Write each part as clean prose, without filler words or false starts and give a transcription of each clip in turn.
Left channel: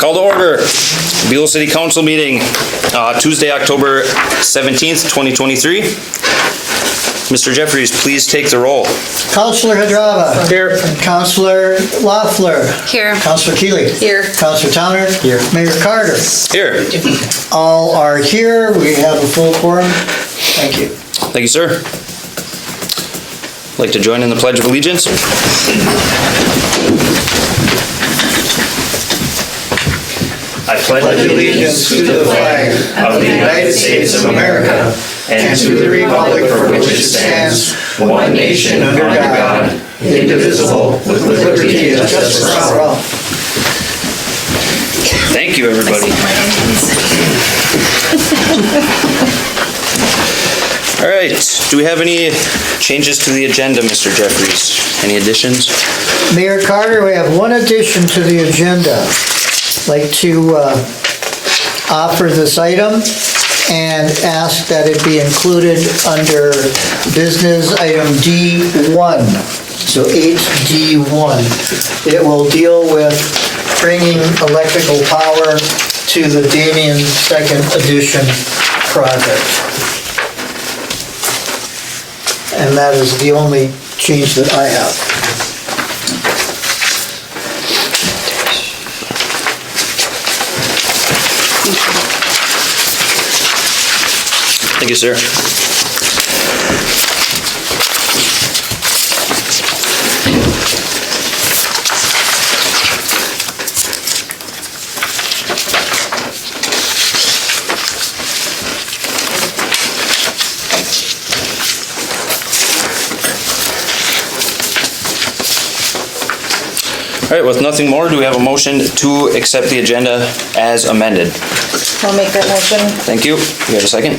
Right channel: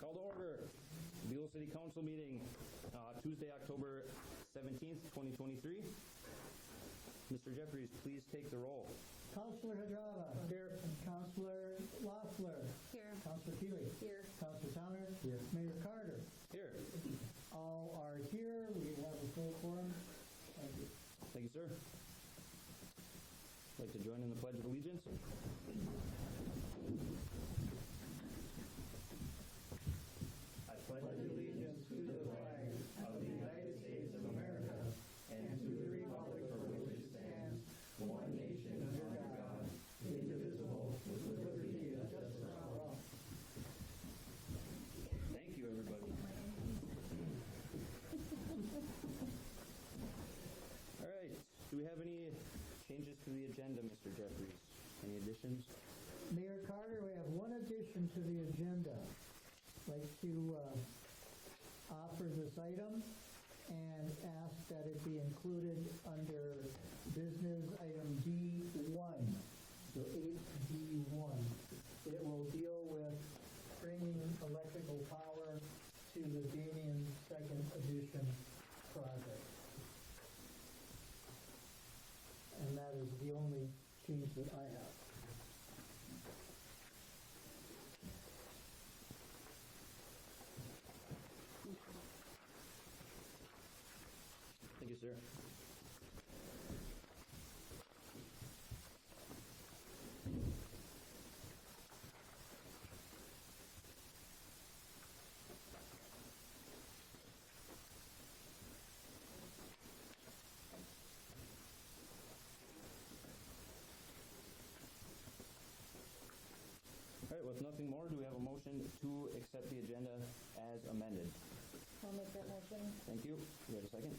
Call to order. Buhl City Council meeting, Tuesday, October 17th, 2023. Mr. Jeffries, please take the roll. Councillor Hadrava. Here. Councillor Loeffler. Here. Councillor Keeley. Here. Councillor Towner. Here. Mayor Carter. Here. All are here. We have a full quorum. Thank you. Thank you, sir. Like to join in the Pledge of Allegiance? I pledge allegiance to the flag of the United States of America and to the republic for which it stands, one nation under God, indivisible, with liberty and justice for all. Thank you, everybody. All right. Do we have any changes to the agenda, Mr. Jeffries? Any additions? Mayor Carter, we have one addition to the agenda. I'd like to offer this item and ask that it be included under business item D1. So 8D1. It will deal with bringing electrical power to the Damien Second Edition project. And that is the only change that I have. Thank you, sir. All right, with nothing more, do we have a motion to accept the agenda as amended? I'll make that motion. Thank you. You have a second?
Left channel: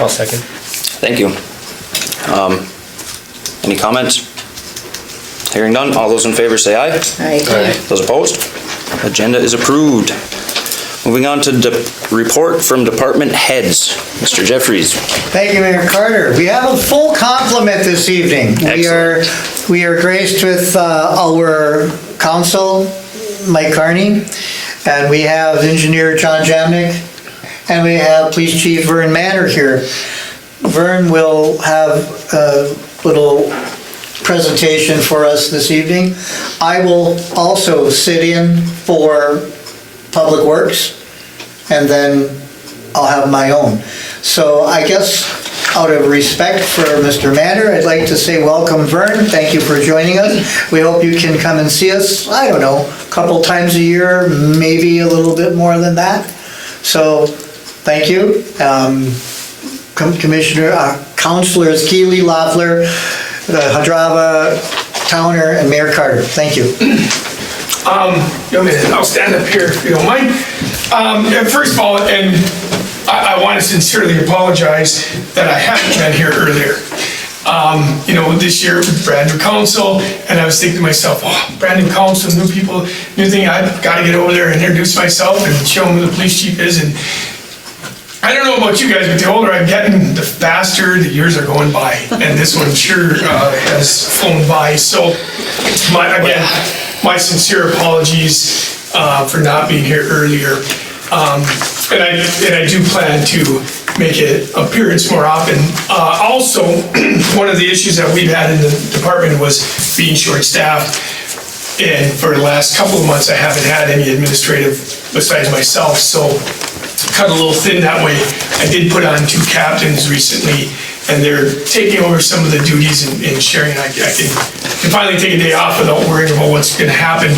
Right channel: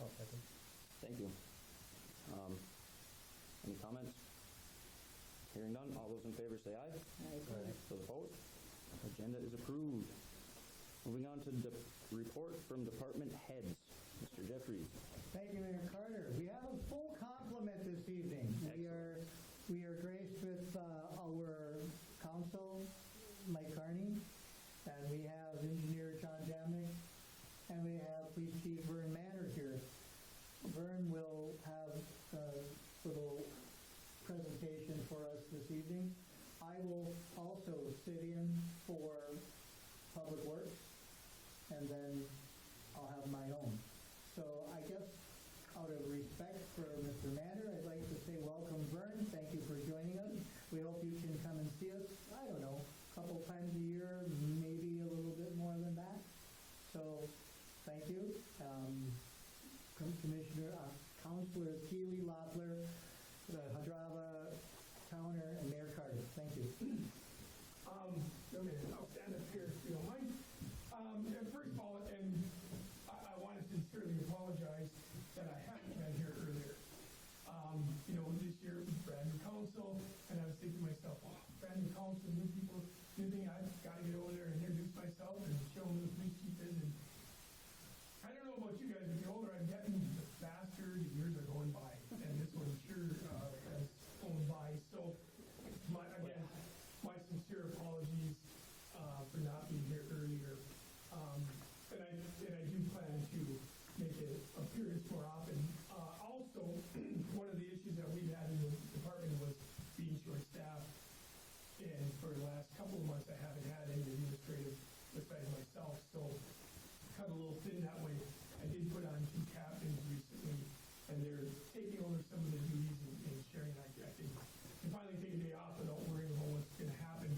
I'll second. Thank you. Any comments? Hearing none, all those in favor say aye. Aye. Those opposed? Agenda is approved. Moving on to report from department heads. Mr. Jeffries. Thank you, Mayor Carter. We have a full complement this evening. We are graced with our council, Mike Carney, and we have engineer John Jamnick, and we have Police Chief Vern Manor here. Vern will have a little presentation for us this evening. I will also sit in for Public Works, and then I'll have my own. So I guess out of respect for Mr. Manor, I'd like to say welcome, Vern. Thank you for joining us. We hope you can come and see us, I don't know, a couple times a year, maybe a little bit more than that. So thank you. Councilors Keeley, Loeffler, Hadrava, Towner, and Mayor Carter. Thank you. I'll stand up here if you don't mind. First of all, and I want to sincerely apologize that I haven't been here earlier. This year, brand new council, and I was thinking to myself, oh, brand new council, new people, new thing, I've got to get over there and introduce myself and show them who the police chief is. And I don't know about you guys, but the older I'm getting, the faster the years are going by. And this one sure has flown by. So, my sincere apologies for not being here earlier. And I do plan to make an appearance more often. Also, one of the issues that we've had in the department was being short-staffed. And for the last couple of months, I haven't had any administrative besides myself. So cut a little thin that way. I did put on 2 captains recently, and they're taking over some of the duties and sharing. I can finally take a day off without worrying about what's going to happen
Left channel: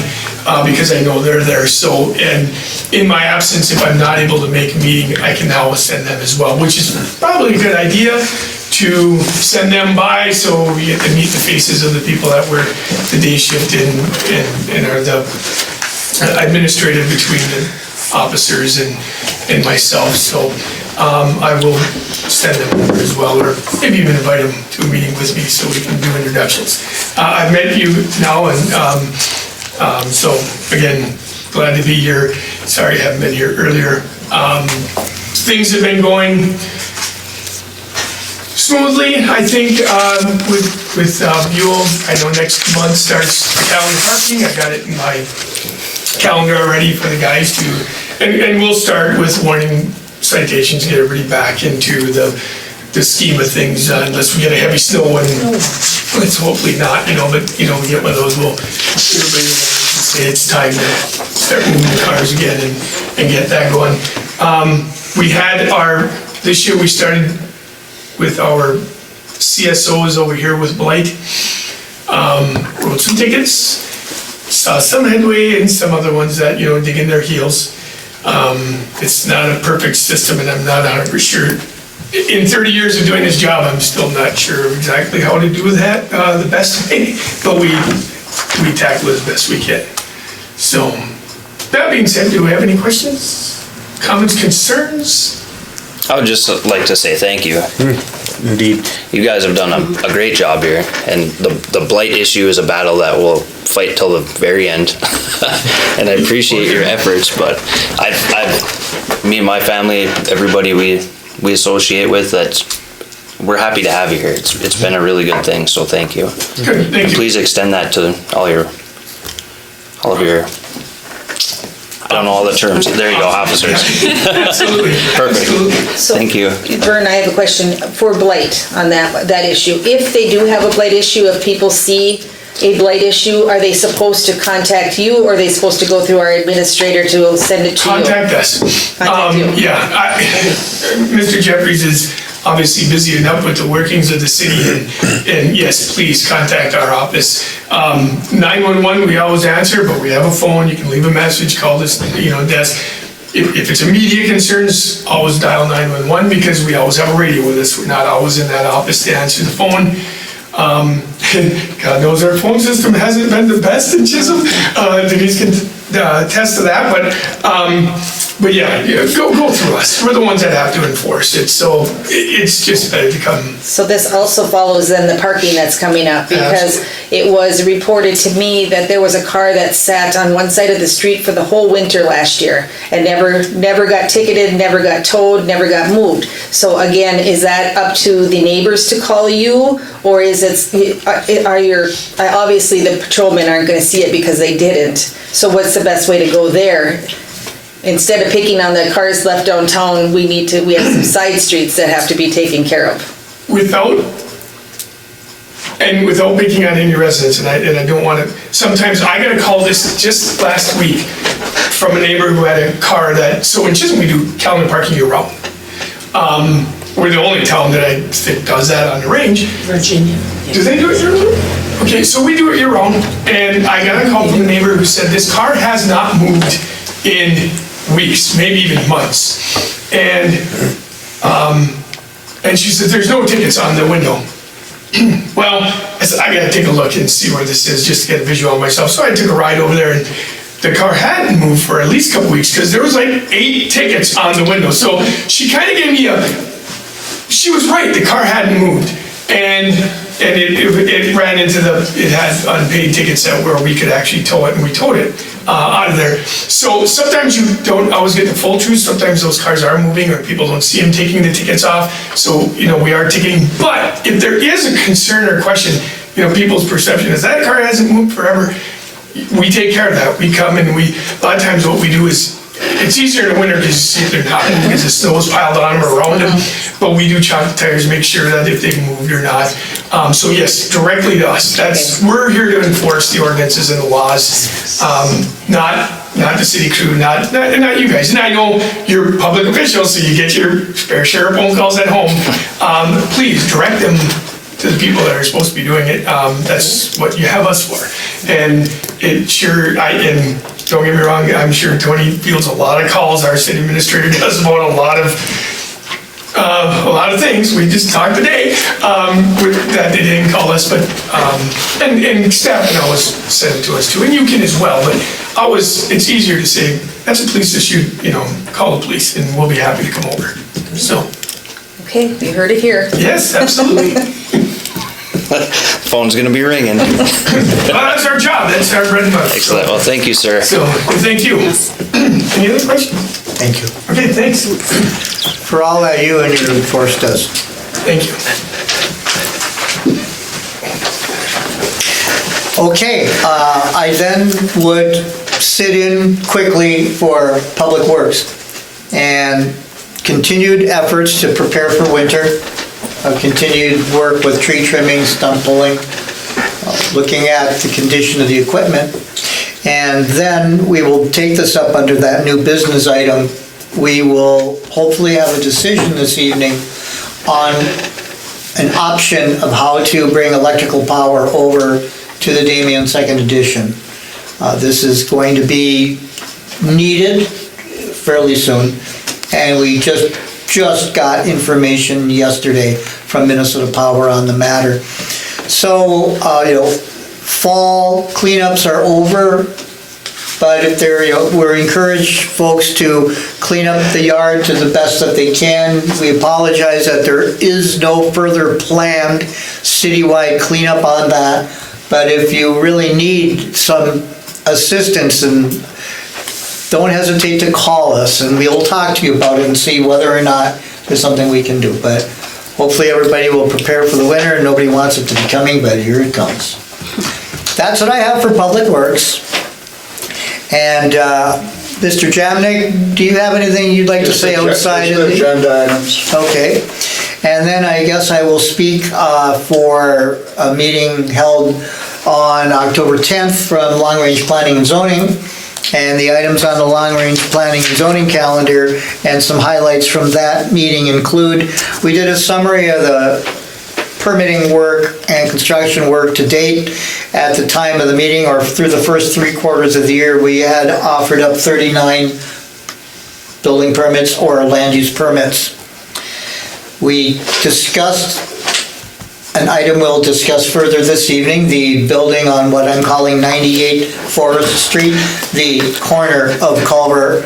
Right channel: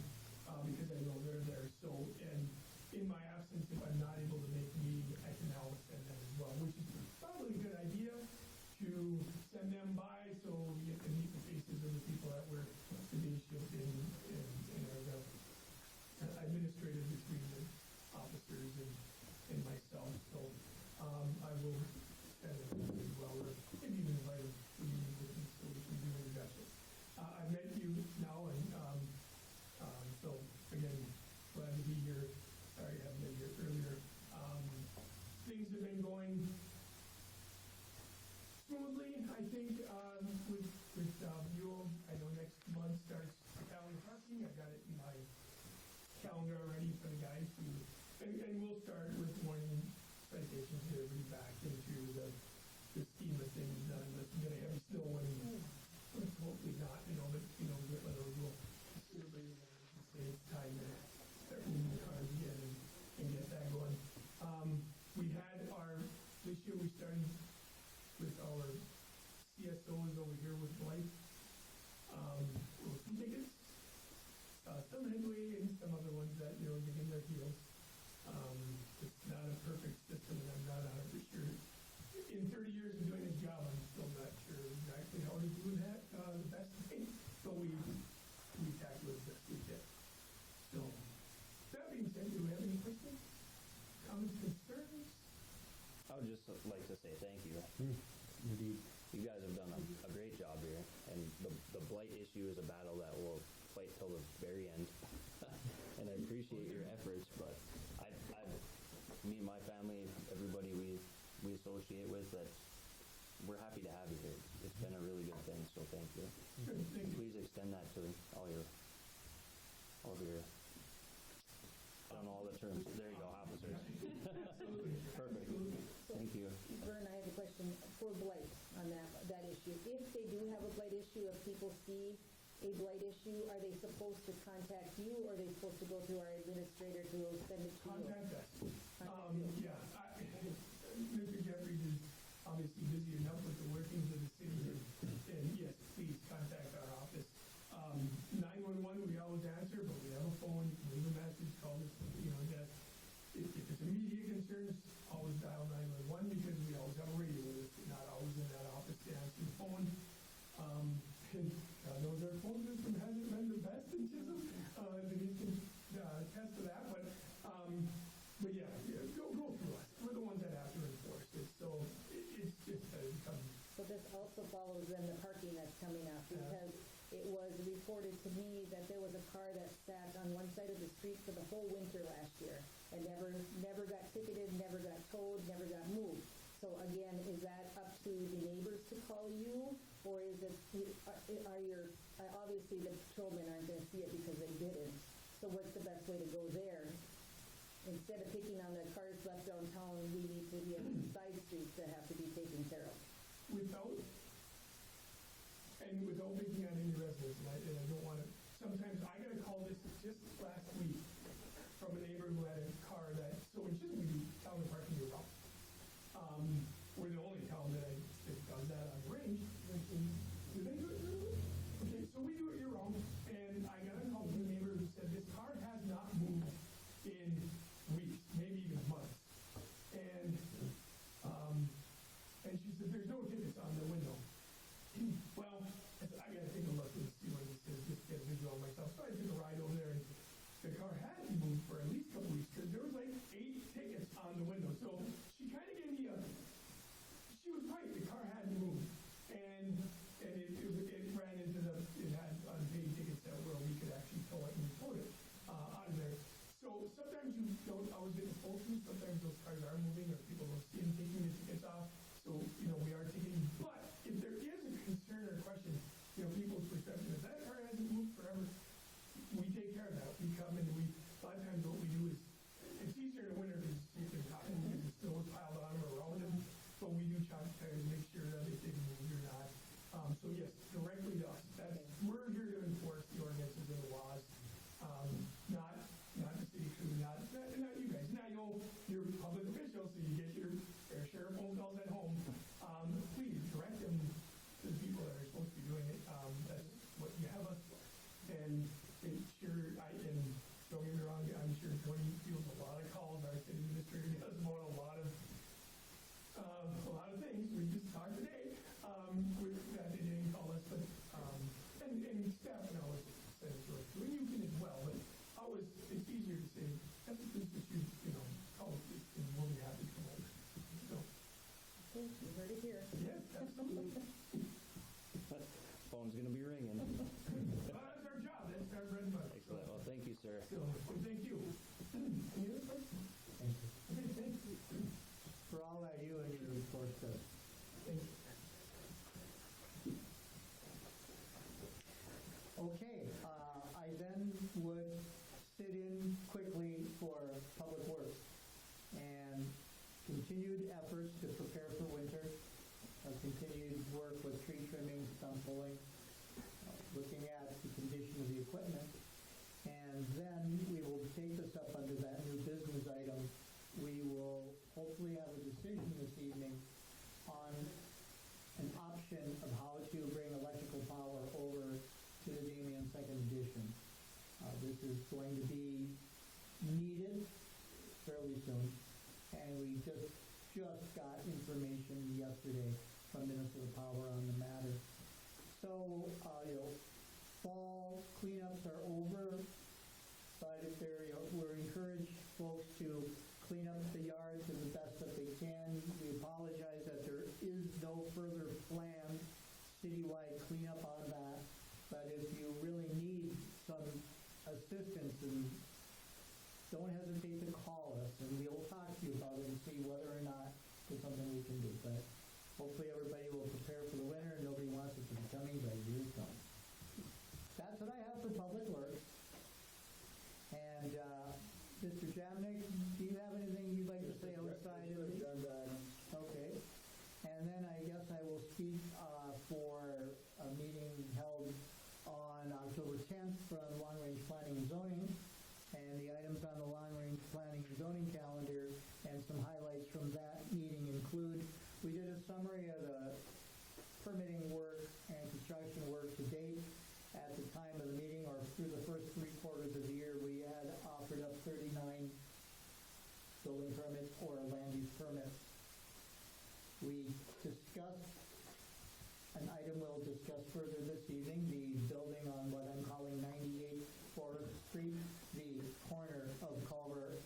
because I know they're there. So, and in my absence, if I'm not able to make a meeting, I can now send them as well, which is probably a good idea to send them by so we get to meet the faces of the people that work the day shift and are the administrative between the officers and myself. So I will send them over as well, or maybe even invite them to a meeting with me so we can do introductions. I've met you now, and so again, glad to be here. Sorry I haven't been here earlier. Things have been going smoothly, I think, with Buhl. I know next month starts calendar parking. I got it in my calendar already for the guys to, and we'll start with warning citations, get everybody back into the scheme of things, unless we get a heavy snow, and let's hopefully not, but, we get one of those, everybody will say it's time to start moving the cars again and get that going. This year we started with our CSOs over here with Blight. Wrote some tickets, saw some headway, and some other ones that, dig in their heels. It's not a perfect system, and I'm not 100% sure. In 30 years of doing this job, I'm still not sure exactly how to do that the best way, but we tackle it as best we can. So, that being said, do we have any questions, comments, concerns? I would just like to say thank you. Indeed. You guys have done a great job here, and the blight issue is a battle that we'll fight till the very end. And I appreciate your efforts, but me and my family, everybody we associate with, we're happy to have you here. It's been a really good thing, so thank you. Good, thank you. Please extend that to all of your, I don't know all the terms. There you go, officers. Absolutely. Perfect. Absolutely. So, Thank you. Vern, I have a question for blight on that issue. If they do have a blight issue, if people see a blight issue, are they supposed to contact you, or are they supposed to go through our administrator to send it to you? Contact us. Contact you. Yeah, Mr. Jeffries is obviously busy enough with the workings of the city, and yes, please contact our office. 911, we always answer, but we have a phone, you can leave a message, call this, desk. If it's immediate concerns, always dial 911, because we always have a radio with us. We're not always in that office to answer the phone. God knows our phone system hasn't been the best in Chisholm. Denise can attest to that, but yeah, go through us. We're the ones that have to enforce it, so it's just better to come. So this also follows then the parking that's coming up, because it was reported to me that there was a car that sat on one side of the street for the whole winter last year and never got ticketed, never got towed, never got moved. So again, is that up to the neighbors to call you, or is obviously the patrolmen aren't going to see it because they didn't. So what's the best way to go there? Instead of picking on the cars left downtown, we have some side streets that have to be taken care of. Without picking on any residents, and I don't want to, sometimes I got a call just last week from a neighbor who had a car so in Chisholm we do calendar parking year round. We're the only town that I think does that on the range. Virginia. Do they do it year round? Okay, so we do it year round, and I got a call from a neighbor who said this car has not moved in weeks, maybe even months. And she said, there's no tickets on the window. Well, I said, I gotta take a look and see where this is just to get a visual on myself. So I took a ride over there, and the car hadn't moved for at least a couple weeks because there was like 8 tickets on the window. So she kind of gave me she was right, the car hadn't moved. And it ran into it had unpaid tickets where we could actually tow it, and we towed it out of there. So sometimes you don't always get the full truth. Sometimes those cars are moving, or people don't see them taking the tickets off. So, we are ticketing. But if there is a concern or question, people's perception is that car hasn't moved forever, we take care of that. We come and a lot of times what we do is, it's easier in the winter because they're not moving because the snow is piled on them or around them. But we do chock the tires, make sure that if they've moved or not. So yes, directly to us. We're here to enforce the ordinances and the laws, not the city crew, not you guys. And I know you're public officials, so you get your fair share of phone calls at home. Please direct them to the people that are supposed to be doing it. That's what you have us for. And don't get me wrong, I'm sure Tony fields a lot of calls. Our city administrator does about a lot of things. We just talked today that they didn't call us, but and staff can always send it to us too, and you can as well. But it's easier to say that's a police issue. Call the police, and we'll be happy to come over. So. Okay, you heard it here. Yes, absolutely. Phone's gonna be ringing. Well, that's our job. That's our bread and butter. Excellent. Well, thank you, sir. So, thank you. Any other questions? Thank you. Okay, thanks. For all that you and your force does. Thank you. Okay, I then would sit in quickly for Public Works and continued efforts to prepare for winter, continued work with tree trimming, stump pulling, looking at the condition of the equipment. And then we will take this up under that new business item. We will hopefully have a decision this evening on an option of how to bring electrical power over to the Damien Second Edition. This is going to be needed fairly soon, and we just got information yesterday from Minnesota Power on the matter. So, fall cleanups are over, but if we're encouraged folks to clean up the yard to the best that they can. We apologize that there is no further planned citywide cleanup on that, but if you really need some assistance, and don't hesitate to call us, and we'll talk to you about it and see whether or not there's something we can do. But hopefully everybody will prepare for the winter, and nobody wants it to be coming, but here it comes. That's what I have for Public Works. And Mr. Jamnik, do you have anything you'd like to say outside of the agenda items? Okay. And then I guess I will speak for a meeting held on October 10th from Long Range Planning and Zoning. And the items on the Long Range Planning and Zoning calendar and some highlights from that meeting include, we did a summary of the permitting work and construction work to date. At the time of the meeting, or through the first 3 quarters of the year, we had offered up 39 building permits or land use permits. We discussed an item we'll discuss further this evening, the building on what I'm calling 98 Forest Street, the corner of Culver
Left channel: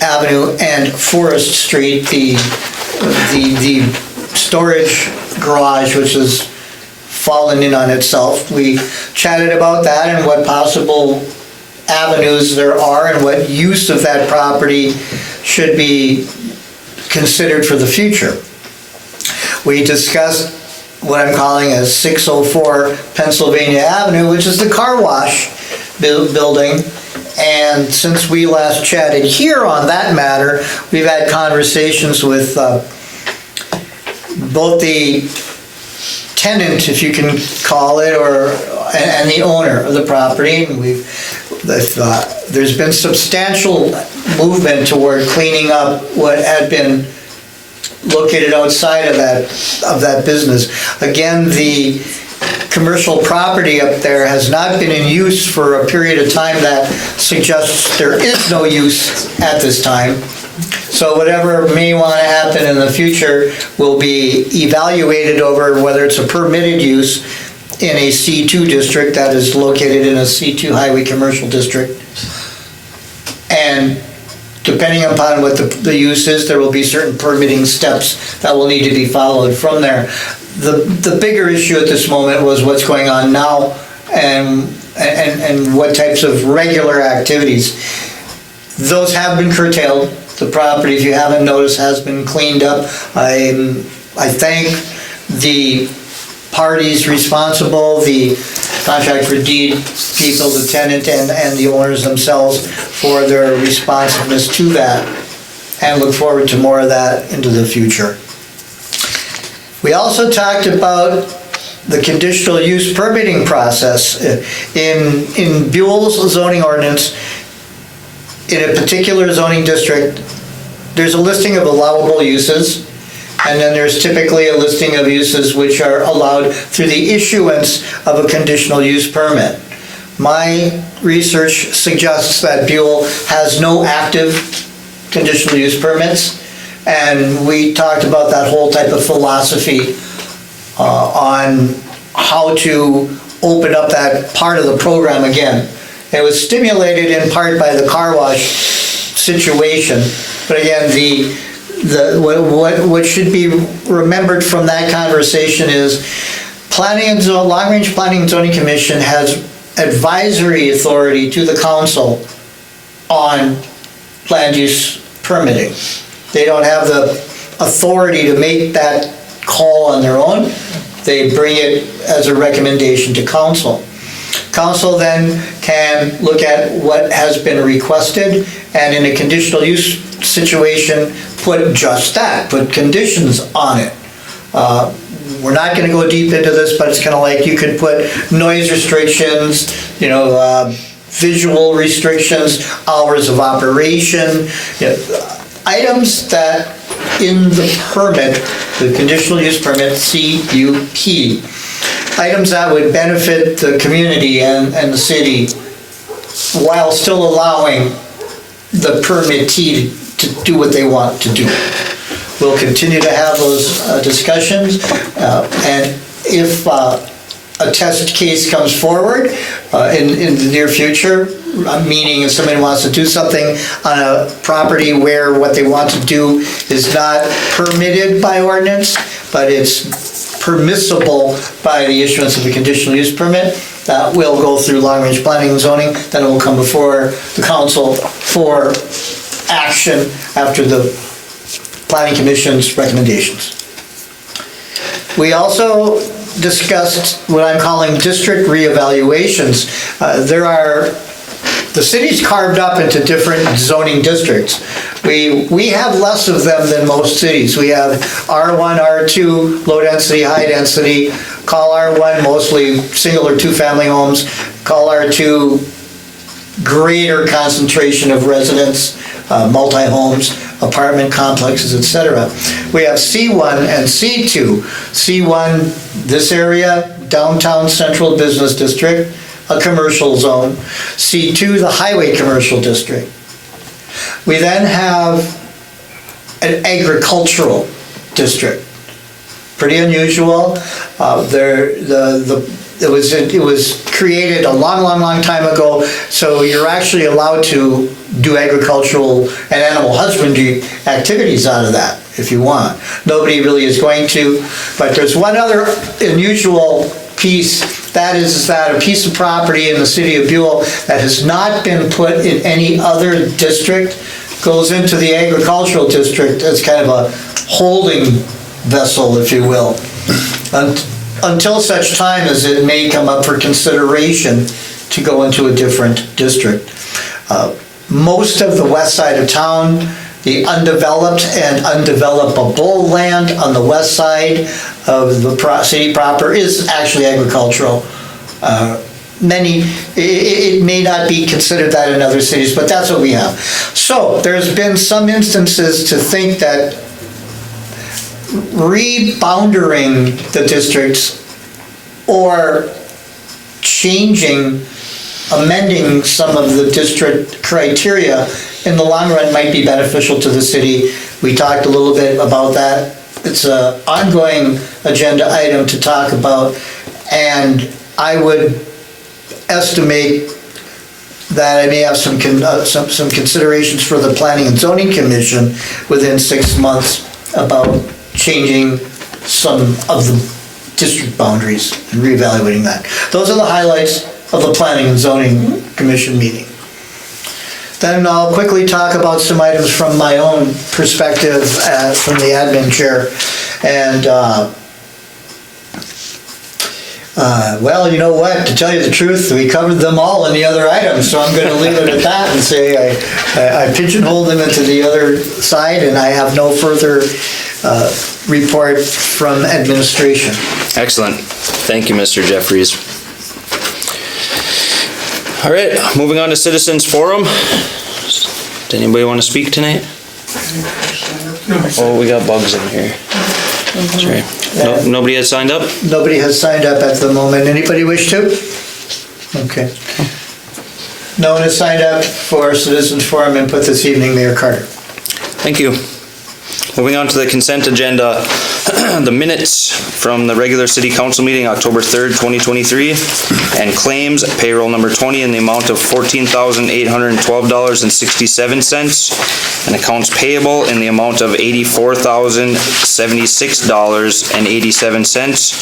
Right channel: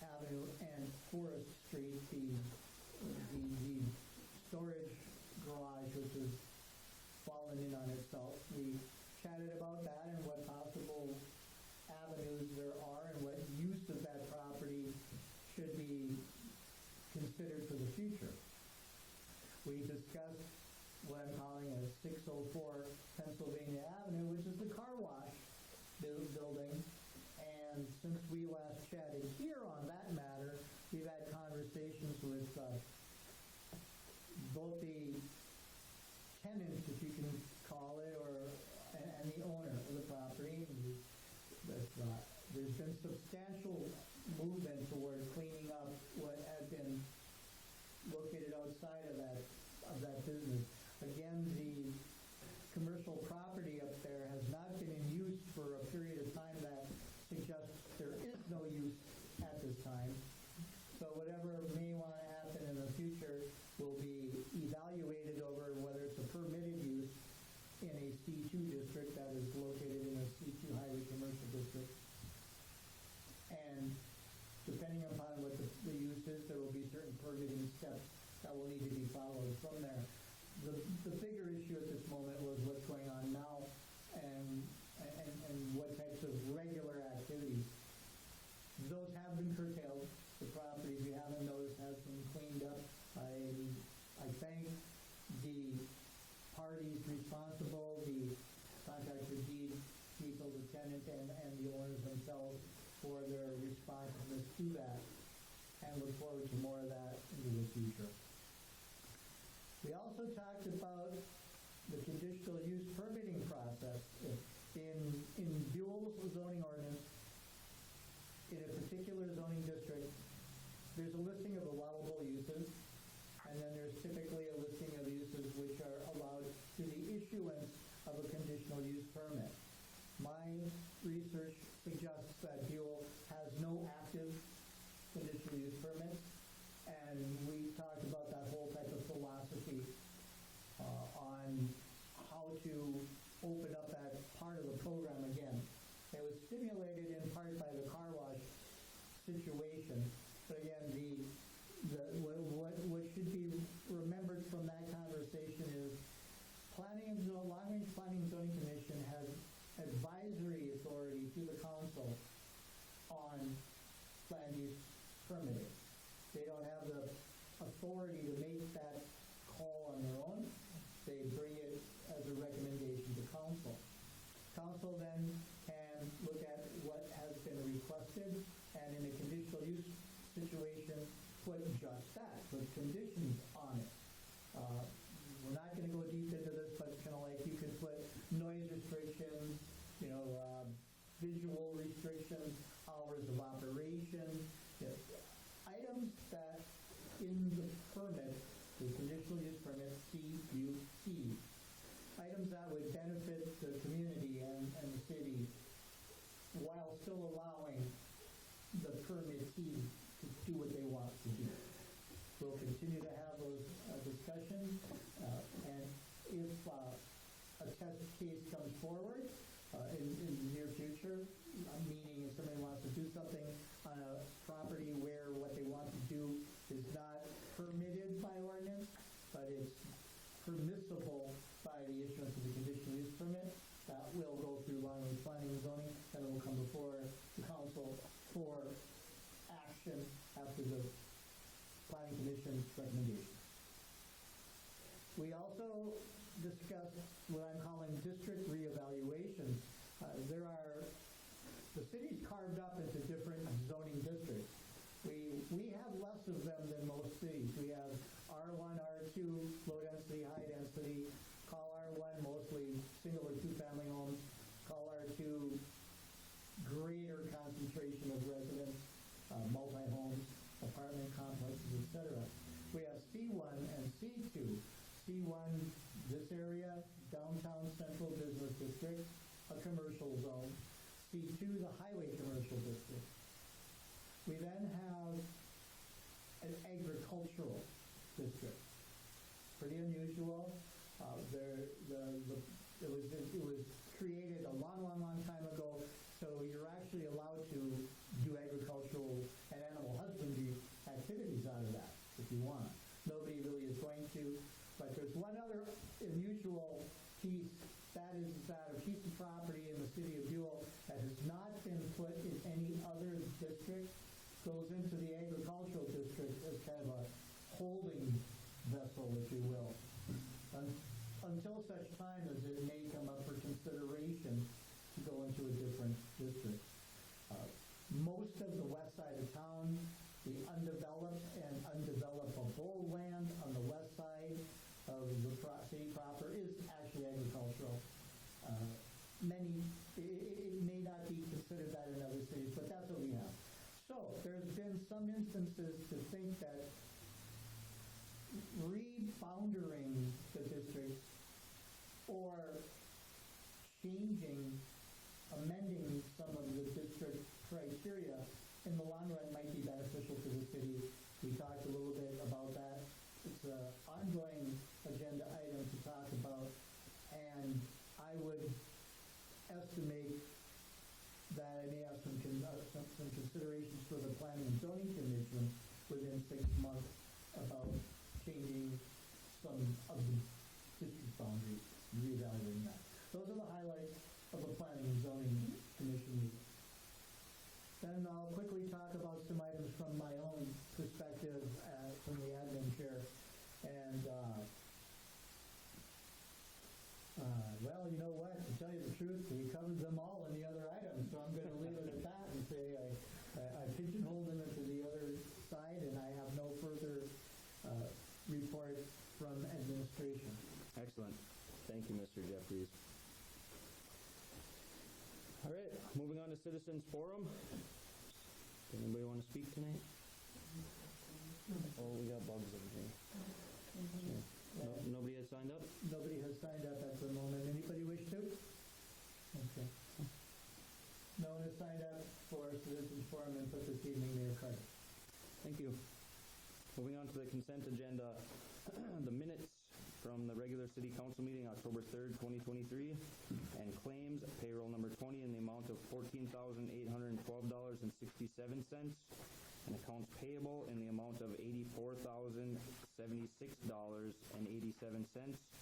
Avenue and Forest Street, the storage garage, which has fallen in on itself. We chatted about that and what possible avenues there are and what use of that property should be considered for the future. We discussed what I'm calling a 604 Pennsylvania Avenue, which is the car wash building. And since we last chatted here on that matter, we've had conversations with both the tenant, if you can call it, and the owner of the property. And there's been substantial movement toward cleaning up what had been located outside of that business. Again, the commercial property up there has not been in use for a period of time that suggests there is no use at this time. So whatever may want to happen in the future will be evaluated over whether it's a permitted use in a C2 district that is located in a C2 highway commercial district. And depending upon what the use is, there will be certain permitting steps that will need to be followed from there. The bigger issue at this moment was what's going on now and what types of regular activities. Those have been curtailed. The property, if you haven't noticed, has been cleaned up. I thank the parties responsible, the contract for deed people, the tenant and the owners themselves for their responsiveness to that, and look forward to more of that into the future. We also talked about the conditional use permitting process. In Buhl's zoning ordinance, in a particular zoning district, there's a listing of allowable uses, and then there's typically a listing of uses which are allowed through the issuance of a conditional use permit. My research suggests that Buhl has no active conditional use permits, and we talked about that whole type of philosophy on how to open up that part of the program again. It was stimulated in part by the car wash situation, but again, what should be remembered from that conversation is Long Range Planning and Zoning Commission has advisory authority to the council on land use permitting. They don't have the authority to make that call on their own. They bring it as a recommendation to council. Council then can look at what has been requested and in a conditional use situation, put just that, put conditions on it. We're not gonna go deep into this, but it's kind of like you could put noise restrictions, visual restrictions, hours of operation, items that in the permit, the conditional use permit, CUP, items that would benefit the community and the city while still allowing the permittee to do what they want to do. We'll continue to have those discussions, and if a test case comes forward in the near future, meaning if somebody wants to do something on a property where what they want to do is not permitted by ordinance, but it's permissible by the issuance of a conditional use permit, that will go through long-range planning and zoning, then it will come before the council for action after the Planning Commission's recommendations. We also discussed what I'm calling district reevaluations. The city's carved up into different zoning districts. We have less of them than most cities. We have R1, R2, low density, high density, call R1 mostly single or two family homes, call R2 greater concentration of residents, multi-homes, apartment complexes, etc. We have C1 and C2. C1, this area, downtown central business district, a commercial zone. C2, the highway commercial district. We then have an agricultural district. Pretty unusual. It was created a long time ago, so you're actually allowed to do agricultural and animal husbandry activities out of that if you want. Nobody really is going to, but there's one other unusual piece, that is that a piece of property in the city of Buhl that has not been put in any other district goes into the agricultural district as kind of a holding vessel, if you will, until such time as it may come up for consideration to go into a different district. Most of the west side of town, the undeveloped and undevelopable land on the west side of the city proper is actually agricultural. It may not be considered that in other cities, but that's what we have. So there's been some instances to think that reboundering the districts or amending some of the district criteria in the long run might be beneficial to the city. We talked a little bit about that. It's an ongoing agenda item to talk about, and I would estimate that I may have some considerations for the Planning and Zoning Commission within 6 months about changing some of the district boundaries and reevaluating that. Those are the highlights of the Planning and Zoning Commission meeting. Then I'll quickly talk about some items from my own perspective from the admin chair. And well, you know what, to tell you the truth, we covered them all in the other items, so I'm going to leave it at that and say I pigeonholed them into the other side, and I have no further report from administration. Excellent. Thank you, Mr. Jeffries. All right, moving on to Citizens Forum. Does anybody want to speak tonight? Oh, we got bugs in here. Sorry. Nobody has signed up? Nobody has signed up at the moment. Anybody wish to? Okay. No one has signed up for Citizens Forum input this evening, Mayor Carter. Thank you. Moving on to the consent agenda, the minutes from the regular city council meeting, October 3rd, 2023, and claims, payroll number 20 in the amount of $14,812.67, and accounts payable in the amount of $84,076.87,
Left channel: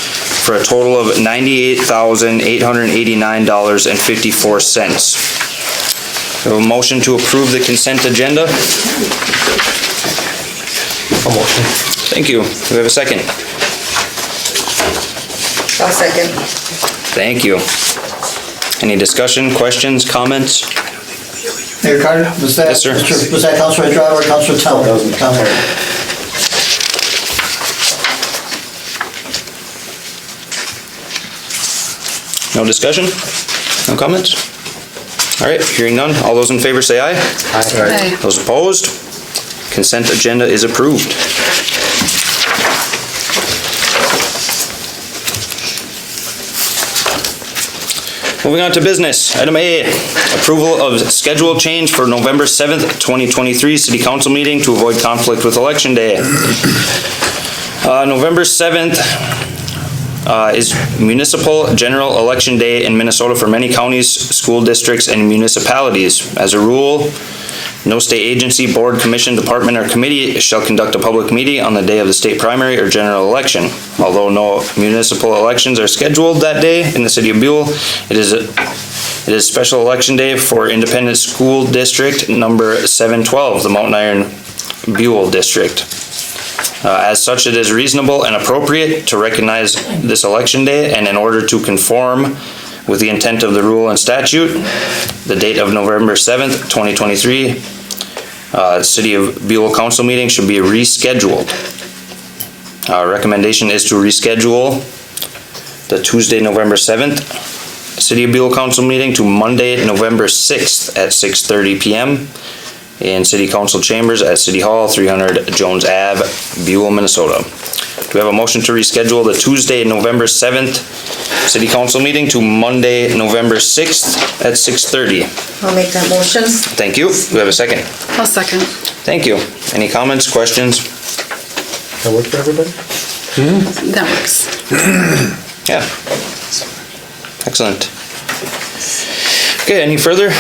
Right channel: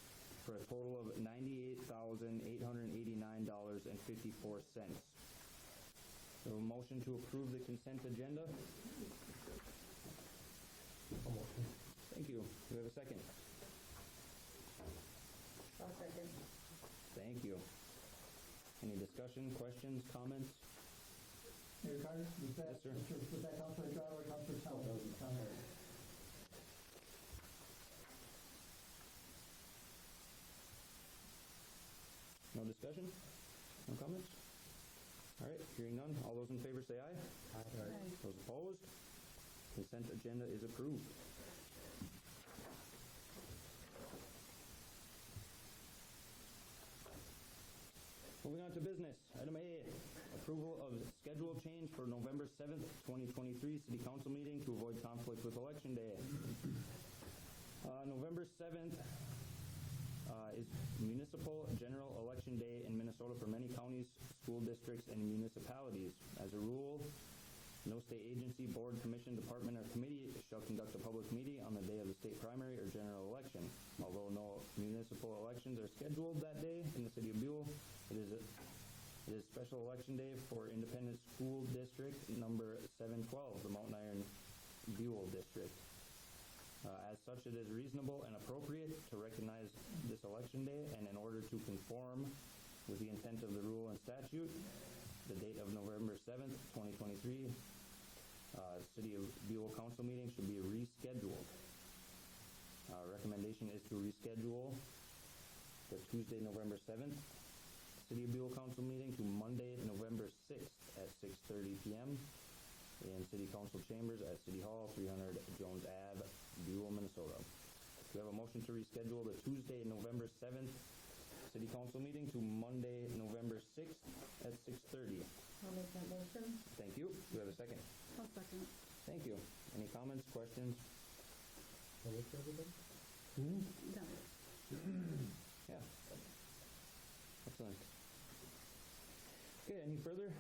for a total of $98,889.54. We have a motion to approve the consent agenda. A motion. Thank you. Do we have a second? I'll second. Thank you. Any discussion, questions, comments? Mayor Carter, was that? Yes, sir. Was that Councilor Edrado or Councilor Teller? That was me. Teller. No discussion? No comments? All right, hearing none. All those in favor say aye. Aye. Those opposed? Consent agenda is approved. Moving on to business. Item A, approval of schedule change for November 7th, 2023 City Council meeting to avoid conflict with Election Day. November 7th is Municipal General Election Day in Minnesota for many counties, school districts, and municipalities. As a rule, no state agency, board, commission, department, or committee shall conduct a public meeting on the day of the state primary or general election. Although no municipal elections are scheduled that day in the city of Buhl, it is special election day for Independent School District number 712, the Mountain Iron Buhl District. As such, it is reasonable and appropriate to recognize this election day, and in order to conform with the intent of the rule and statute, the date of November 7th, 2023, City of Buhl Council meeting should be rescheduled. Our recommendation is to reschedule the Tuesday, November 7th, City of Buhl Council meeting to Monday, November 6th at 6:30 p.m. in City Council Chambers at City Hall, 300 Jones Ave, Buhl, Minnesota. Do we have a motion to reschedule the Tuesday, November 7th City Council meeting to Monday, November 6th at 6:30? I'll make that motion. Thank you. Do we have a second? I'll second. Thank you. Any comments, questions? That work for everybody? That works. Yeah. Excellent. Okay, any further?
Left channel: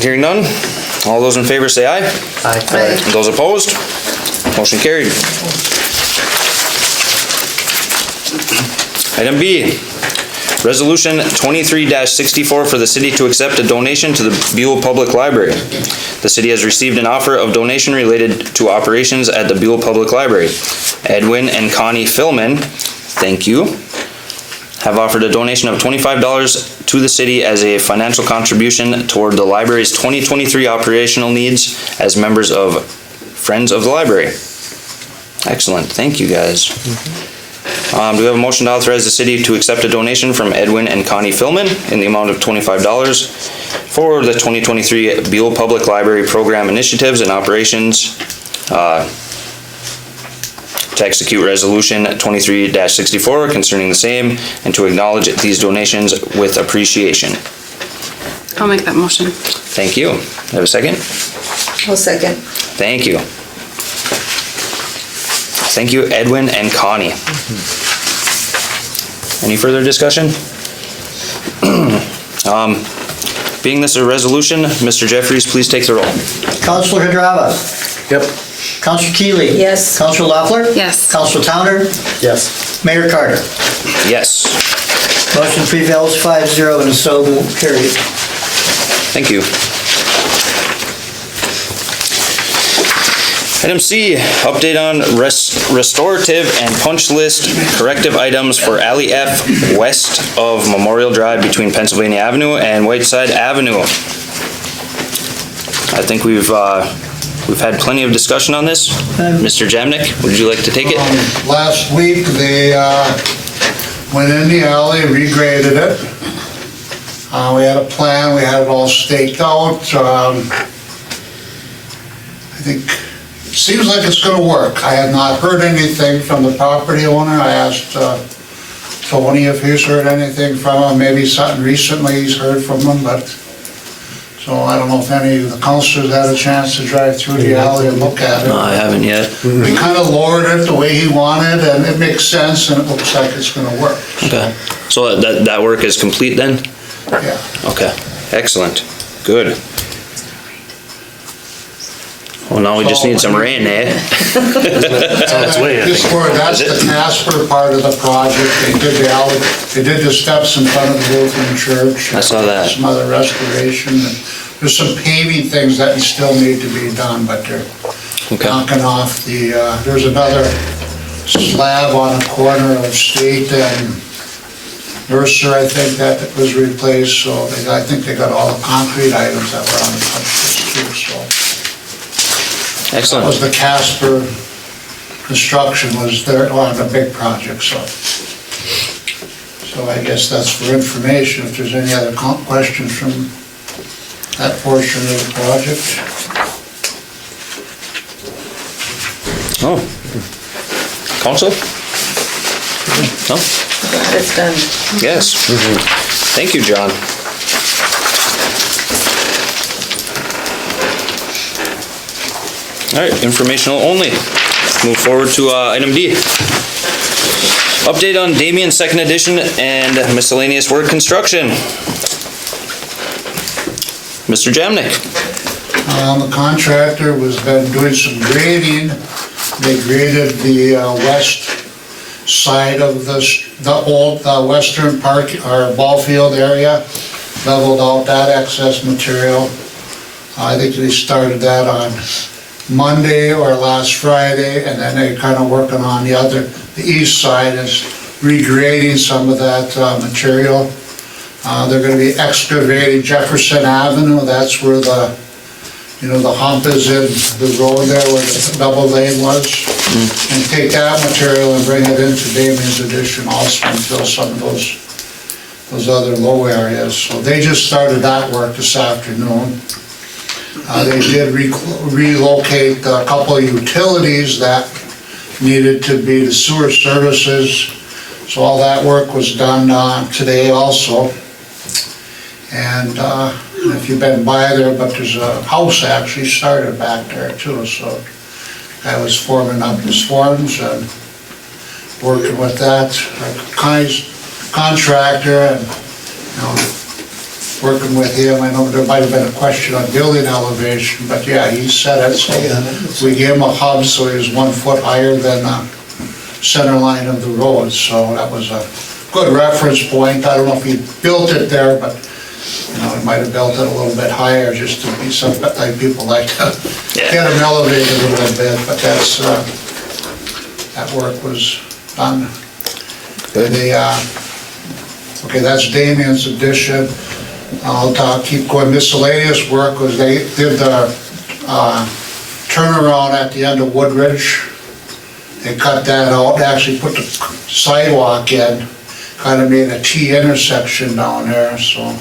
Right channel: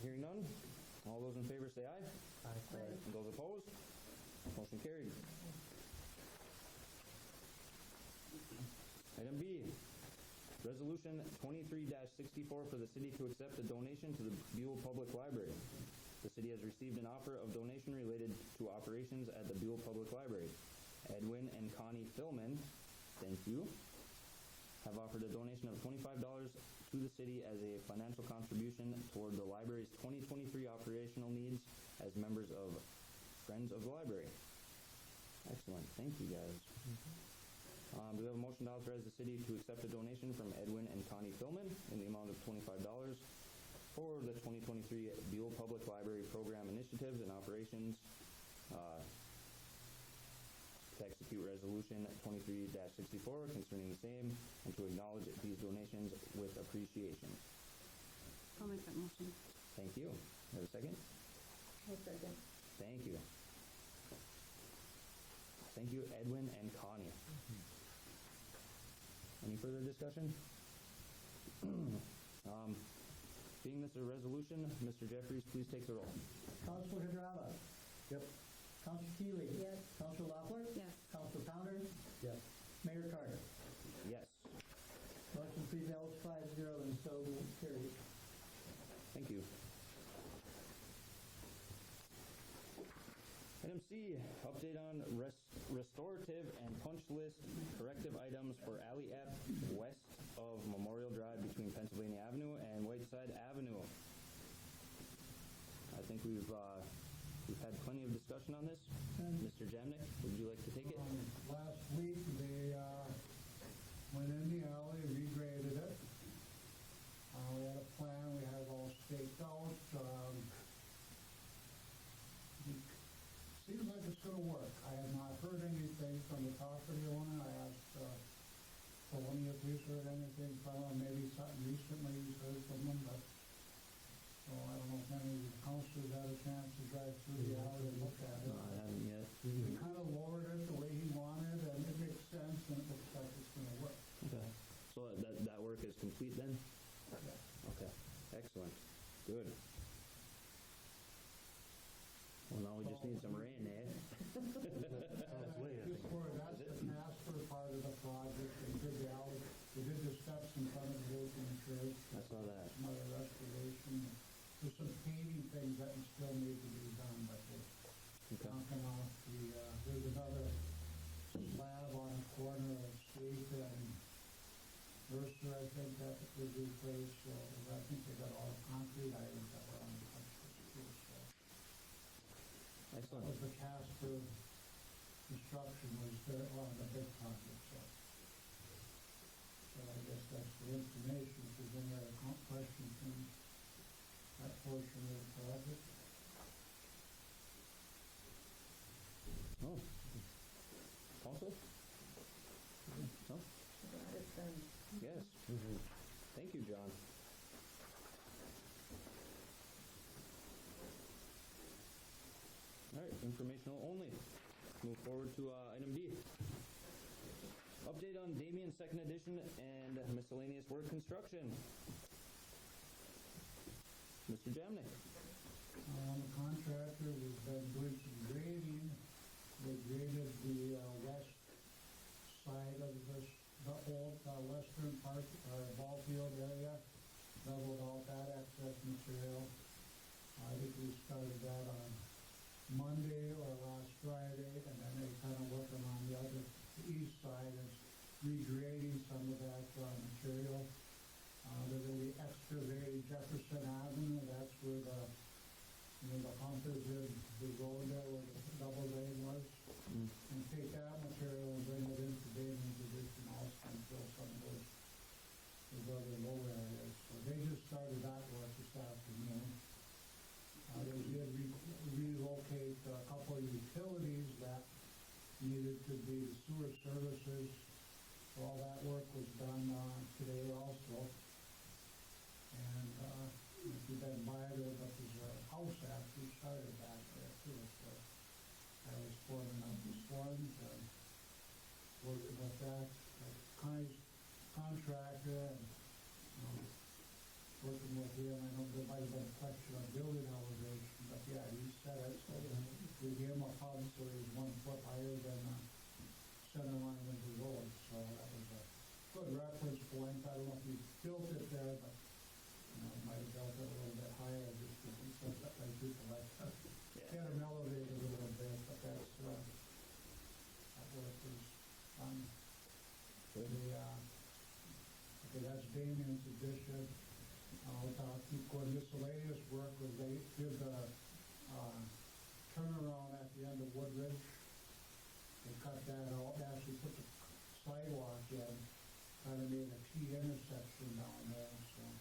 Hearing none. All those in favor say aye. Aye. Those opposed? Motion carried. Item B, Resolution 23-64 for the city to accept a donation to the Buhl Public Library. The city has received an offer of donation related to operations at the Buhl Public Library. Edwin and Connie Philman, thank you, have offered a donation of $25 to the city as a financial contribution toward the library's 2023 operational needs as members of Friends of the Library. Excellent, thank you guys. Do we have a motion to authorize the city to accept a donation from Edwin and Connie Philman in the amount of $25 for the 2023 Buhl Public Library program initiatives and operations to execute Resolution 23-64 concerning the same and to acknowledge these donations with appreciation? I'll make that motion. Thank you. Have a second? I'll second. Thank you. Thank you, Edwin and Connie. Any further discussion? Being this a resolution, Mr. Jeffries, please take the roll. Councilor Edrado. Yep. Councilor Keeley. Yes. Councilor Loeffler. Yes. Councilor Towner. Yes. Mayor Carter. Yes. Motion prevails 5-0 and so carried. Thank you. Item C, update on restorative and punch list corrective items for Alley F west of Memorial Drive between Pennsylvania Avenue and Whiteside Avenue. I think we've had plenty of discussion on this. Mr. Jamnik, would you like to take it? Last week, they went in the alley, regraded it. We had a plan, we had it all staked out. I think it seems like it's gonna work. I have not heard anything from the property owner. I asked Tony if he's heard anything from him, maybe something recently he's heard from him, but, so I don't know if any of the councilors had a chance to drive through the alley and look at it. No, I haven't yet. We kind of lowered it the way he wanted, and it makes sense, and it looks like it's gonna work. Okay. So that work is complete then? Yeah. Okay. Excellent. Good. Well, now we just need some rain, eh? That's the Casper part of the project. They did the alley, they did the steps in front of the Lutheran church. I saw that. Some other restoration, and there's some paving things that still need to be done, but they're Okay. knocking off the, there's another slab on a corner of State and nursery, I think, that was replaced, so I think they got all the concrete items that were on the punch list too, so. That was Excellent. the Casper construction was their, one of the big projects, so. So I guess that's for information, if there's any other questions from that portion of the project. Oh. Council? No? It's done. Yes. Thank you, John. All right, informational only. Move forward to item D. Update on Damien Second Edition and miscellaneous work construction. Mr. Jamnik. The contractor was been doing some grading. They graded the west side of the old western park, or ball field area, leveled out that excess material. I think they started that on Monday or last Friday, and then they're kind of working on the east side is regrading some of that material. They're going to be excavating Jefferson Avenue. That's where the hump is in the road there where the double lane was. And take that material and bring it into Damien's addition also and fill some of those other low areas. So they just started that work this afternoon. They did relocate a couple of utilities that needed to be the sewer services. So all that work was done today also. And if you've been by there, but there's a house actually started back there too. So I was forming up his forms and working with that contractor and working with him. I know there might have been a question on building elevation, but yeah, he said it. So we gave him a hub so he was 1 foot higher than the center line of the road. So that was a good reference point. I don't know if he built it there, but he might have built it a little bit higher just to be some like people like to get him elevated a little bit. But that's that work was done. Okay, that's Damien's addition. I'll keep going. Miscellaneous work was they did the turnaround at the end of Woodridge. They cut that out, actually put the sidewalk in, kind of made a T intersection down there, so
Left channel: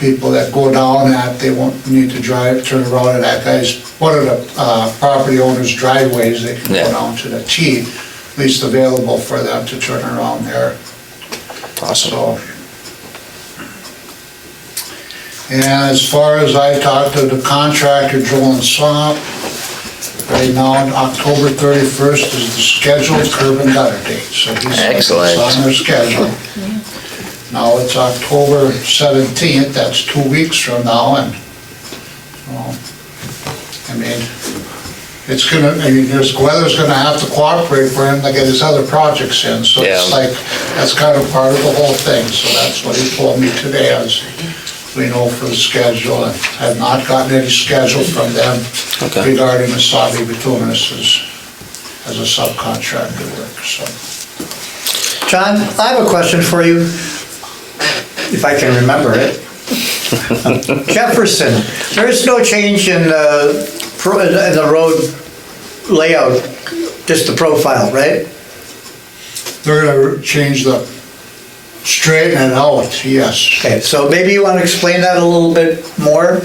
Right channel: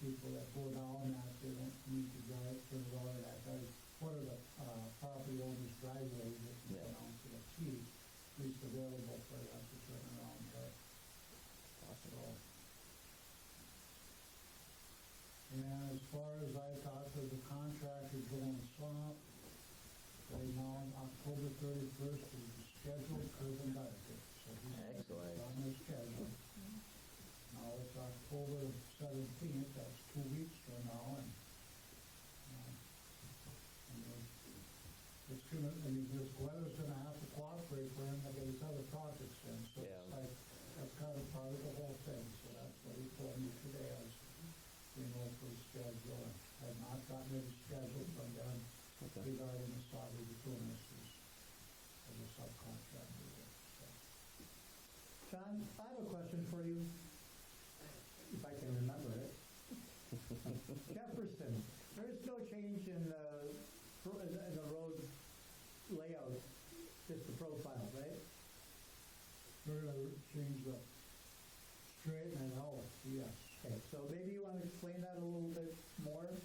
people that go down that, they won't need to turn around at that guy's, one of the property owner's driveways, they can go down to the T, at least available for them to turn around there. Awesome. So, and as far as I talked to the contractor, Joel and Swamp, right now, October 31st is the scheduled curb and gutter date. So he's Excellent. It's on their schedule. Now it's October 17th, that's 2 weeks from now, and, I mean, it's gonna, this weather's gonna have to cooperate for him to get his other projects in, so it's Yeah. like, that's kind of part of the whole thing, so that's what he told me today, as we know for the schedule, and have not gotten any schedule from them regarding the Sabi Bituminous as a subcontractor work, so. John, I have a question for you, if I can remember it. Jefferson, there is no change in the road layout, just the profile, right? They're gonna change straighten it out, yes. Okay, so maybe you want to explain that a little bit more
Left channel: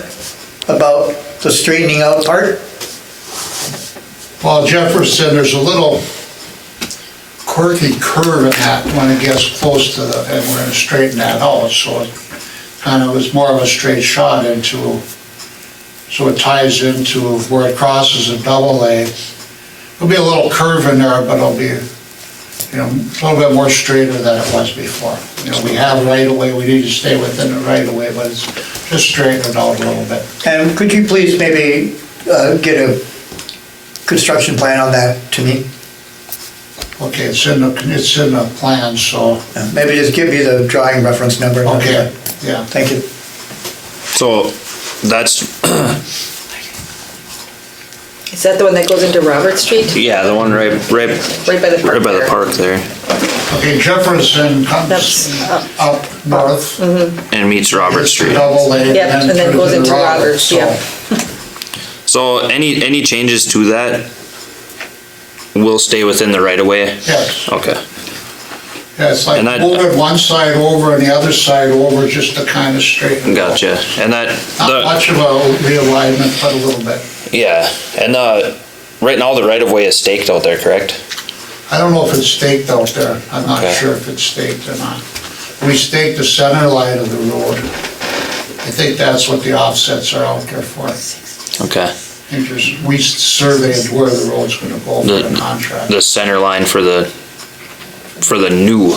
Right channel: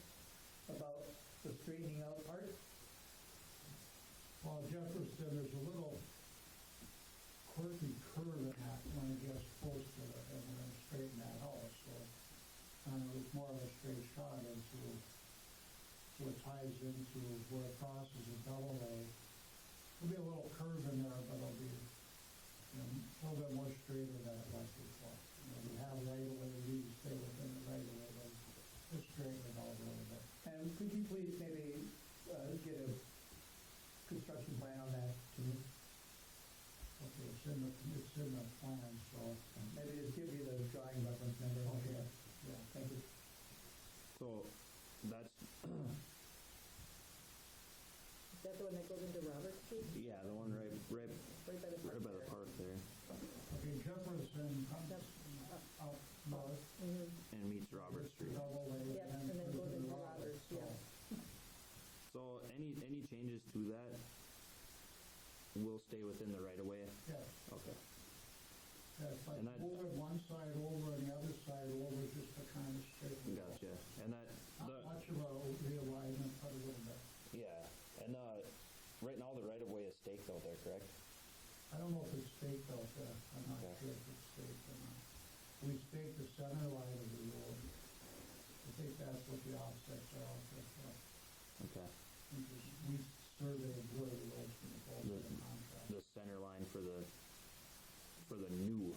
about the straightening out part? Well, Jefferson, there's a little quirky curve in that when it gets close to and we're gonna straighten that out, so it kind of is more of a straight shot into, so it ties into where it crosses a double lane. There'll be a little curve in there, but it'll be, a little bit more straighter than it was before. We have right of way, we need to stay within the right of way, but it's just straightened out a little bit. And could you please maybe get a construction plan on that to me? Okay, it's in the plan, so, Maybe just give me the drawing reference number. okay, yeah. Thank you. So that's Is that the one that goes into Robert Street? Yeah, the one right Right by the park by the there. park there, Okay, Jefferson comes That's up north. and meets Robert Street. Double lane. Yep, and then through goes to into Roberts, so- yeah. So any changes to that will stay within the right of way? Yes, Okay. yeah, it's like And that- moving one side over and the other side over just to kind of straighten. it out. Gotcha. And that, Not much of a realignment, but a little bit. yeah, and right now the right of way is staked out there, correct? I don't know if it's staked out there. I'm not Okay. sure if it's staked or not. We staked the center line of the road. I think that's what the offsets are out there for. Okay. And just, we surveyed where the road's gonna go for the contract. The center line for the new,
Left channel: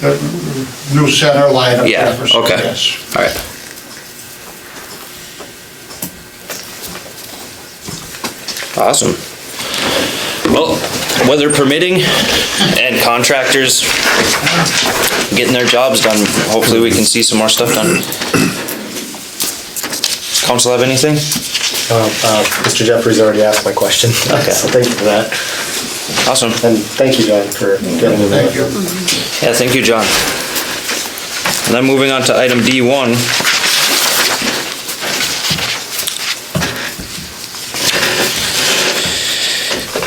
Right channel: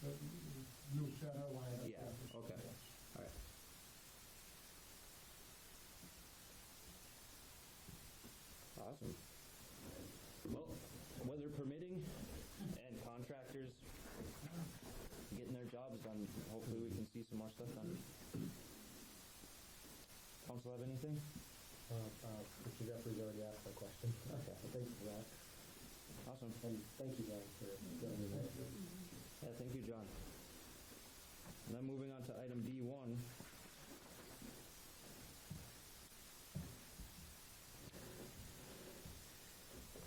The new center line of Yeah, Jefferson, okay. yes. all right. Awesome. Well, weather permitting and contractors getting their jobs done, hopefully we can see some more stuff done. Council have anything? Mr. Jeffries already asked my question. Okay. So thank you for that. Awesome. And thank you, John, for getting me Thank that. you. Yeah, thank you, John. And then moving on to item D1.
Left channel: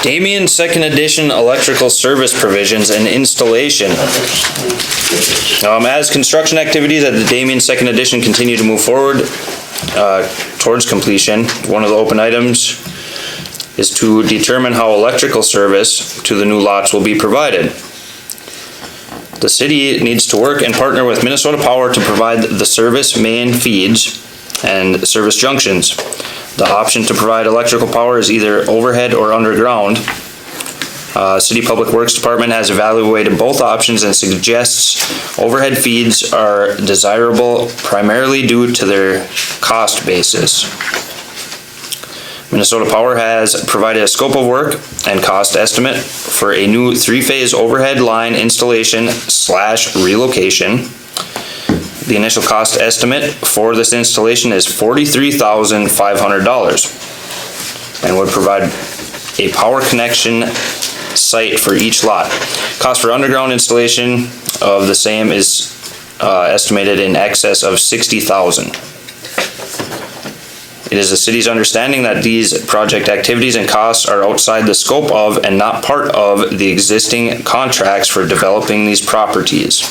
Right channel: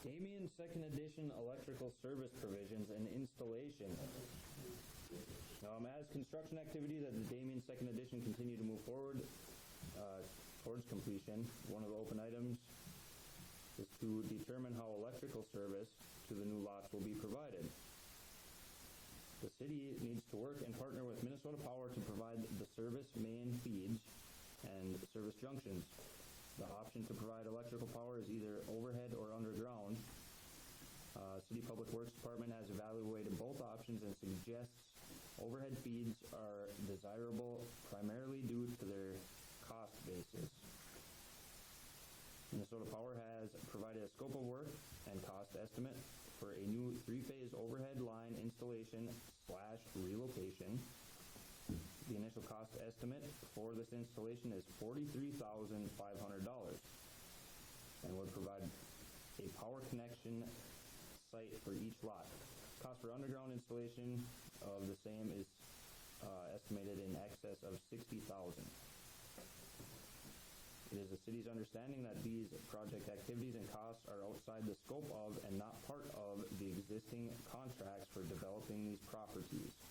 Damien Second Edition electrical service provisions and installation. As construction activities at the Damien Second Edition continue to move forward towards completion, one of the open items is to determine how electrical service to the new lots will be provided. The city needs to work and partner with Minnesota Power to provide the service main feeds and service junctions. The option to provide electrical power is either overhead or underground. City Public Works Department has evaluated both options and suggests overhead feeds are desirable primarily due to their cost basis. Minnesota Power has provided a scope of work and cost estimate for a new three-phase overhead line installation / relocation. The initial cost estimate for this installation is $43,500 and would provide a power connection site for each lot. Cost for underground installation of the same is estimated in excess of $60,000. It is the city's understanding that these project activities and costs are outside the scope of and not part of the existing contracts for developing these properties.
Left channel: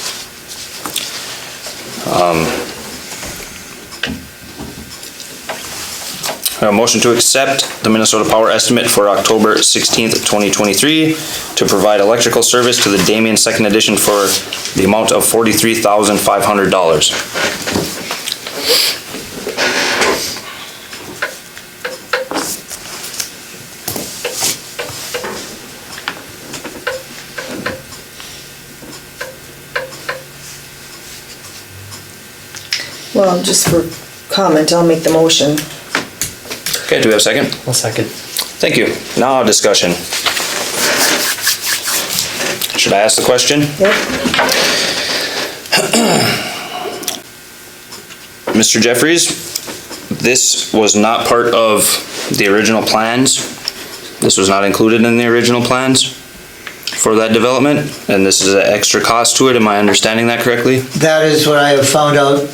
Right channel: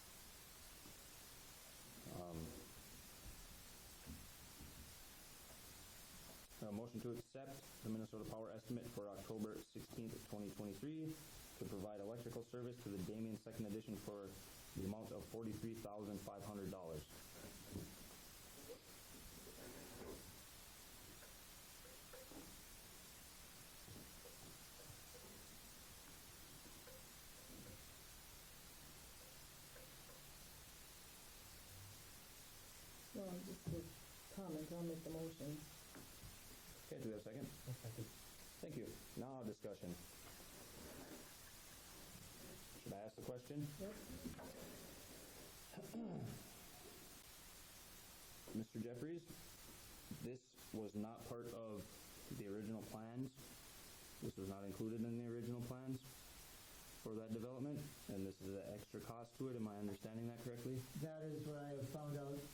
A motion to accept the Minnesota Power estimate for October 16th, 2023 to provide electrical service to the Damien Second Edition for the amount of $43,500. Well, just for comment, I'll make the motion. Okay, do we have a second? One second. Thank you. Now discussion. Should I ask the question? Yep. Mr. Jeffries, this was not part of the original plans. This was not included in the original plans for that development, and this is an extra cost to it. Am I understanding that correctly? That is what I have found out,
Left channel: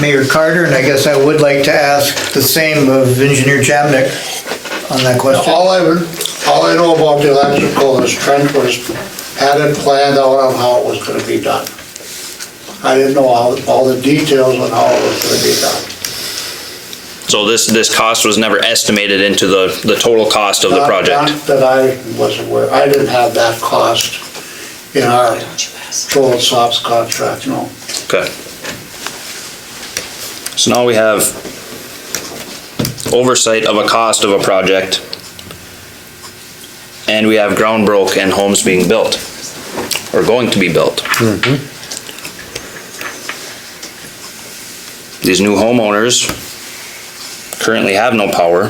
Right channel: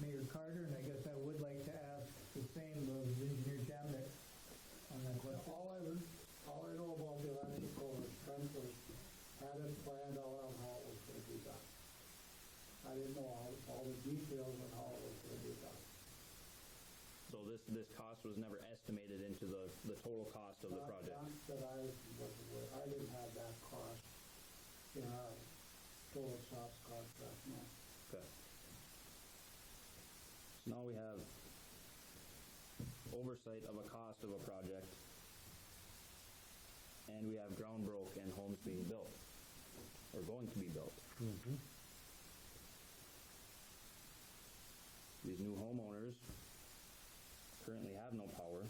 Mayor Carter, and I guess I would like to ask the same of Engineer Jamnik on that question. All I know about the electrical is Trent had it planned out on how it was gonna be done. I didn't know all the details on how it was gonna be done. So this cost was never estimated into the total cost of the project? Not that I was aware, I didn't have that cost in our total SOPS contract, no. Okay. So now we have oversight of a cost of a project, and we have ground broke and homes being built, or going to be built. These new homeowners currently have no power,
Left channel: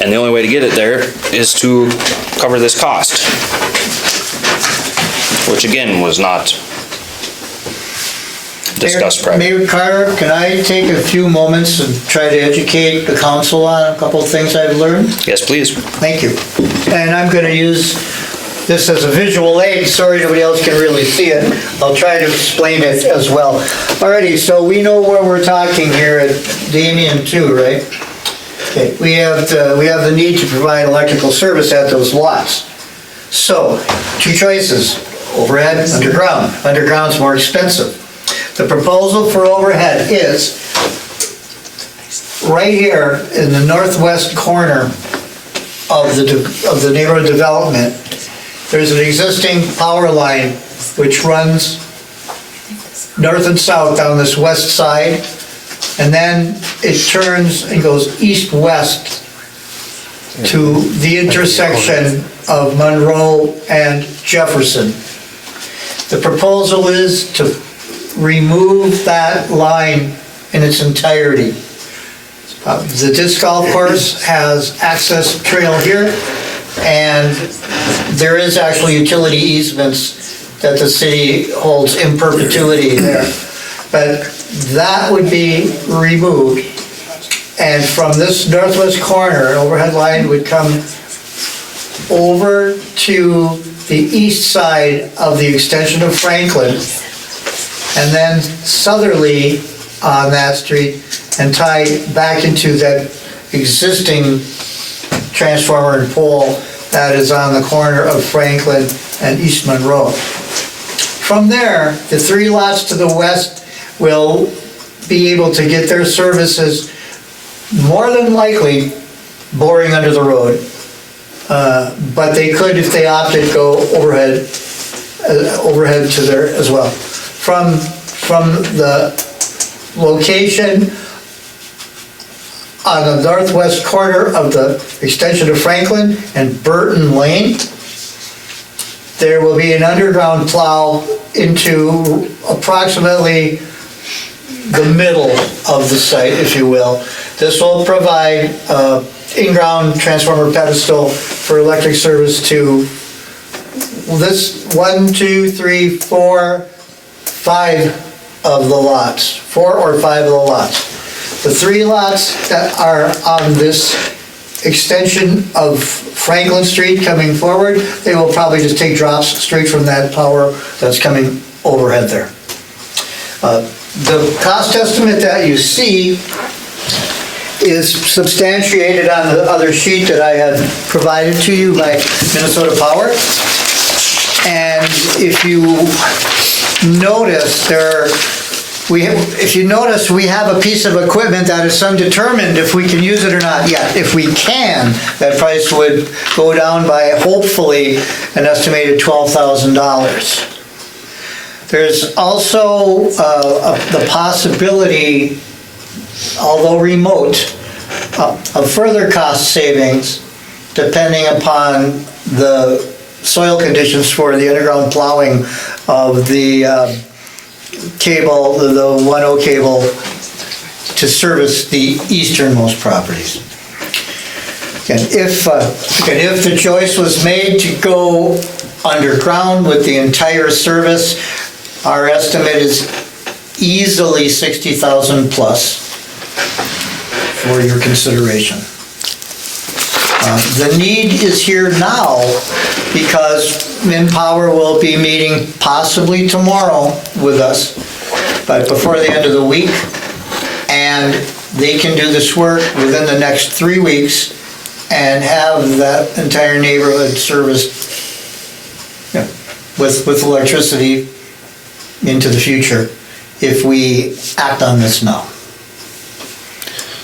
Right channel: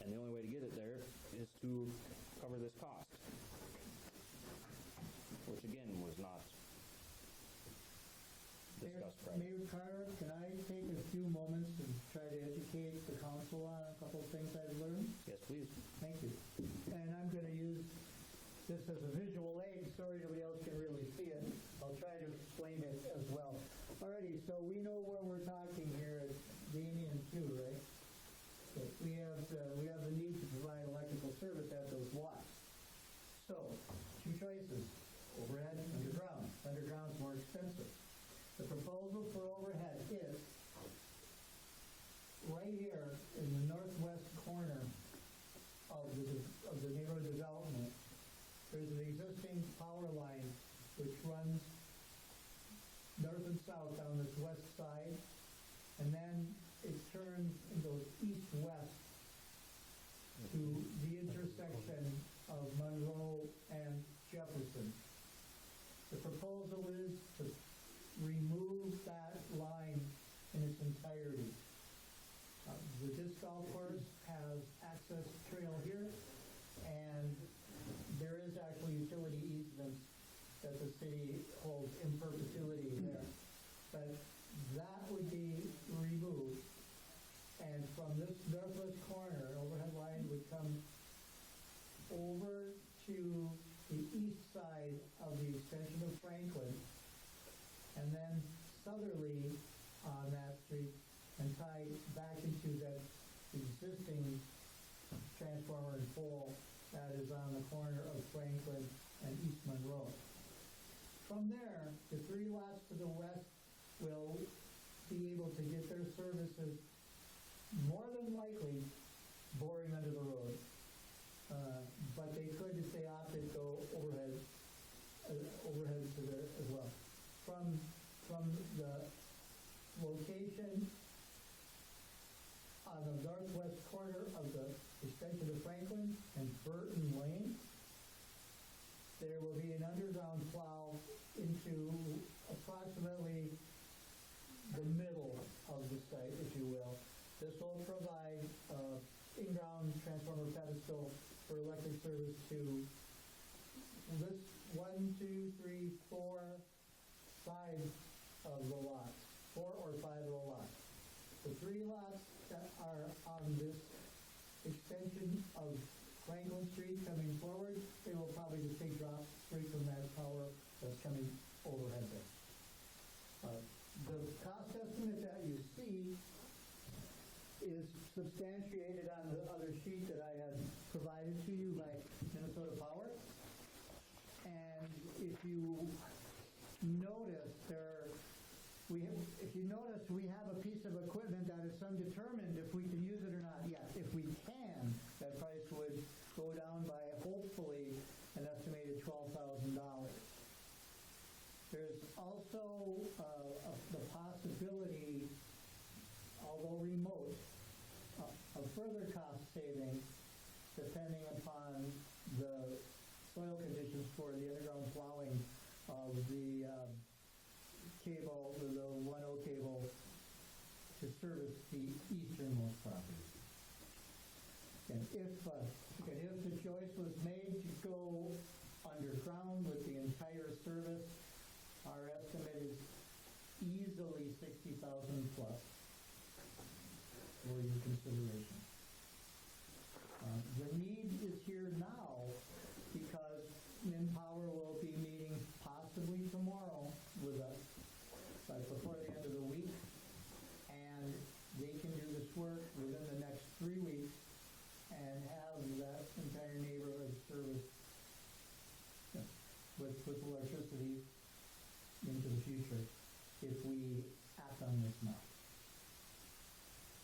and the only way to get it there is to cover this cost, which again was not discuss prior. Mayor Carter, can I take a few moments and try to educate the council on a couple of things I've learned? Yes, please. Thank you. And I'm going to use this as a visual aid. Sorry nobody else can really see it. I'll try to explain it as well. Alrighty, so we know where we're talking here at Damien 2, right? Okay, we have the need to provide electrical service at those lots. So, two choices, overhead, underground. Underground's more expensive. The proposal for overhead is right here in the northwest corner of the neighborhood development. There's an existing power line which runs north and south down this west side, and then it turns and goes east-west to the intersection of Monroe and Jefferson. The proposal is to remove that line in its entirety. The disc golf course has access trail here, and there is actually utility easements that the city holds in perpetuity there. But that would be removed, and from this northwest corner, an overhead line would come over to the east side of the extension of Franklin, and then southerly on that street, and tie back into that existing transformer and pole that is on the corner of Franklin and East Monroe. From there, the three lots to the west will be able to get their services, more than likely, boring under the road. But they could, if they opted, go overhead to there as well. From the location on the northwest corner of the extension of Franklin and Burton Lane, there will be an underground plow into approximately the middle of the site, if you will. This will provide in-ground transformer pedestal for electric service to this 1, 2, 3, 4, 5 of the lots, 4 or 5 of the lots. The 3 lots that are on this extension of Franklin Street coming forward, they will probably just take drops straight from that power that's coming overhead there. The cost estimate that you see is substantiated on the other sheet that I had provided to you by Minnesota Power. And if you notice we have a piece of equipment that is undetermined if we can use it or not yet. If we can, that price would go down by hopefully an estimated $12,000. There's also the possibility, although remote, of further cost savings depending upon the soil conditions for the underground plowing of the cable, the 1.0 cable to service the easternmost properties. And if the choice was made to go underground with the entire service, our estimate is easily 60,000 plus for your consideration. The need is here now because Minpower will be meeting possibly tomorrow with us, but before the end of the week, and they can do this work within the next 3 weeks and have that entire neighborhood serviced with electricity into the future if we act on this now.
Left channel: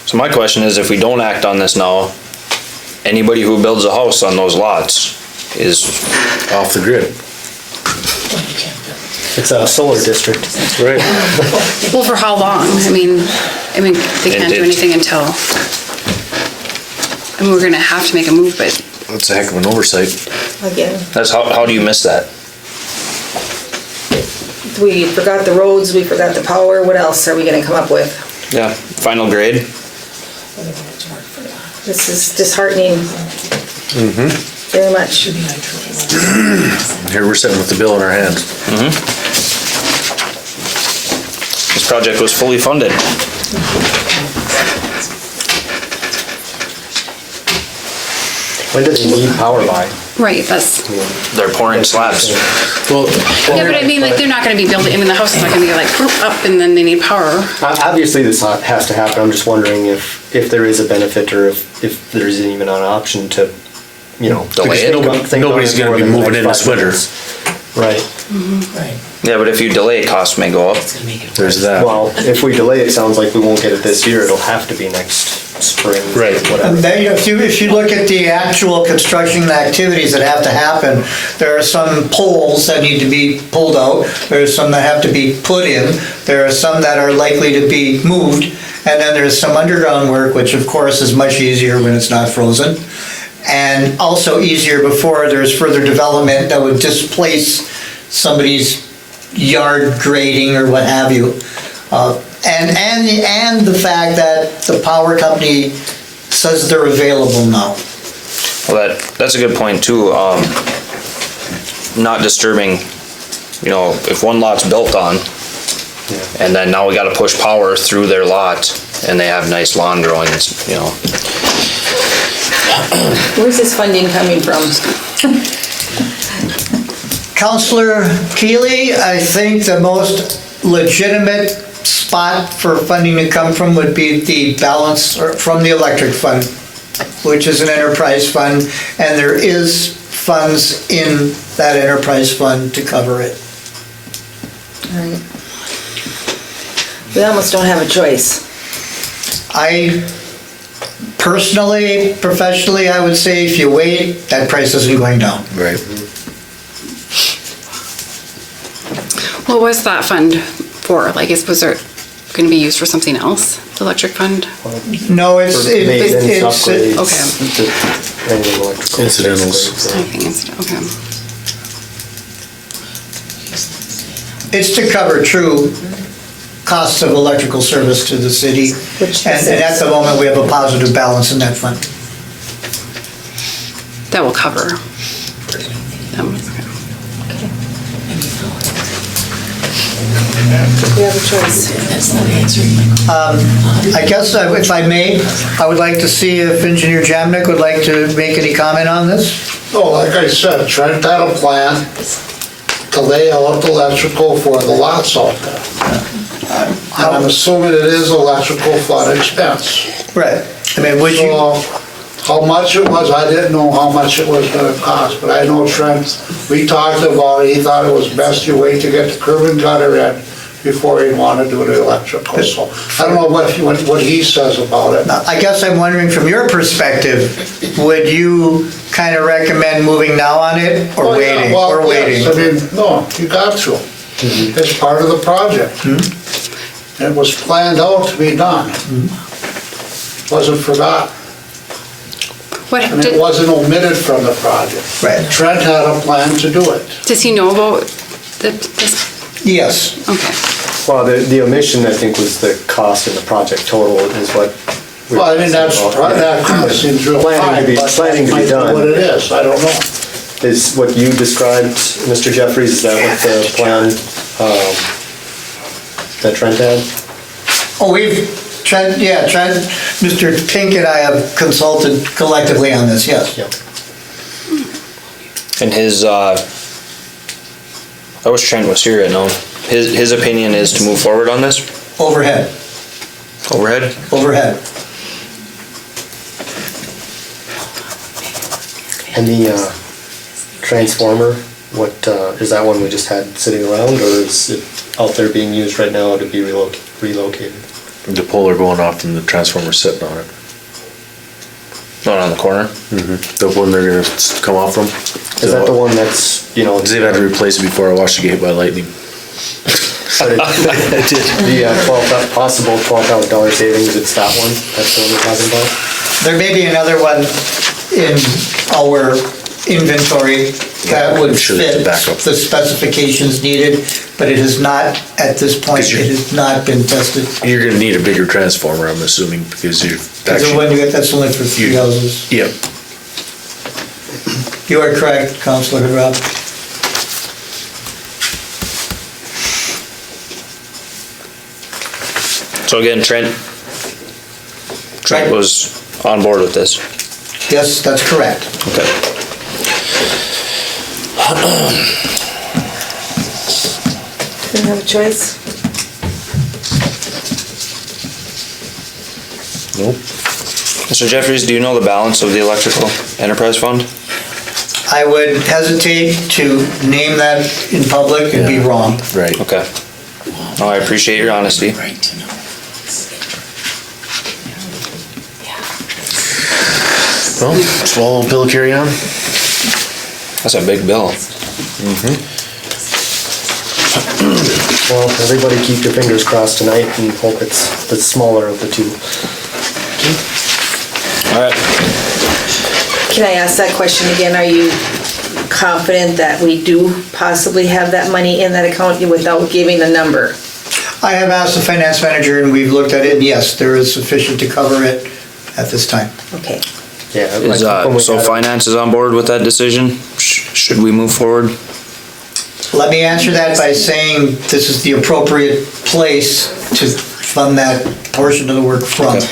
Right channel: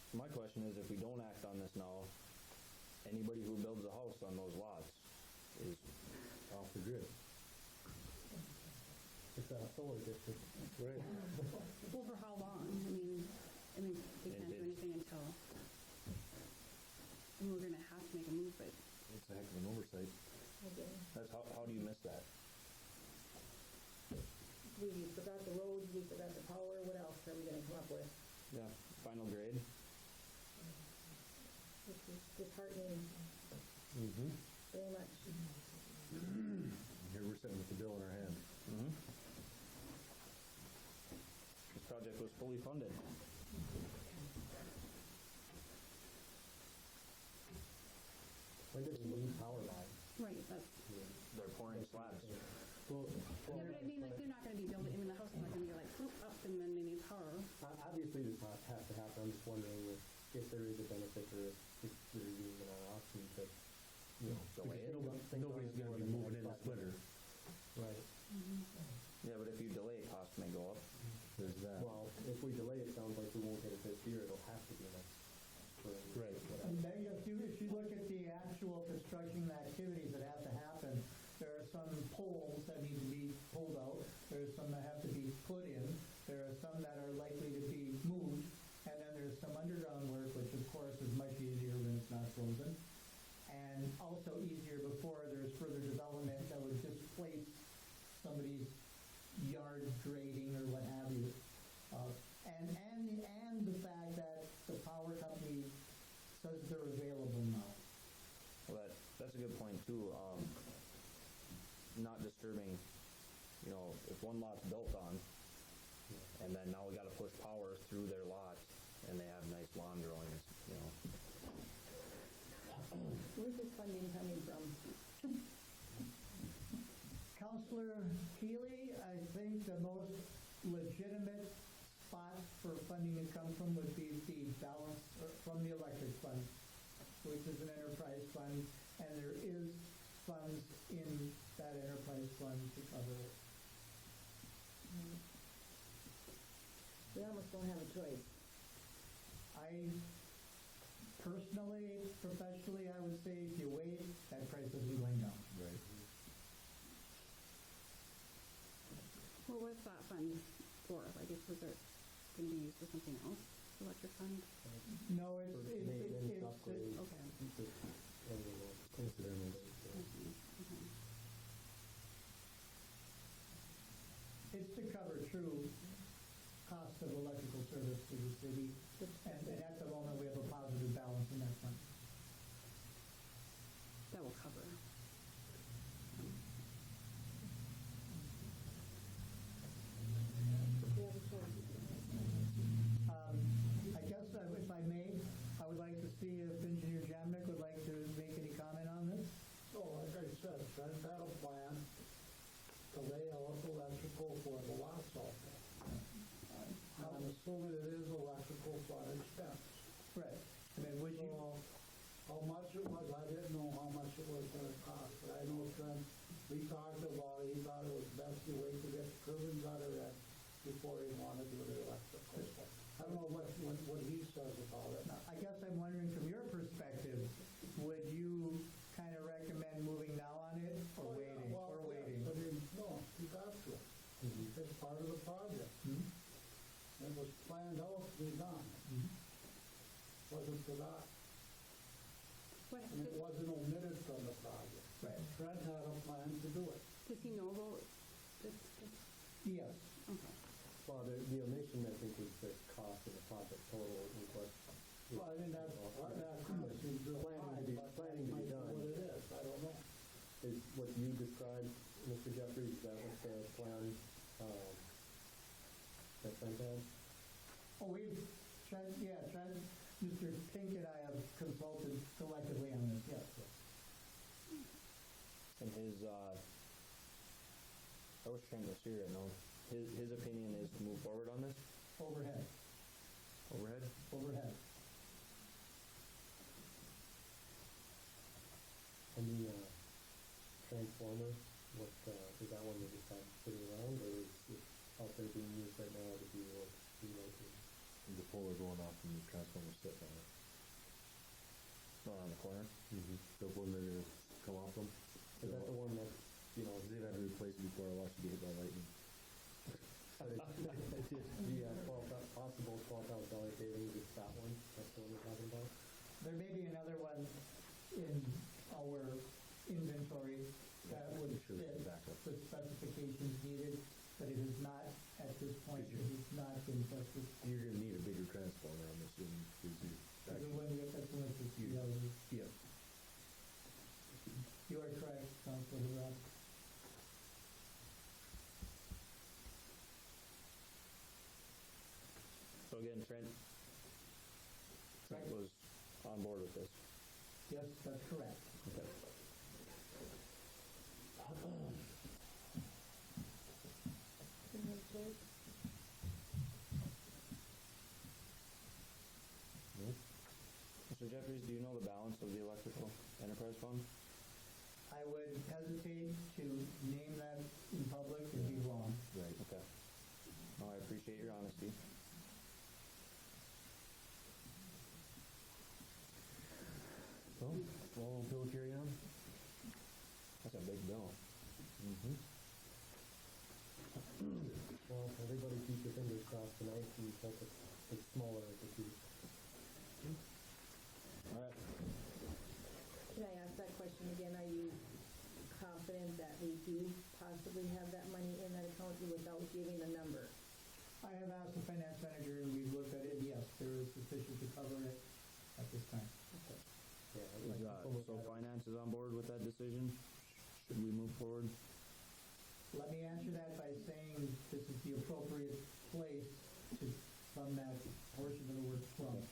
So my question is, if we don't act on this now, anybody who builds a house on those lots is Off the grid. It's a solar district. Right. Well, for how long? I mean, they can't do anything until, and we're gonna have to make a move, but That's a heck of an oversight. Again, that's how do you miss that? we forgot the roads, we forgot the power, what else are we gonna come up with? Yeah, final grade. This is disheartening. Very much. Here we're sitting with the bill in our hands. this project was fully funded. When do they need power by? Right, that's, They're pouring slabs. Well, yeah, but I mean, like, they're not gonna be building, I mean, the house is not gonna be like up and then they need power. Obviously, this has to happen. I'm just wondering if there is a benefit or if there's even an option to, Delay it. Nobody's gonna be moving in this winter. Right. Yeah, but if you delay, costs may go up. There's that. Well, if we delay, it sounds like we won't get it this year. It'll have to be next spring. Right. Whatever. And then, if you look at the actual construction activities that have to happen, there are some poles that need to be pulled out, there's some that have to be put in, there are some that are likely to be moved, and then there's some underground work, which of course is much easier when it's not frozen, and also easier before there's further development that would displace somebody's yard grading or what have you. And the fact that the power company says they're available now. Well, that's a good point too. Not disturbing, if one lot's built on, and then now we gotta push power through their lot, and they have nice lawn growing, Where's this funding coming from? Counselor Keeley, I think the most legitimate spot for funding to come from would be the balance from the electric fund, which is an enterprise fund, and there is funds in that enterprise fund to cover it. All right. We almost don't have a choice. I personally, professionally, I would say if you wait, that price isn't going down. Right. What was that fund for? Like, was it gonna be used for something else, the electric fund? No, it's Maintenance, upgrades. Okay. Anything electrical. Incidentals. I think it's, okay. it's to cover true costs of electrical service to the city. Which And at the moment, we have a positive balance in that fund. That will cover them. We have a choice. I guess, if I may, I would like to see if Engineer Jamnik would like to make any comment on this. No, like I said, Trent had a plan to lay out the electrical for the lots out there. And I'm assuming it is electrical fund expense. Right. I mean, would you, So, how much it was, I didn't know how much it was gonna cost, but I know Trent, we talked about it, he thought it was best you wait to get the curb and gutter in before he'd wanna do the electrical, so I don't know what he says about it. I guess I'm wondering from your perspective, would you kind of recommend moving now on it or Oh, yeah, waiting? well, Or waiting? yes, I mean, no, you got to. It's part of the project. It was planned out to be done. Wasn't forgotten. What, And it wasn't omitted from the project. Right. Trent had a plan to do it. does he know about this? Yes. Okay. Well, the omission, I think, was the cost in the project total is what. we were Well, I mean, that seems real Planning high, to be- but planning to be might be done. what it is, I don't know. Is what you described, Mr. Jeffries, is that what the plan that Trent had? Oh, Trent, Mr. Pink and I have consulted collectively on this, yes. Yep. And I wish Trent was here right now. His opinion is to move forward on this? Overhead. Overhead? Overhead. And the transformer, what, is that one we just had sitting around, or is it out there being used right now to be relocated? The polar going off and the transformer sitting on it. Not on the corner? The one they're gonna come off from. Is that the one that's, They've had to replace it before I watched it get hit by lightning. the possible $12,000 savings, it's that one? That's the one we're talking about? There may be another one in our inventory that would I'm sure there's a fit backup. the specifications needed, but it has not, at this point, it has not been tested. You're gonna need a bigger transformer, I'm assuming, because you're Because the one you get, that's only for 3 You- houses. Yep. You are correct, Councilor Rob. So again, Trent was on board with this. Yes, that's correct. Okay. Didn't have a choice. Nope. Mr. Jeffries, do you know the balance of the electrical enterprise fund? I would hesitate to name that in public and be wrong. Right. Okay. Oh, I appreciate your honesty. Well, swallow a pill, carry on. That's a big bill. Well, everybody keep your fingers crossed tonight and hope it's the smaller of the two. All right. Can I ask that question again? Are you confident that we do possibly have that money in that account without giving a number? I have asked the finance manager and we've looked at it, and yes, there is sufficient to cover it at this time. Okay. Yeah. I Is, think when we so had it- finance is on board with that decision? Should we move forward? Let me answer that by saying this is the appropriate place to fund that portion of the work from. Okay.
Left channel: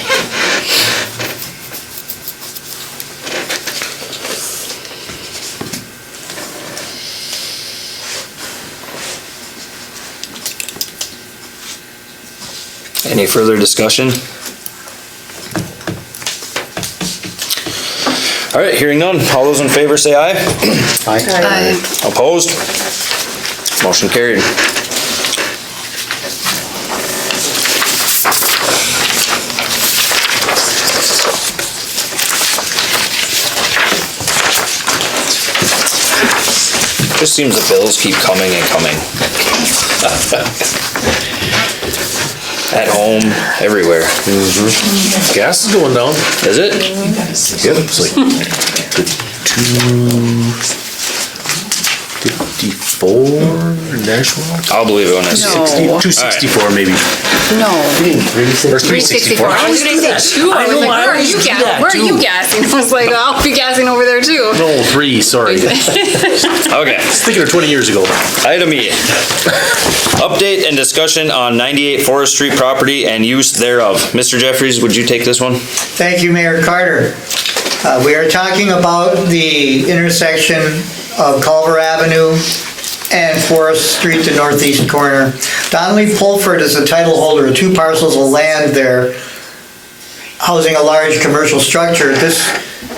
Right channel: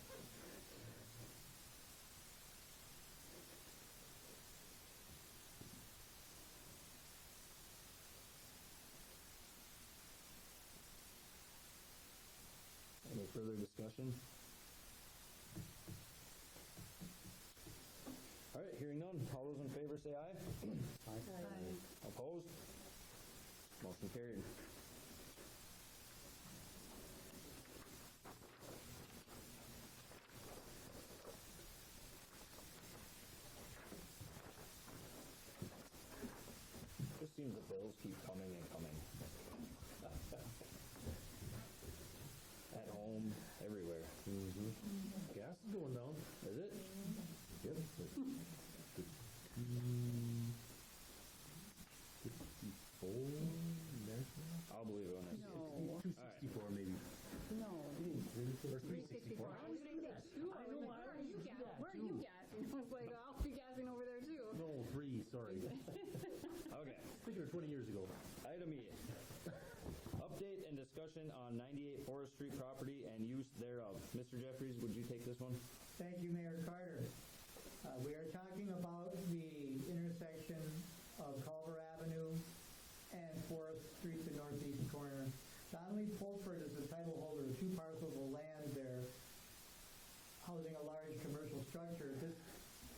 Any further discussion? All right, hearing none. All those in favor say aye. Aye. Opposed? Motion carried. Just seems the bills keep coming and coming. At home, everywhere. Gas is going down. Is it? Yep, it's like the 254 national. I'll believe it when I see it. No. 264 maybe. No. Or 364. I was gonna say 2. I was like, where are you gassing? Where are you gassing? I was like, I'll be gassing over there too. No, 3, sorry. I was Okay. thinking of 20 years ago. Item E. Update and discussion on 98 Forest Street property and use thereof. Mr. Jeffries, would you take this one? Thank you, Mayor Carter. We are talking about the intersection of Culver Avenue and Forest Street, the northeast corner. Donnelly Pulford is the title holder of 2 parcels of land there, housing a large commercial structure. This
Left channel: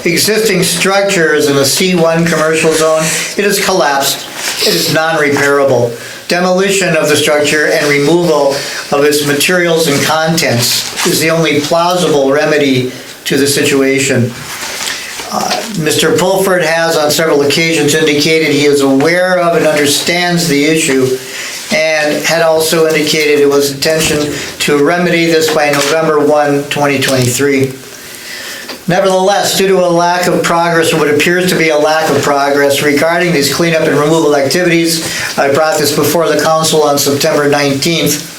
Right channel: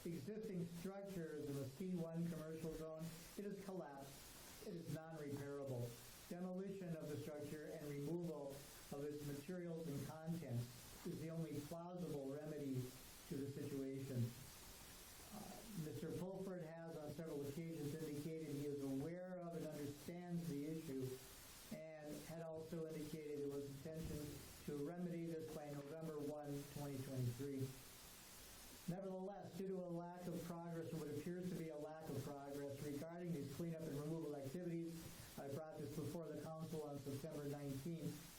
existing structure is in a C1 commercial zone. It is collapsed. It is non-repairable. Demolition of the structure and removal of its materials and contents is the only plausible remedy to the situation. Mr. Pulford has on several occasions indicated he is aware of and understands the issue, and had also indicated it was intention to remedy this by November 1, 2023. Nevertheless, due to a lack of progress, or what appears to be a lack of progress regarding these cleanup and removal activities, I brought this before the council on September 19th.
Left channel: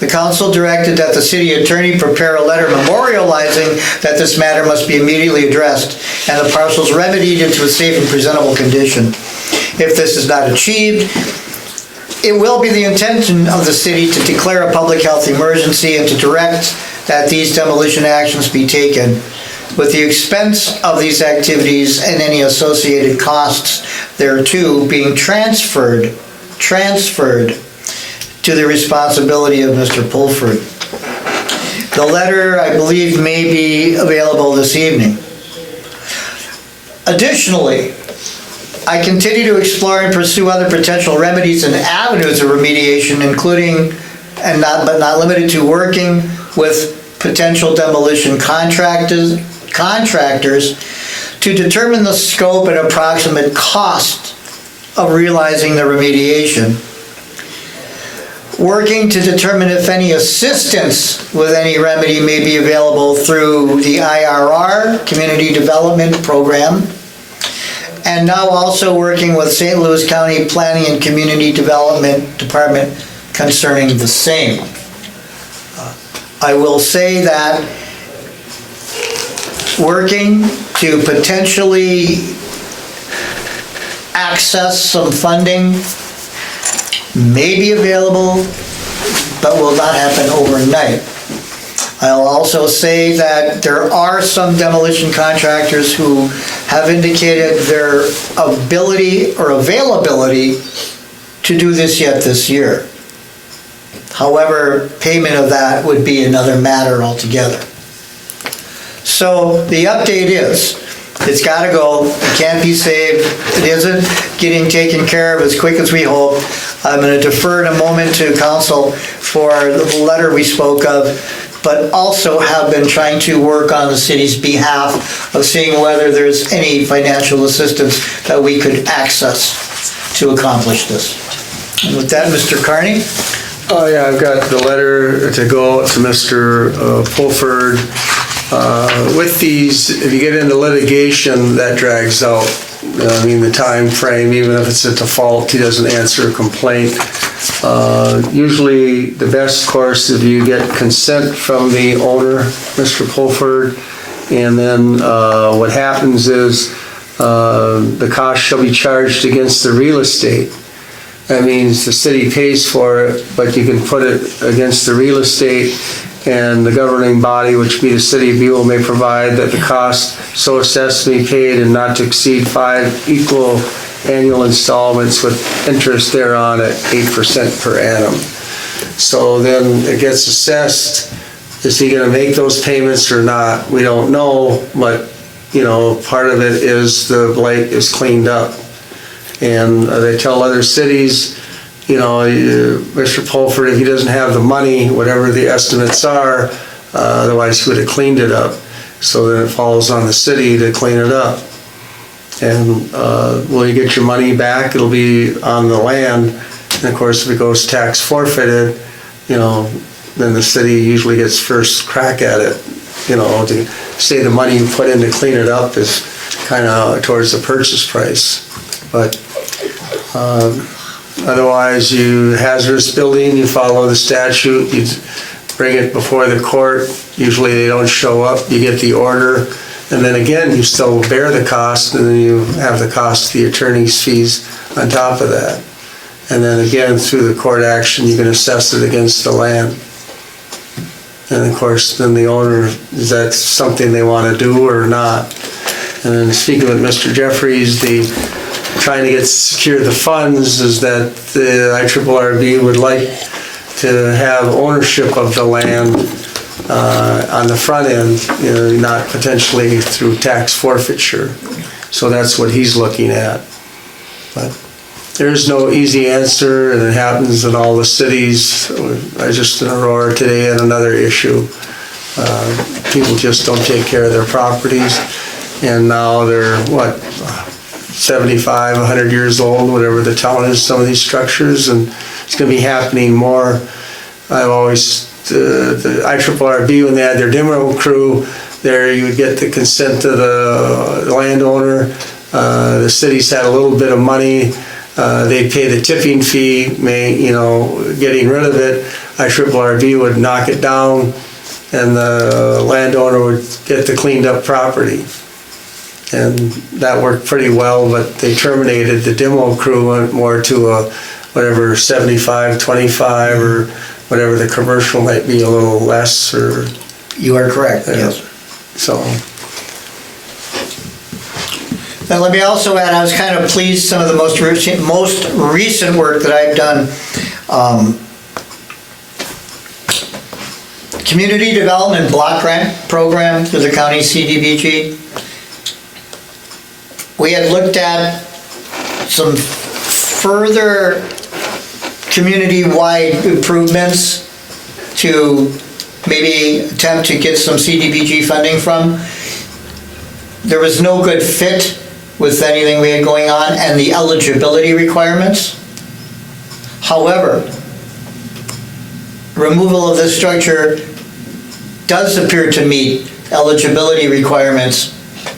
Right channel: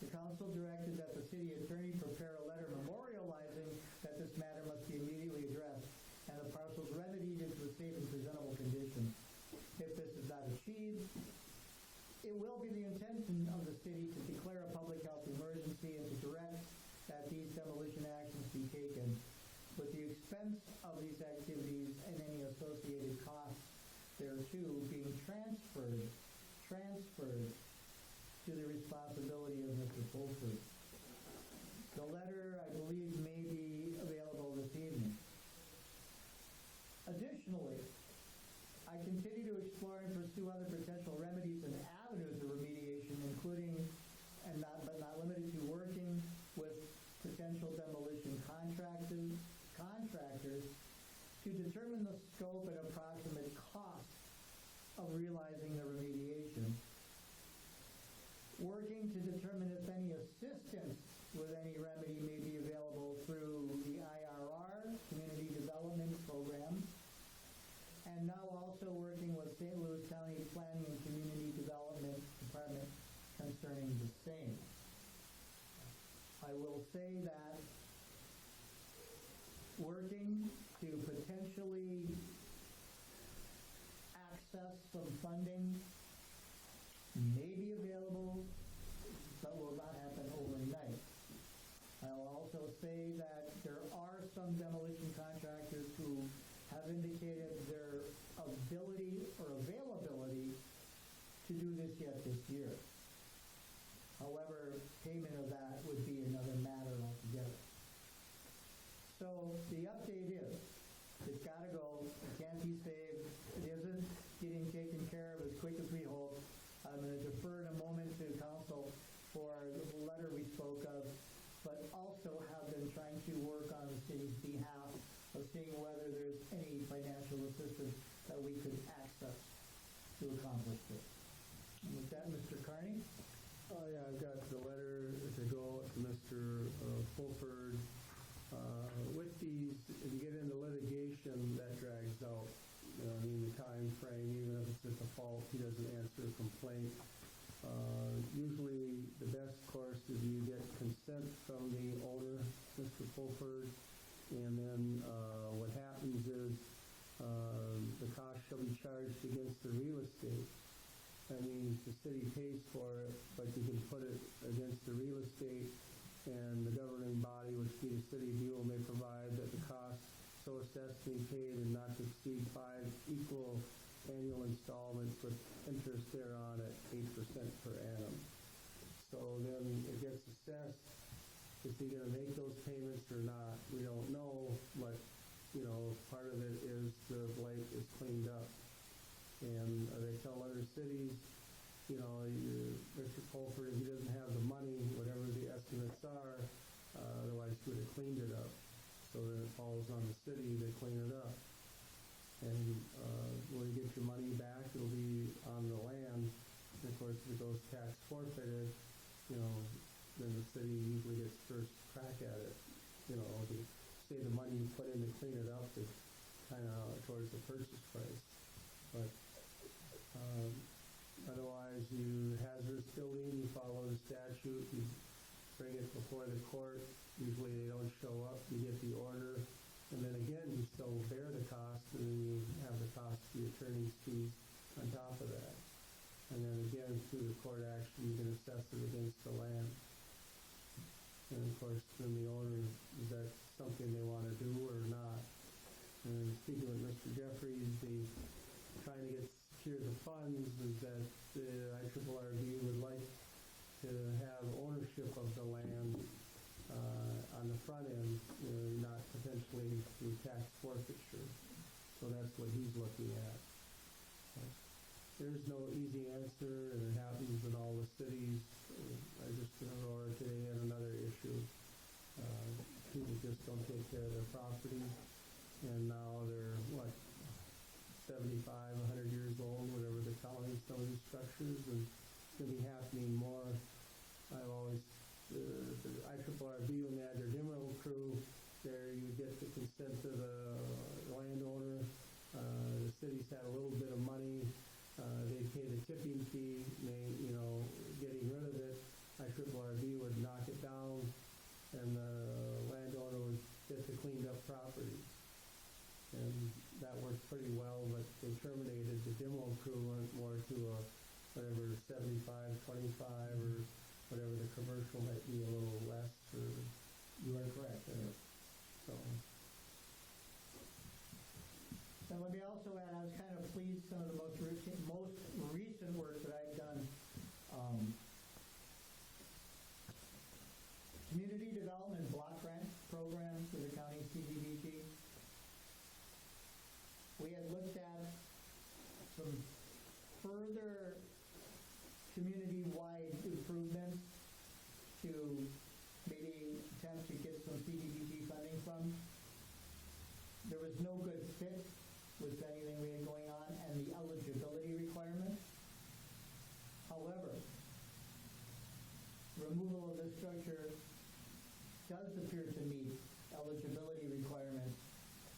The council directed that the city attorney prepare a letter memorializing that this matter must be immediately addressed and the parcels remedied into a safe and presentable condition. If this is not achieved, it will be the intention of the city to declare a public health emergency and to direct that these demolition actions be taken, with the expense of these activities and any associated costs thereto being transferred to the responsibility of Mr. Pulford. The letter, I believe, may be available this evening. Additionally, I continue to explore and pursue other potential remedies and avenues of remediation, including, but not limited to, working with potential demolition contractors to determine the scope and approximate cost of realizing the remediation. Working to determine if any assistance with any remedy may be available through the IRR, Community Development Program, and now also working with St. Louis County Planning and Community Development Department concerning the same. I will say that working to potentially access some funding may be available, but will not happen overnight. I'll also say that there are some demolition contractors who have indicated their ability or availability to do this yet this year. However, payment of that would be another matter altogether. So the update is, it's got to go, it can't be saved, it isn't getting taken care of as quick as we hope. I'm going to defer in a moment to council for the letter we spoke of, but also have been trying to work on the city's behalf of seeing whether there's any financial assistance that we could access to accomplish this. And with that, Mr. Carney? Oh, yeah, I've got the letter to go to Mr. Pulford. With these, if you get into litigation, that drags out. I mean, the time frame, even if it's a default, he doesn't answer a complaint. Usually, the best course is you get consent from the owner, Mr. Pulford, and then what happens is the cost shall be charged against the real estate. That means the city pays for it, but you can put it against the real estate, and the governing body, which be the city of Buhl, may provide that the cost so assessed be paid and not to exceed 5 equal annual installments with interest thereon at 8% per annum. So then it gets assessed. Is he going to make those payments or not? We don't know, but part of it is the blight is cleaned up. And they tell other cities, Mr. Pulford, if he doesn't have the money, whatever the estimates are, otherwise he would have cleaned it up. So then it falls on the city to clean it up. And will you get your money back? It'll be on the land. And of course, if it goes tax forfeited, then the city usually gets first crack at it. To say the money you put in to clean it up is kind of towards the purchase price. But otherwise, you hazardous building, you follow the statute, you bring it before the court. Usually they don't show up, you get the order, and then again, you still bear the cost, and then you have the cost of the attorney's fees on top of that. And then again, through the court action, you can assess it against the land. And of course, then the owner, is that something they want to do or not? And then speaking with Mr. Jeffries, trying to secure the funds is that the IRRB would like to have ownership of the land on the front end, not potentially through tax forfeiture. So that's what he's looking at. But there's no easy answer, and it happens in all the cities. I just in Aurora today had another issue. People just don't take care of their properties, and now they're 75, 100 years old, whatever the town is, some of these structures, and it's going to be happening more. I've always, the IRRB, when they had their demo crew there, you would get the consent of the landowner. The cities had a little bit of money. They'd pay the tipping fee, getting rid of it. IRRB would knock it down, and the landowner would get the cleaned up property. And that worked pretty well, but they terminated. The demo crew went more to a 75-25 or whatever the commercial might be, a little less. Or You are correct, yes. So. Now let me also add, I was kind of pleased some of the most recent work that I've done. Community Development Block Grant Program through the county CDBG. We had looked at some further community-wide improvements to maybe attempt to get some CDBG funding from. There was no good fit with anything we had going on and the eligibility requirements. However, removal of this structure does appear to meet eligibility requirements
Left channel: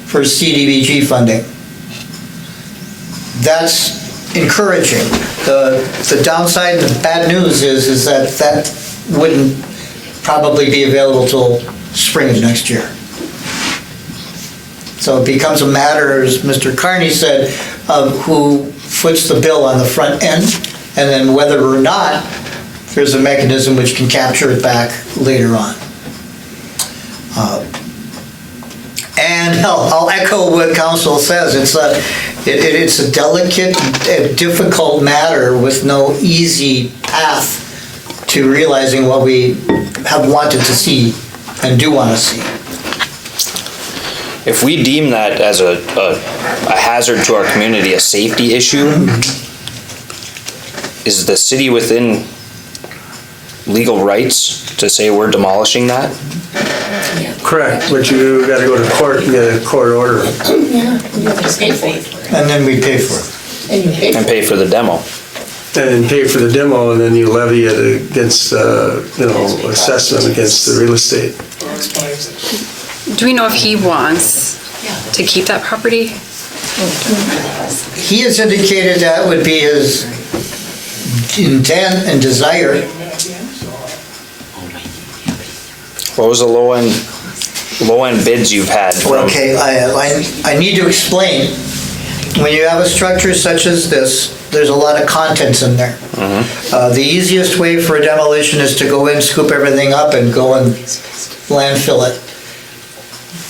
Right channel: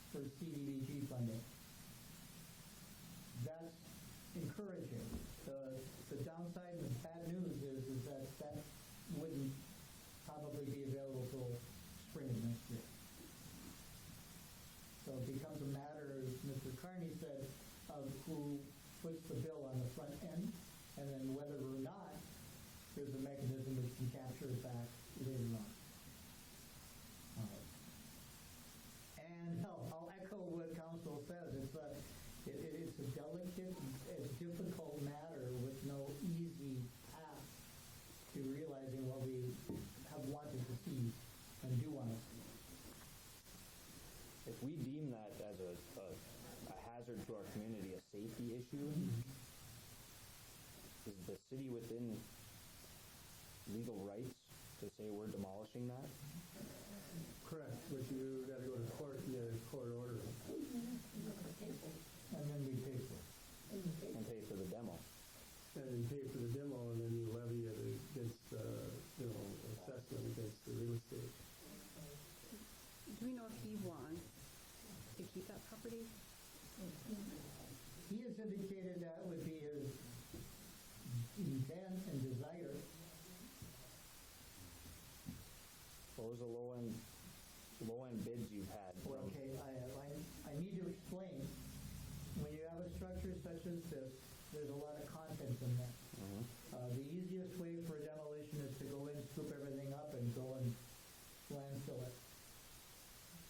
for CDBG funding. That's encouraging. The downside, the bad news is that wouldn't probably be available till spring of next year. So it becomes a matter, as Mr. Carney said, of who foots the bill on the front end, and then whether or not there's a mechanism which can capture it back later on. And I'll echo what council says, it's a delicate, difficult matter with no easy path to realizing what we have wanted to see and do want to see. If we deem that as a hazard to our community, a safety issue, is the city within legal rights to say we're demolishing that? Correct, but you gotta go to court and get a court order. And then we pay for it. And pay for the demo. And then pay for the demo, and then you levy it against, assessment against the real estate. Do we know if he wants to keep that property? He has indicated that would be his intent and desire. What was the low end bids you've had from? Okay, I need to explain. When you have a structure such as this, there's a lot of contents in there. The easiest way for a demolition is to go in, scoop everything up, and go and landfill it.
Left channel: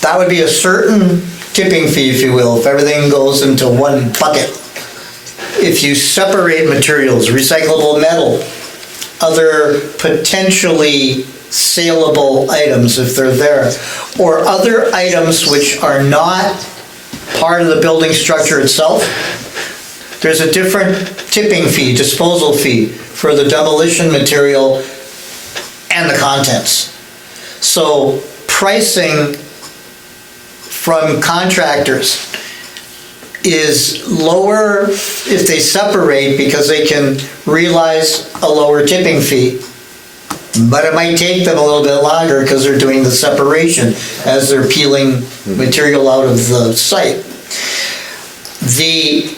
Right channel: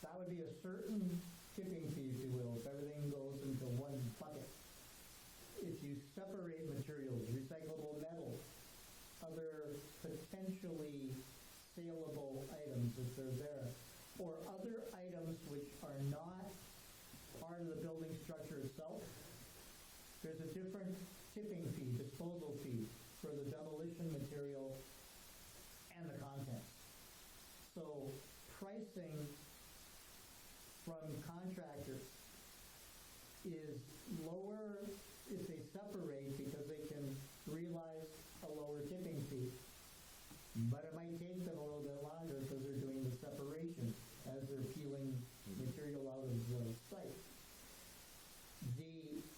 That would be a certain tipping fee, if you will, if everything goes into one bucket. If you separate materials, recyclable metal, other potentially saleable items if they're there, or other items which are not part of the building structure itself, there's a different tipping fee, disposal fee for the demolition material and the contents. So pricing from contractors is lower if they separate because they can realize a lower tipping fee. But it might take them a little bit longer because they're doing the separation as they're peeling material out of the site. The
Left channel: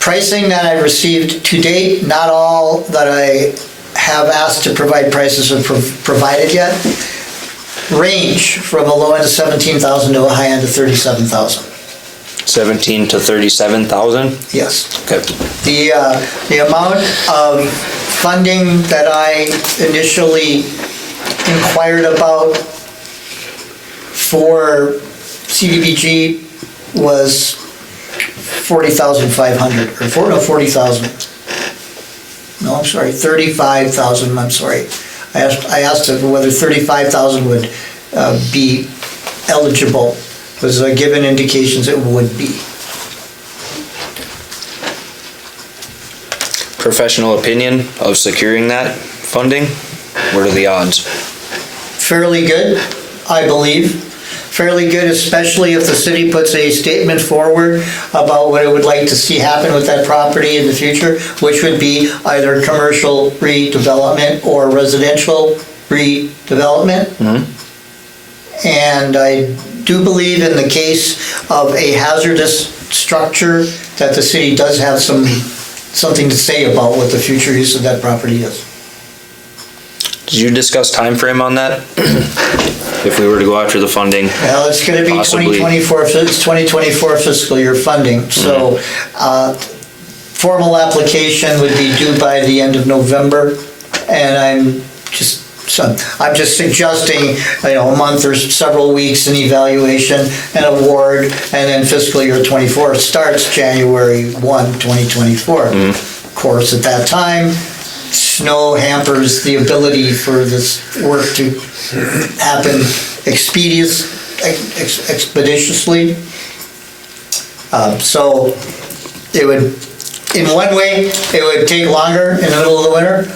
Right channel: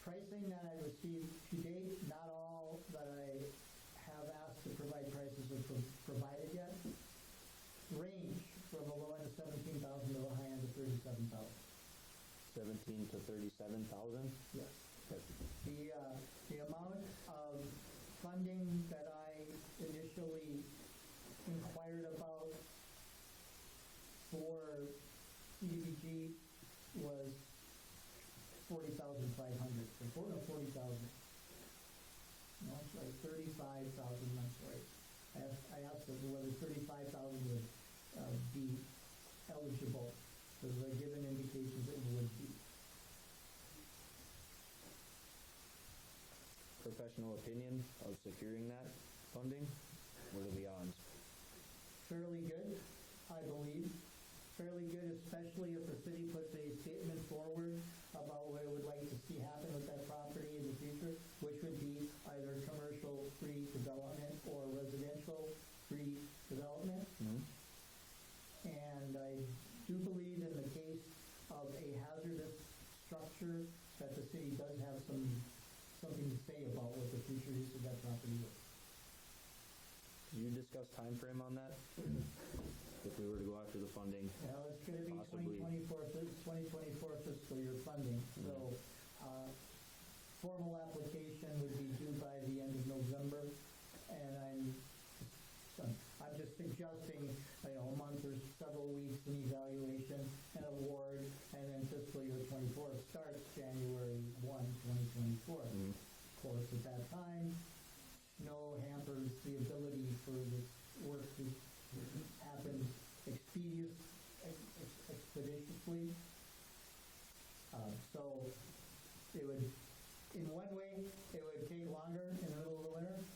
pricing that I received to date, not all that I have asked to provide prices have provided yet, range from a low end of 17,000 to a high end of 37,000. 17 to 37,000? Yes. Okay. The amount of funding that I initially inquired about for CDBG was 40,500 or 40,000. No, I'm sorry, 35,000. I'm sorry. I asked whether 35,000 would be eligible. Was given indications it would be. Professional opinion of securing that funding? What are the odds? Fairly good, I believe. Fairly good, especially if the city puts a statement forward about what it would like to see happen with that property in the future, which would be either commercial redevelopment or residential redevelopment. Mm-hmm. And I do believe in the case of a hazardous structure that the city does have something to say about what the future use of that property is. Did you discuss time frame on that? If we were to go after the funding? Well, it's going to be possibly 2024. It's 2024 fiscal year funding. So, formal application would be due by the end of November, and I'm just suggesting, a month or several weeks in evaluation and award, and then fiscal year 24 starts January 1, 2024. Of course, at that time, snow hampers the ability for this work to happen expeditiously. So it would, in one way, it would take longer in the middle of the winter,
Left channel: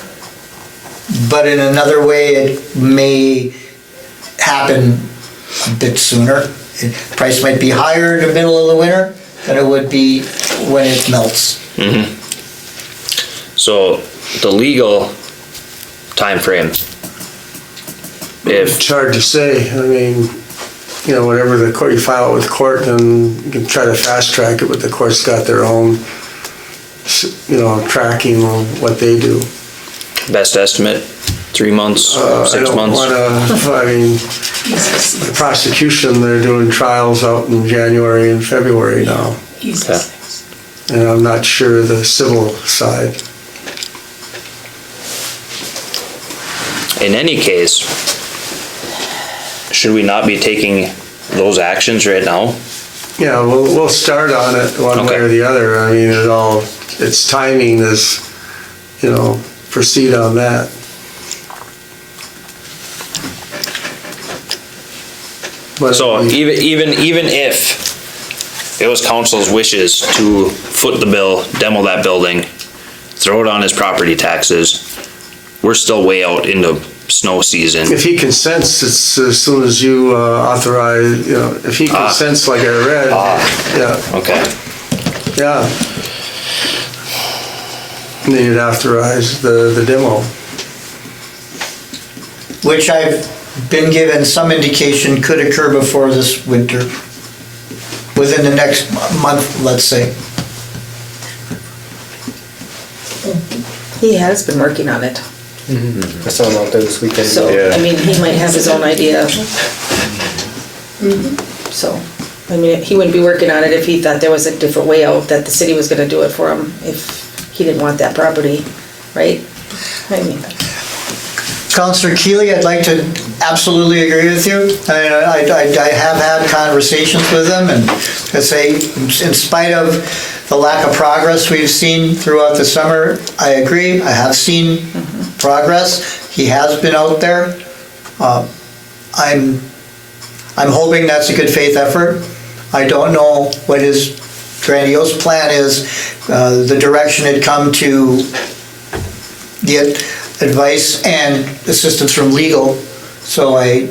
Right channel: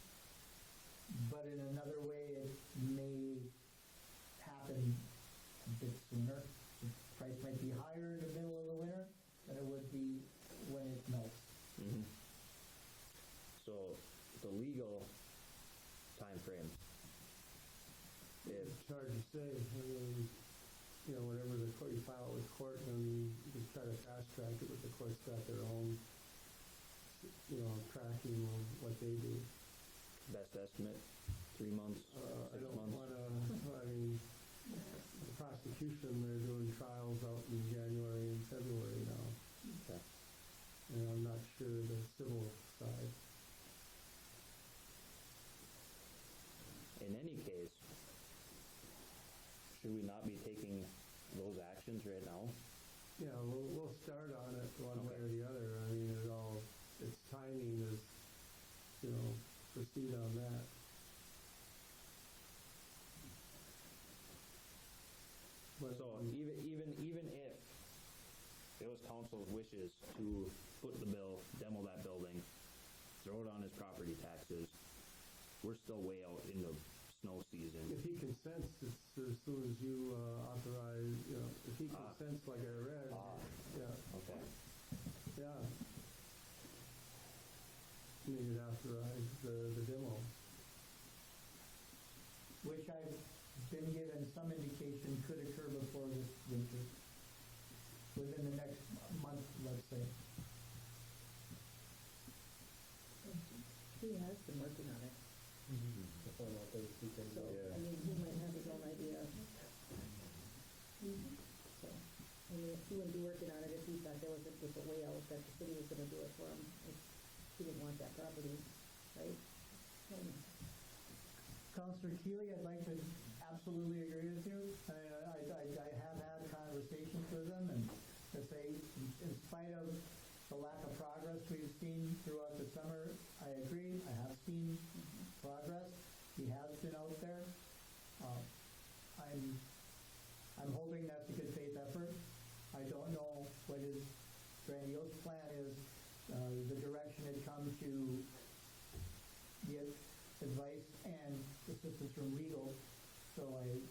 but in another way, it may happen a bit sooner. Price might be higher in the middle of the winter than it would be when it melts. Mm-hmm. So the legal time frame, It's hard to say. I mean, whatever the court, you file it with court, and you can try to fast track it, but the court's got their own, tracking on what they do. best estimate, 3 months, 6 months? The prosecution, they're doing trials out in January and February now. Okay. And I'm not sure the civil side. In any case, should we not be taking those actions right now? Yeah, we'll start on it one way Okay. or the other. I mean, its timing is, proceed on that. But So even if it was council's wishes to foot the bill, demo that building, throw it on his property taxes, we're still way out into snow season. if he consents, it's as soon as you authorize, if he consents like I read, yeah, Okay. yeah. Then you'd authorize the demo. Which I've been given some indication could occur before this winter, within the next month, let's say. He has been working on it, I saw him out there this weekend. so, I mean, he might have his own idea. So, I mean, he wouldn't be working on it if he thought there was a different way out, that the city was gonna do it for him, if he didn't want that property, right? I mean, Councillor Keeley, I'd like to absolutely agree with you. I have had conversations with him, and I say, in spite of the lack of progress we've seen throughout the summer, I agree, I have seen progress. He has been out there. I'm hoping that's a good faith effort. I don't know what his grandiose plan is. The direction had come to get advice and assistance from legal, so I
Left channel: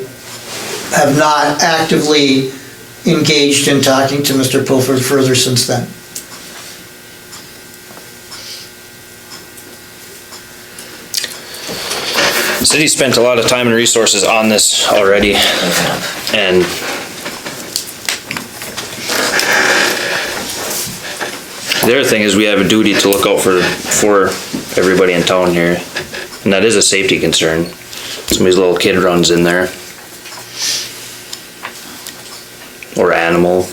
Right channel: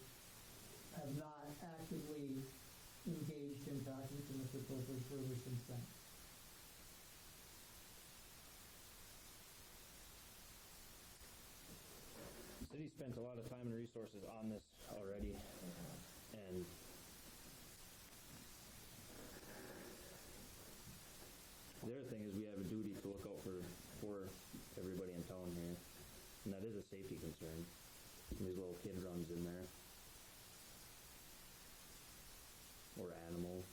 have not actively engaged in talking to Mr. Pulford further since then. The city spent a lot of time and resources on this already, and the other thing is we have a duty to look out for everybody in town here, and that is a safety concern. Somebody's little kid runs in there, or animal,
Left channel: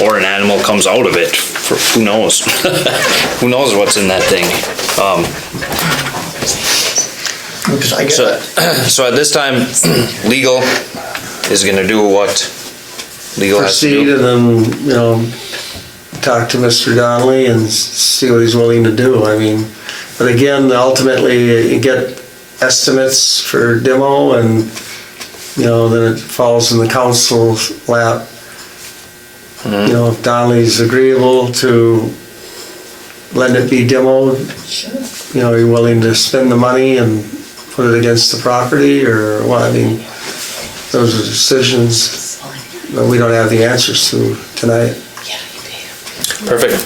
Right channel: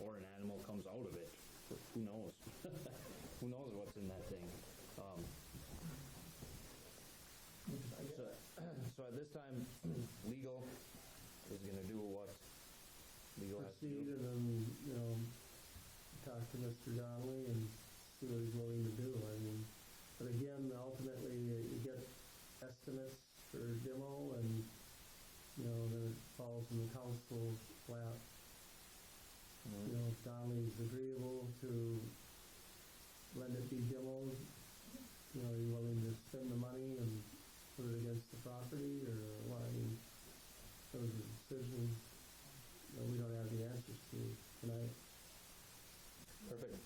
or an animal comes out of it. For, who knows? Who knows what's in that thing? Because I get So, that. so at this time, legal is gonna do what legal has to Proceed do. and then, talk to Mr. Donnelly and see what he's willing to do. I mean, but again, ultimately, you get estimates for demo and, then it falls in the council's lap. If Donnelly's agreeable to letting it be demoed, you're willing to spend the money and put it against the property or what? I mean, those are decisions that we don't have the answers to tonight. Perfect.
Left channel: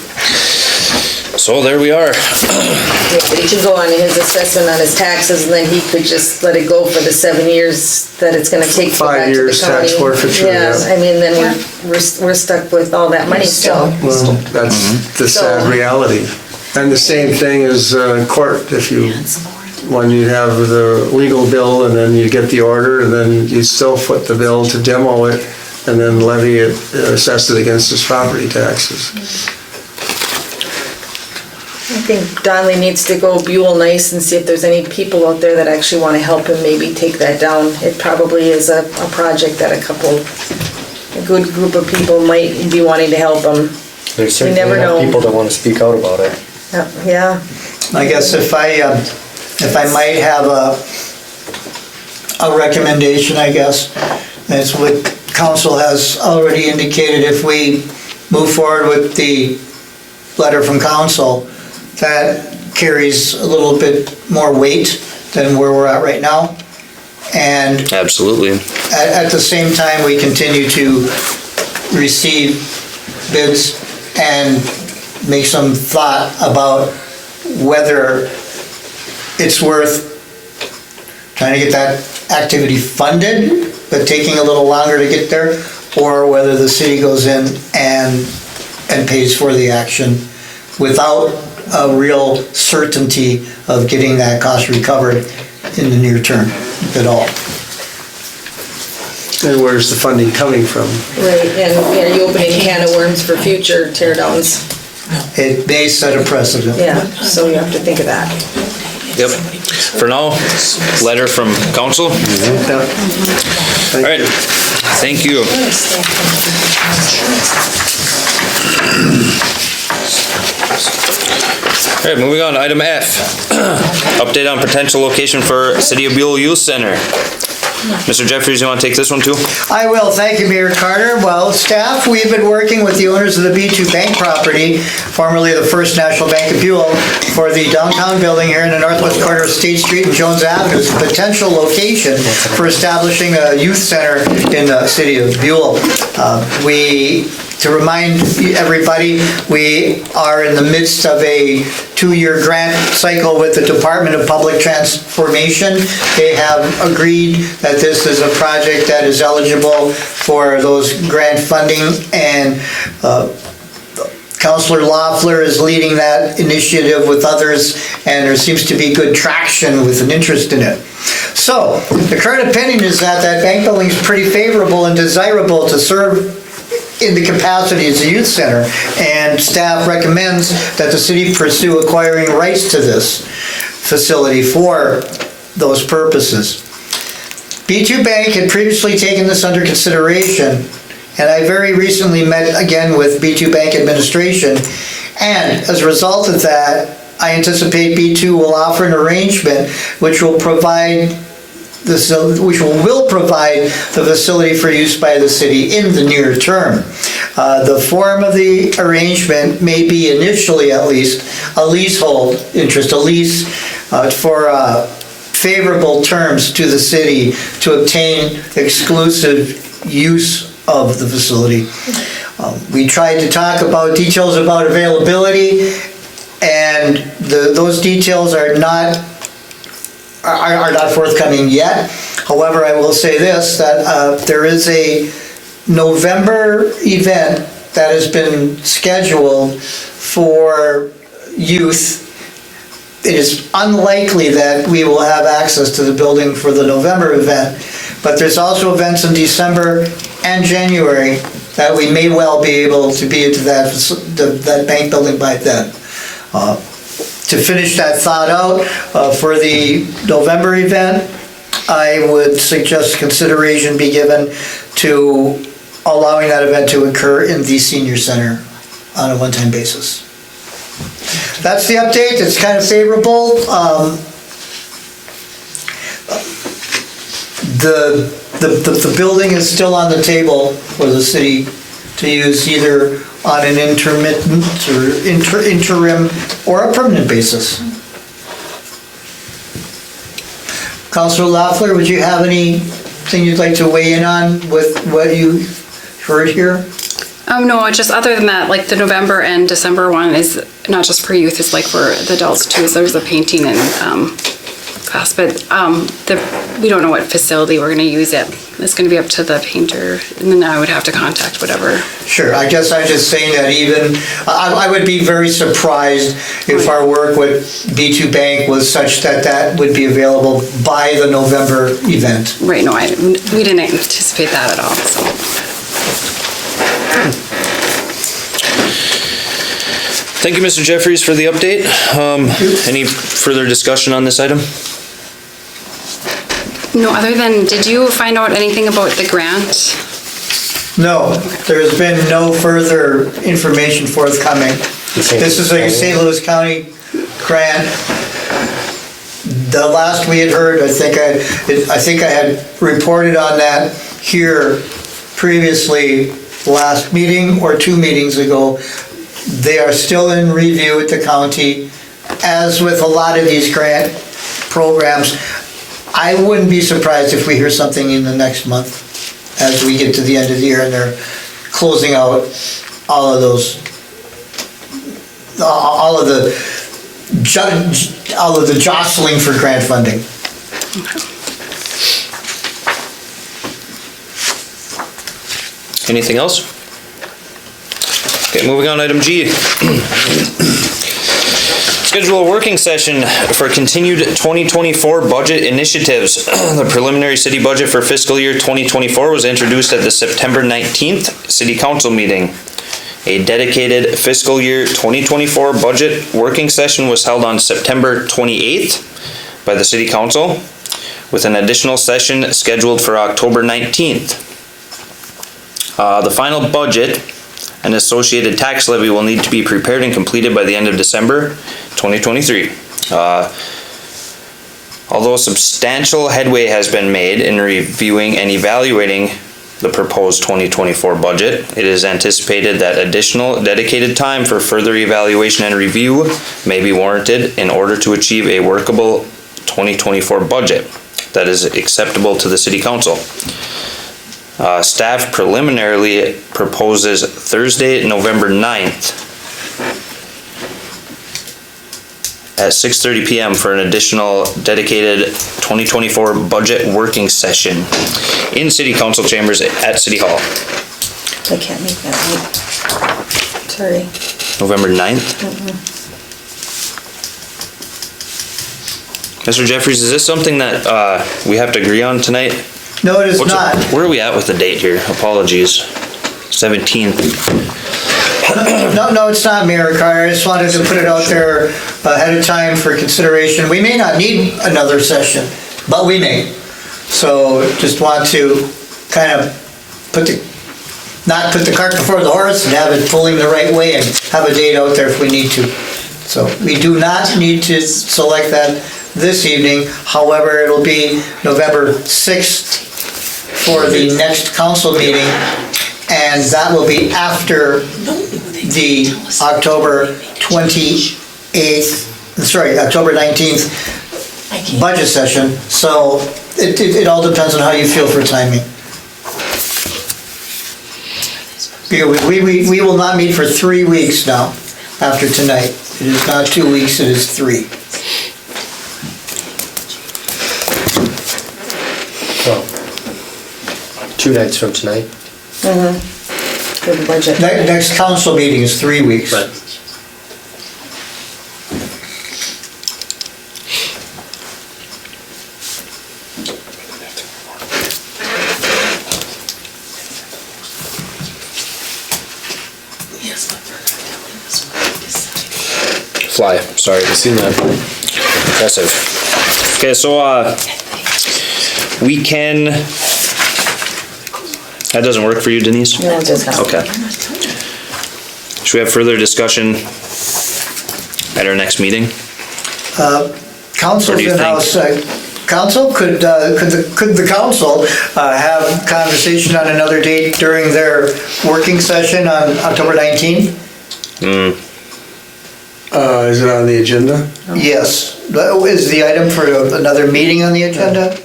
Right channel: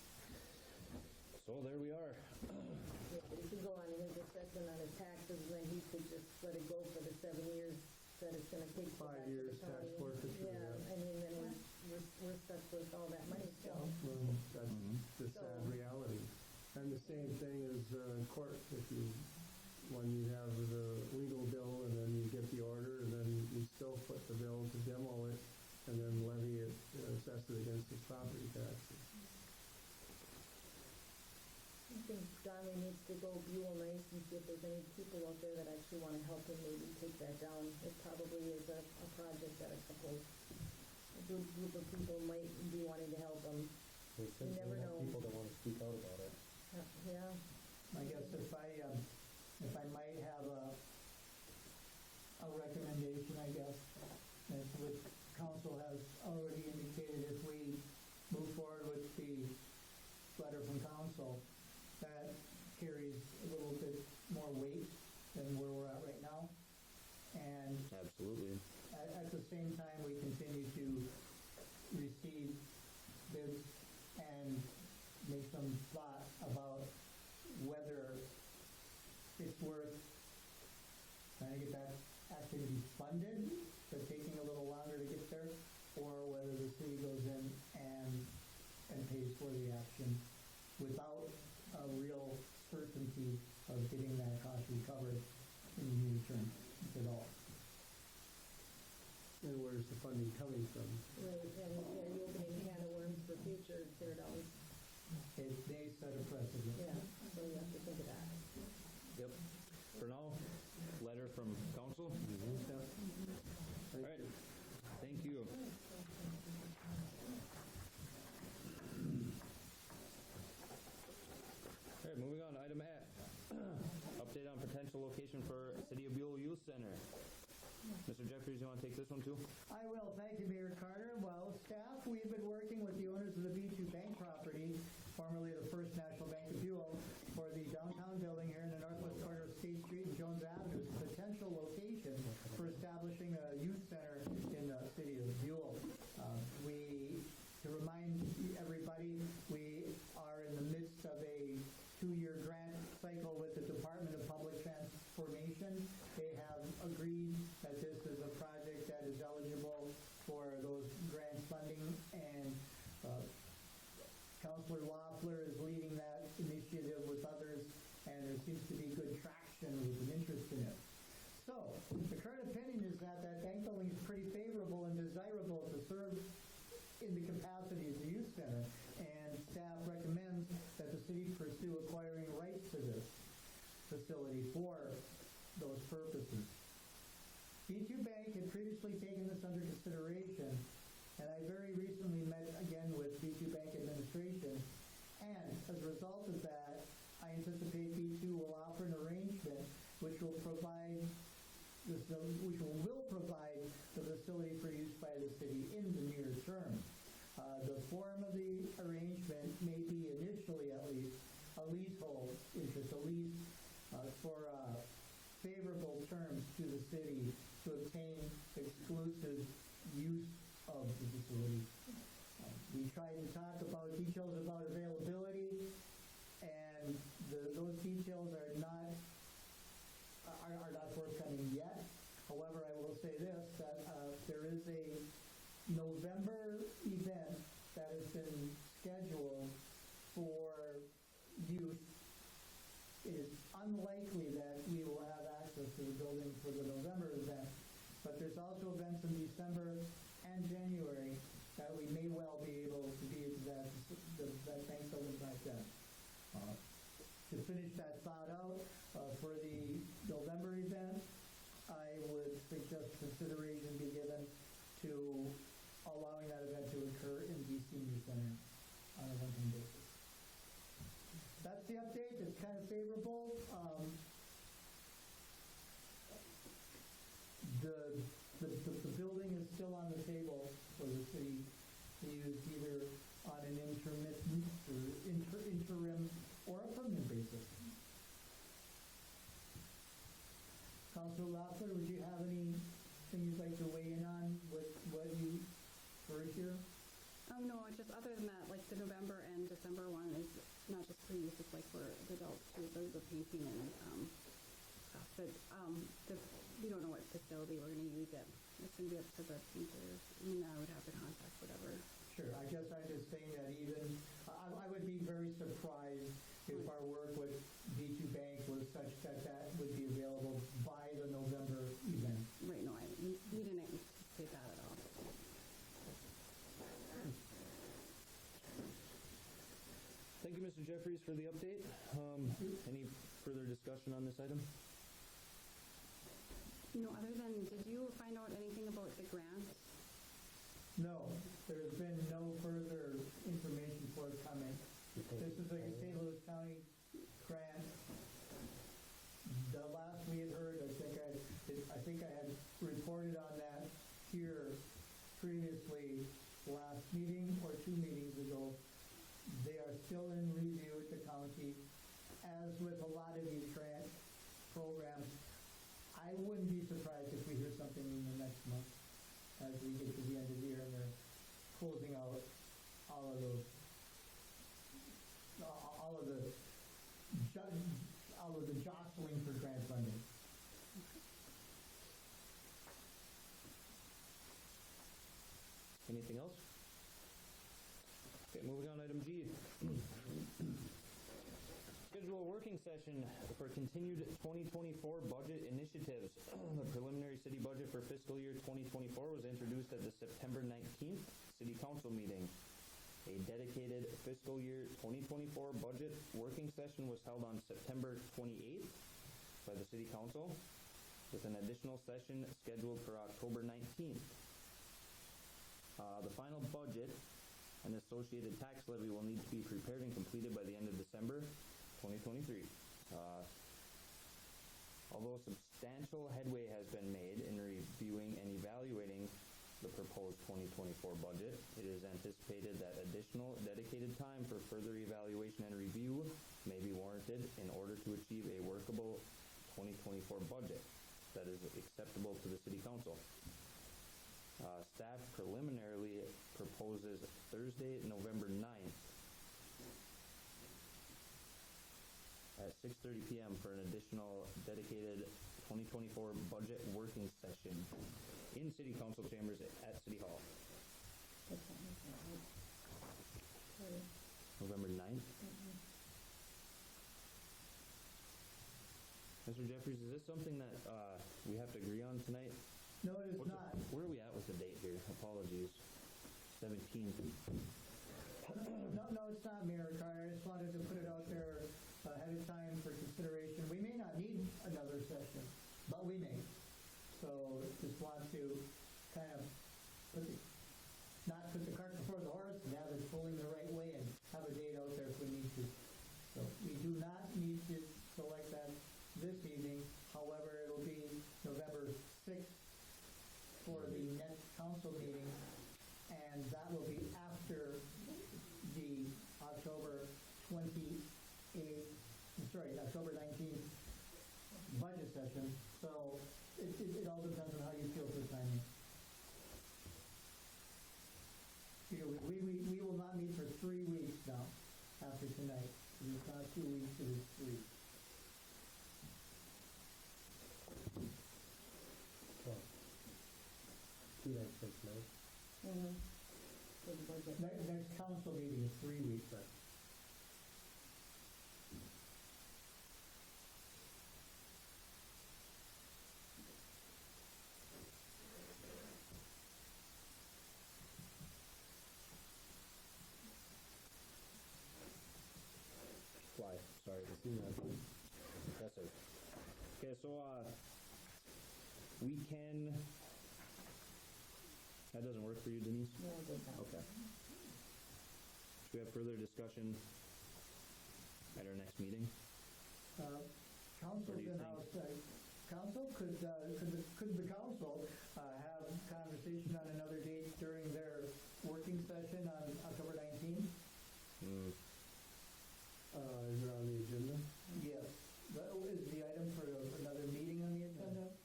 So there we are. yeah, but he could go on his assessment on his taxes, and then he could just let it go for the 7 years that it's gonna take to go 5 back to the years tax county. forfeiture, Yeah, yeah. I mean, then we're stuck with all that money still. Well, that's the sad So- reality. And the same thing is in court, when you have the legal bill and then you get the order and then you still foot the bill to demo it and then levy it, assess it against his property taxes. I think Donnelly needs to go Buhl nice and see if there's any people out there that actually want to help him maybe take that down. It probably is a project that a good group of people might be wanting to help him. There's certainly never know. people that want to speak out about it. Yeah, I guess if I might have a recommendation, I guess, that's what council has already indicated, if we move forward with the letter from council, that carries a little bit more weight than where we're at right now. And Absolutely. at the same time, we continue to receive bids and make some thought about whether it's worth trying to get that activity funded, but taking a little longer to get there, or whether the city goes in and pays for the action without a real certainty of getting that cost recovered in the near term, if at all. And where's the funding coming from? right, and are you opening a can of worms for future tear downs? It may set a precedent. Yeah, so you have to think of that. Yep. For now, letter from council. All right, thank you. All right, moving on, item F. Update on potential location for City of Buhl Youth Center. Mr. Jeffries, you want to take this one too? I will. Thank you, Mayor Carter. Well, staff, we've been working with the owners of the B2 Bank property, formerly the First National Bank of Buhl, for the downtown building here in the northwest corner of State Street and Jones Avenue as a potential location for establishing a youth center in the city of Buhl. To remind everybody, we are in the midst of a 2-year grant cycle with the Department of Public Transformation. They have agreed that this is a project that is eligible for those grant funding, and Councilor Loeffler is leading that initiative with others, and there seems to be good traction with an interest in it. So, the current opinion is that bank building is pretty favorable and desirable to serve in the capacity as a youth center, and staff recommends that the city pursue acquiring rights to this facility for those purposes. B2 Bank had previously taken this under consideration, and I very recently met again with B2 Bank administration, and as a result of that, I anticipate B2 will offer an arrangement which will provide the facility for use by the city in the near term. The form of the arrangement may be initially, at least, a leasehold interest, a lease for favorable terms to the city to obtain exclusive use of the facility. We tried to talk about details about availability, and those details are not forthcoming yet. However, I will say this, that there is a November event that has been scheduled for youth. It is unlikely that we will have access to the building for the November event, but there's also events in December and January that we may well be able to be into that bank building by then. To finish that thought out, for the November event, I would suggest consideration be given to allowing that event to occur in the senior center on a one-time basis. That's the update. It's kind of favorable. The building is still on the table for the city to use either on an intermittent or interim or a permanent basis. Councilor Loeffler, would you have anything you'd like to weigh in on with what you heard here? No, just other than that, like the November and December one is not just for youth, it's like for the adults too. So there's a painting and class, but we don't know what facility we're going to use it. It's going to be up to the painter, and then I would have to contact whatever. Sure, I guess I'm just saying that even, I would be very surprised if our work with B2 Bank was such that would be available by the November event. Right, no, we didn't anticipate that at all, so. Thank you, Mr. Jeffries, for the update. Any further discussion on this item? No, other than, did you find out anything about the grant? No, there's been no further information forthcoming. This is a St. Louis County grant. The last we had heard, I think I had reported on that here previously, last meeting or 2 meetings ago. They are still in review at the county. As with a lot of these grant programs, I wouldn't be surprised if we hear something in the next month as we get to the end of the year and they're closing out all of the jostling for grant funding. Anything else? Okay, moving on, item G. Schedule a working session for continued 2024 budget initiatives. The preliminary city budget for fiscal year 2024 was introduced at the September 19th City Council meeting. A dedicated fiscal year 2024 budget working session was held on September 28th. by the City Council, with an additional session scheduled for October 19th. The final budget and associated tax levy will need to be prepared and completed by the end of December 2023. Although substantial headway has been made in reviewing and evaluating the proposed 2024 budget, it is anticipated that additional dedicated time for further evaluation and review may be warranted in order to achieve a workable 2024 budget that is acceptable to the City Council. Staff preliminarily proposes Thursday, November 9th at 6:30 p.m. for an additional dedicated 2024 budget working session in City Council chambers at City Hall. I can't make that night. Sorry. November 9th? Mr. Jeffries, is this something that we have to agree on tonight? No, it is not. Where are we at with the date here? Apologies. 17th. No, it's not, Mayor Carter. I just wanted to put it out there ahead of time for consideration. We may not need another session, but we may. So just want to kind of not put the cart before the horse and have it pulling the right way and have a date out there if we need to. So we do not need to select that this evening. However, it'll be November 6th for the next council meeting, and that will be after the October 19th budget session. So it all depends on how you feel for timing. We will not meet for 3 weeks now after tonight. It is not 2 weeks, it is 3. Well, 2 nights from tonight. For the budget. Next council meeting is 3 weeks. Right. Fly, sorry, I've seen that. Impressive. Okay, so we can, that doesn't work for you, Denise? No, it does not. Okay. Should we have further discussion at our next meeting? Council's What do you in-house. Council, could the council have conversation on another date during their working session on October 19th? Is it on the agenda? Yes. Is the item for another meeting on the agenda?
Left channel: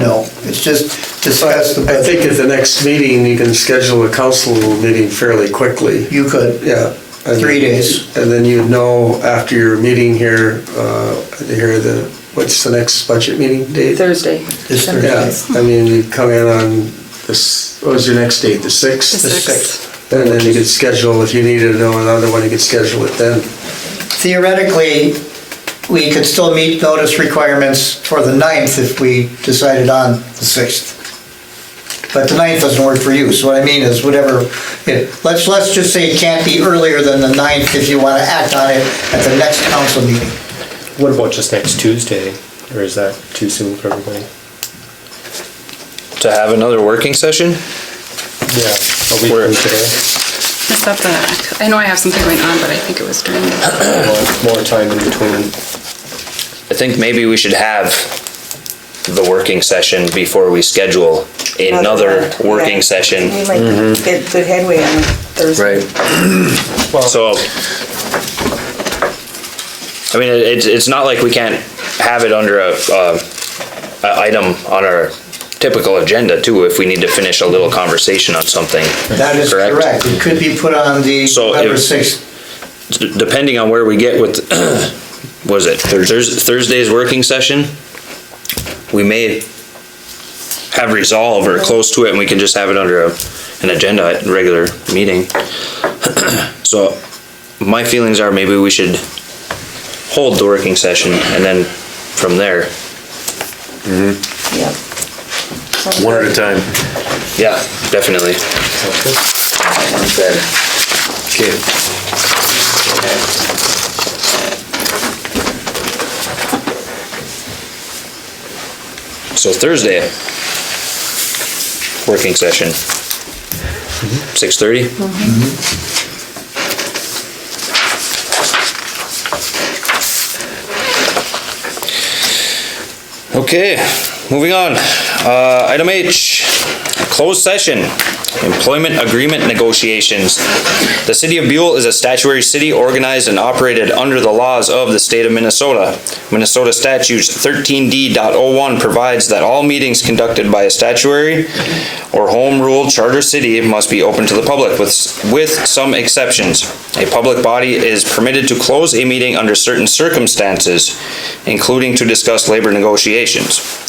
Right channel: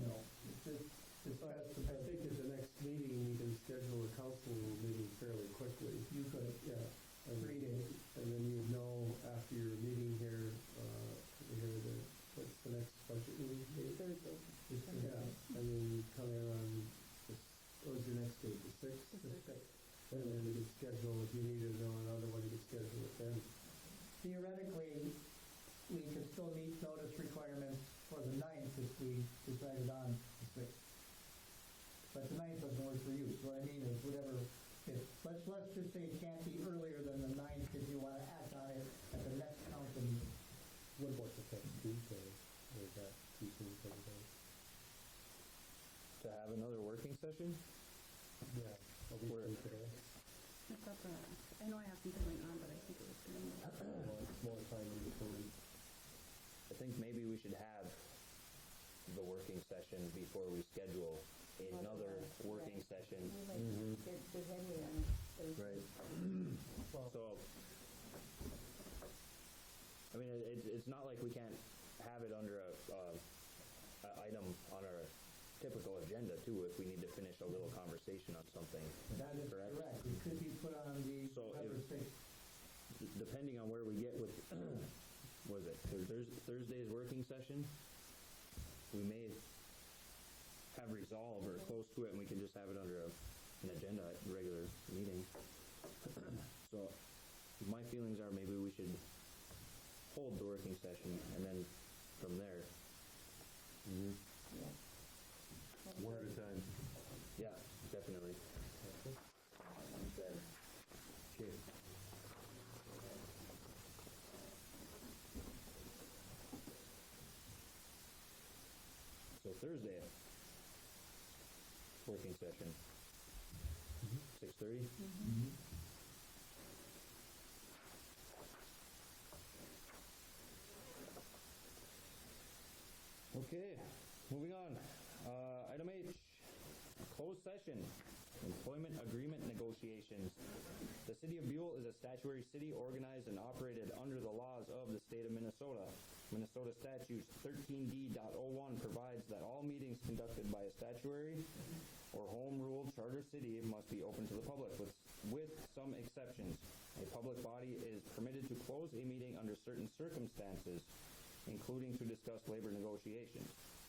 No, it's just discuss the I budget. think at the next meeting, you can schedule a council meeting fairly quickly. You could. Yeah. 3 days. And then you'd know after your meeting here, what's the next budget meeting date? Thursday. This Thursday. Yeah, I mean, you come in on this, what was your next date, the 6th? The 6th. And then you could schedule, if you needed to know another one, you could schedule it then. Theoretically, we could still meet notice requirements for the 9th if we decided on the 6th. But the 9th doesn't work for you, so what I mean is whatever, let's just say it can't be earlier than the 9th if you want to act on it at the next council meeting. What about just next Tuesday? Or is that too soon for everybody? To have another working session? Yeah, a week Where- from today. Is that I know I have something going on, but I think it was during More time in between. I think maybe we should have the working session before we schedule another working session. We might get good headway on Thursday. So, I mean, it's not like we can't have it under a item on our typical agenda too, if we need to finish a little conversation on something. That is correct. It could be put on the So November if- 6th. Depending on where we get with, was it Thursday's working session? We may have resolve or close to it, and we can just have it under an agenda at a regular meeting. So my feelings are maybe we should hold the working session and then from there. Yeah. One at a time. Yeah, definitely. Sounds good. Okay. So Thursday, working session, 6:30? Okay, moving on. Item H, closed session, employment agreement negotiations. The city of Buhl is a statutory city organized and operated under the laws of the state of Minnesota. Minnesota statutes 13D.01 provides that all meetings conducted by a statutory or home rule charter city must be open to the public with some exceptions. A public body is permitted to close a meeting under certain circumstances, including to discuss labor negotiations.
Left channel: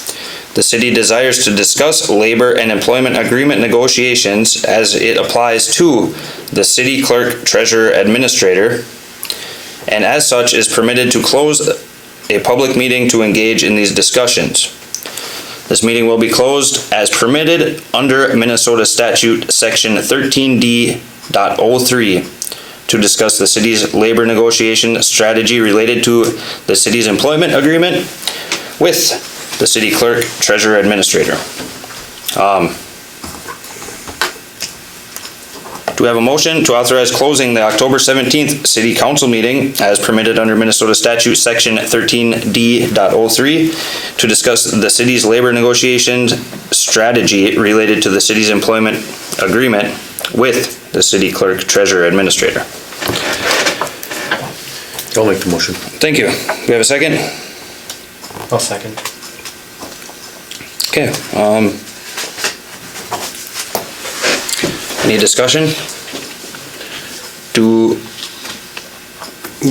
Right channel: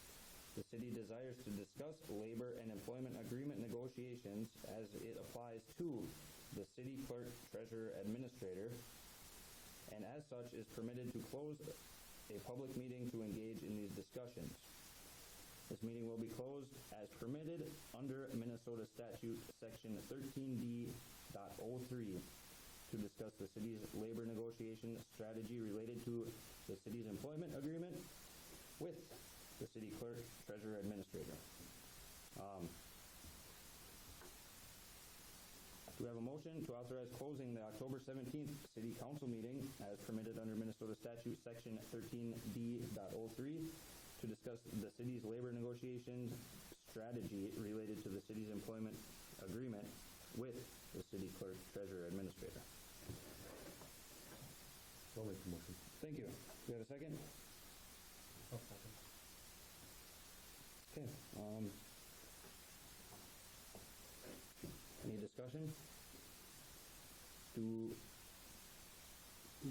The city desires to discuss labor and employment agreement negotiations as it applies to the city clerk, treasurer, administrator, and as such is permitted to close a public meeting to engage in these discussions. This meeting will be closed as permitted under Minnesota statute section 13D.03 to discuss the city's labor negotiation strategy related to the city's employment agreement with the city clerk, treasurer, administrator. Do we have a motion to authorize closing the October 17th city council meeting as permitted under Minnesota statute section 13D.03 to discuss the city's labor negotiations strategy related to the city's employment agreement with the city clerk, treasurer, administrator? I'll make the motion. Thank you. Do we have a second? I'll second. Okay, any discussion? You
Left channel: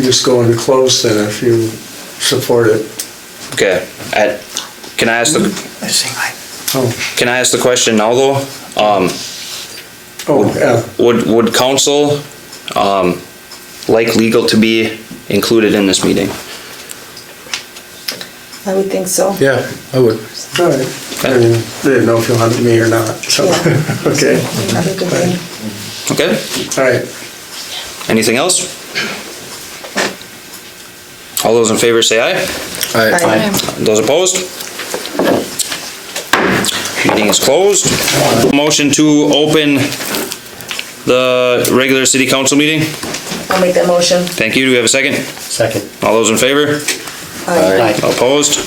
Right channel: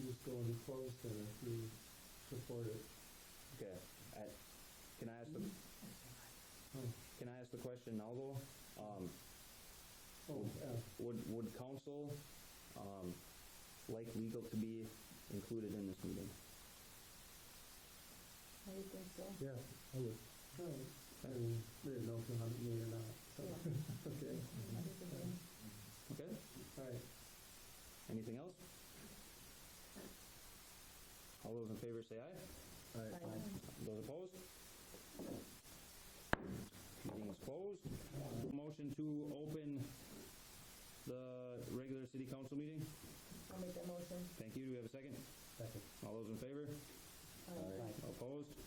just go into close then if you support it. Okay, can I ask the, can I ask the question now though? Yeah. Would council, like legal to be included in this meeting? I would think so. Yeah, I would. All right. I mean, didn't know if you wanted me or not, so, Yeah. okay. Another good thing. Okay, All right. anything else? All those in favor say aye. Aye. Those opposed? Meeting is closed. Motion to open the regular city council meeting. I'll make that motion. Thank you. Do we have a second? Second. All those in favor? Aye. All opposed?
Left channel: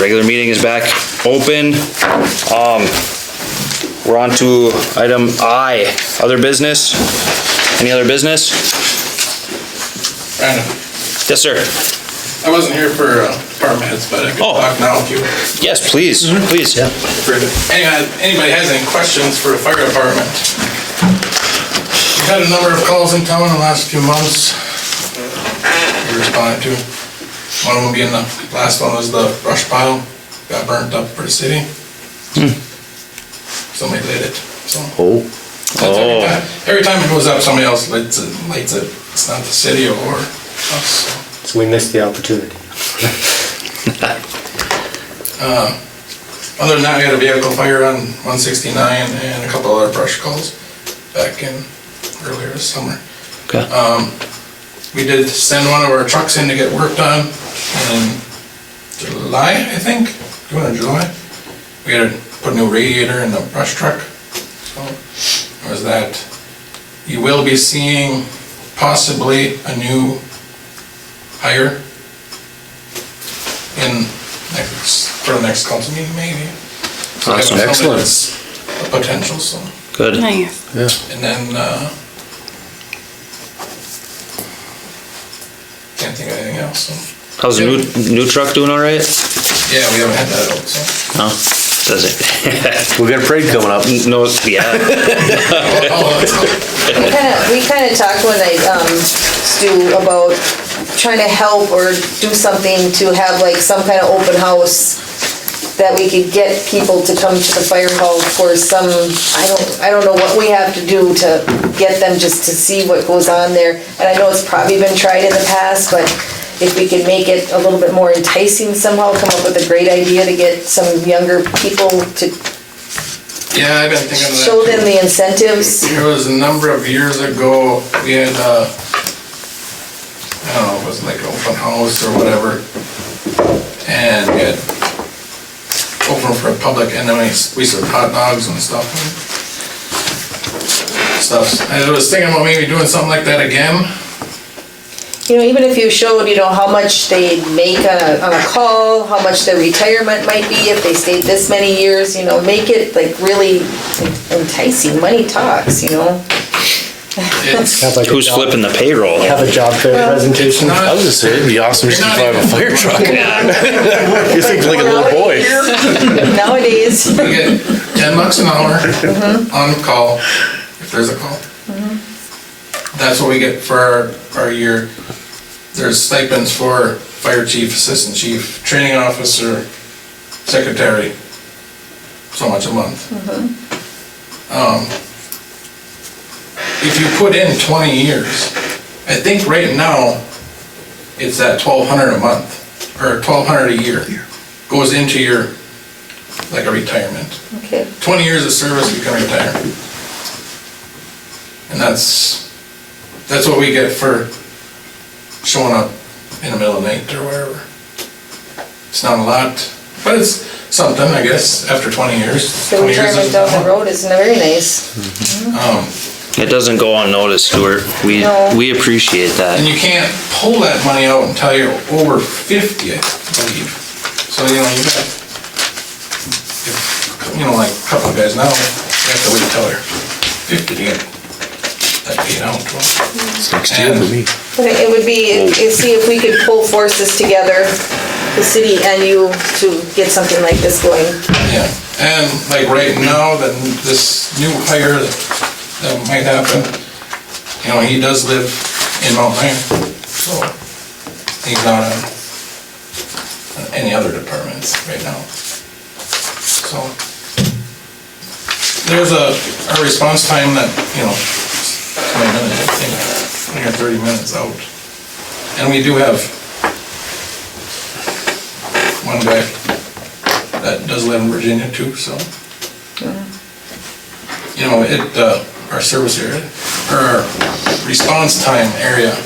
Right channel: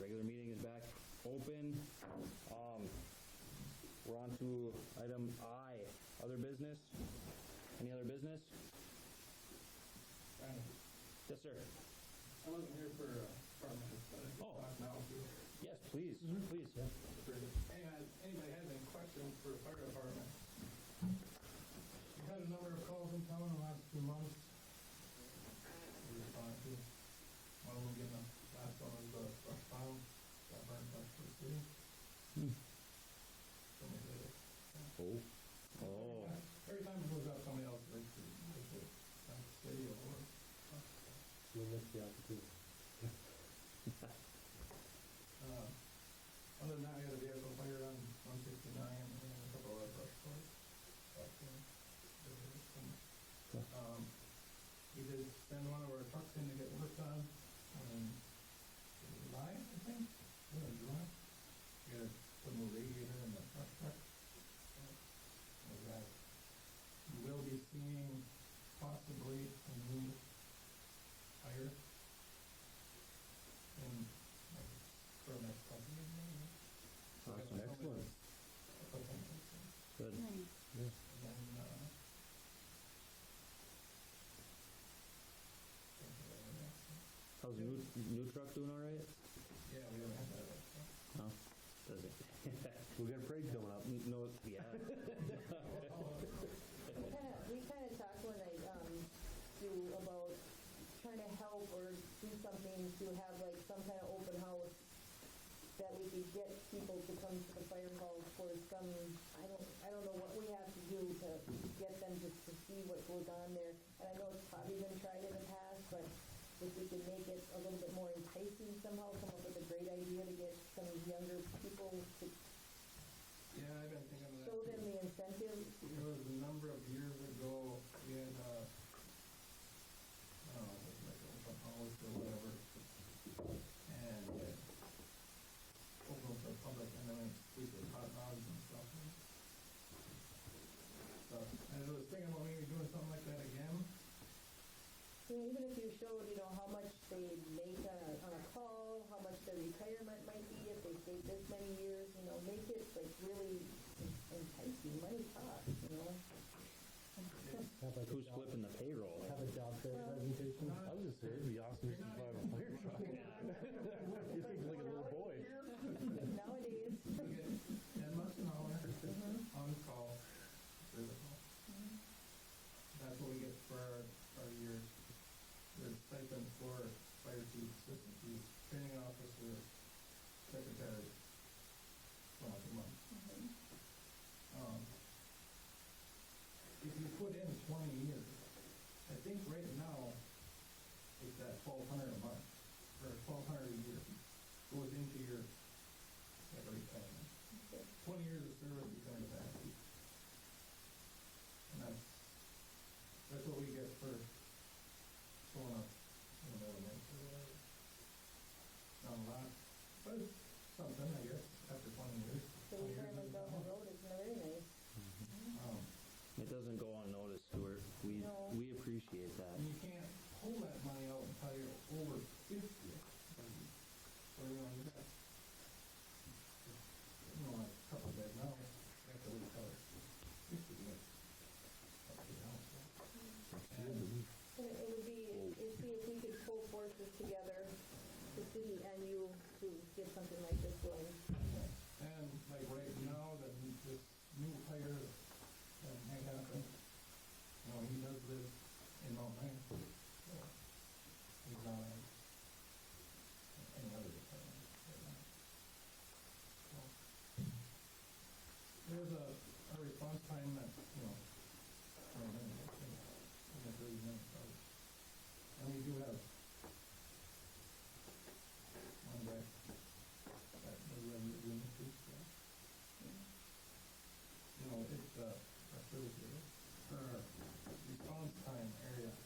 Regular meeting is back open. We're on to item I, other business. Any other business? Brandon, Yes, sir. I wasn't here for department heads, but I could Oh. talk now if you. Yes, please, please. For anybody has any questions for the fire department. We've had a number of calls in town in the last few months. We responded to. One of them being the last one was the brush pile got burnt up for the city. Somebody lit it. So every time it goes up, somebody else lights it. It's not the city or us. So we missed the opportunity. Other than that, we had a vehicle fire on 169 and a couple other brush calls back in earlier this summer. Okay. We did send one of our trucks in to get work done in July, I think, June or July. We had to put a new radiator in the brush truck. So it was that. You will be seeing possibly a new hire for the next council meeting, maybe. So we have Awesome. somebody Excellent. that's a potential, so. Good. Nice. And then, can't think of anything else, so. How's the new truck doing all right? Yeah, we haven't had that out, so. No, does it? We got a parade coming up. No, yeah. We kind of talked one night, Stu, about trying to help or do something to have like some kind of open house that we could get people to come to the fire hall for some, I don't know what we have to do to get them just to see what goes on there. And I know it's probably been tried in the past, but if we could make it a little bit more enticing somehow, come up with a great idea to get some younger people to Yeah, I've been thinking of that. show them the incentives. There was a number of years ago, we had, I don't know, it was like an open house or whatever. And we had for a public, and then we serve hot dogs and stuff. I was thinking about maybe doing something like that again. You know, even if you showed, you know, how much they make on a call, how much their retirement might be if they stayed this many years, you know, make it like really enticing. Money talks, you know. Have like a Who's job- flipping the payroll? Have a job fair presentation. Not- I was gonna say, it'd be awesome just to drive a fire truck. You think like a little boy. Nowadays. We get $10 an hour on call, if there's a call. That's what we get for our year. There's stipends for fire chief, assistant chief, training officer, secretary, so much a month. If you put in 20 years, I think right now, it's at $1,200 a month, or $1,200 a year, goes into your, like a retirement. Okay. 20 years of service, you can retire. And that's what we get for showing up in the middle of the night or wherever. It's not a lot, but it's something, I guess, after 20 years. The 20 years retirement is down the nothing. road isn't very nice. It doesn't go unnoticed, Stuart. No. We appreciate that. And you can't pull that money out until you're over 50, I believe. So, you know, like a couple of guys now, you have to wait till they're 50 to get that paid out. It's next year for me. But it would be, see if we could pull forces together, the city and you, to get something like this going. Yeah, and like right now, then this new hire that might happen, you know, he does live in Mount Iron, so he's not on any other departments right now. So there's a response time that, you know, 20 minutes, I think, 20 or 30 minutes out. And we do have one guy that does live in Virginia too, so. You know, our service area, or our response time area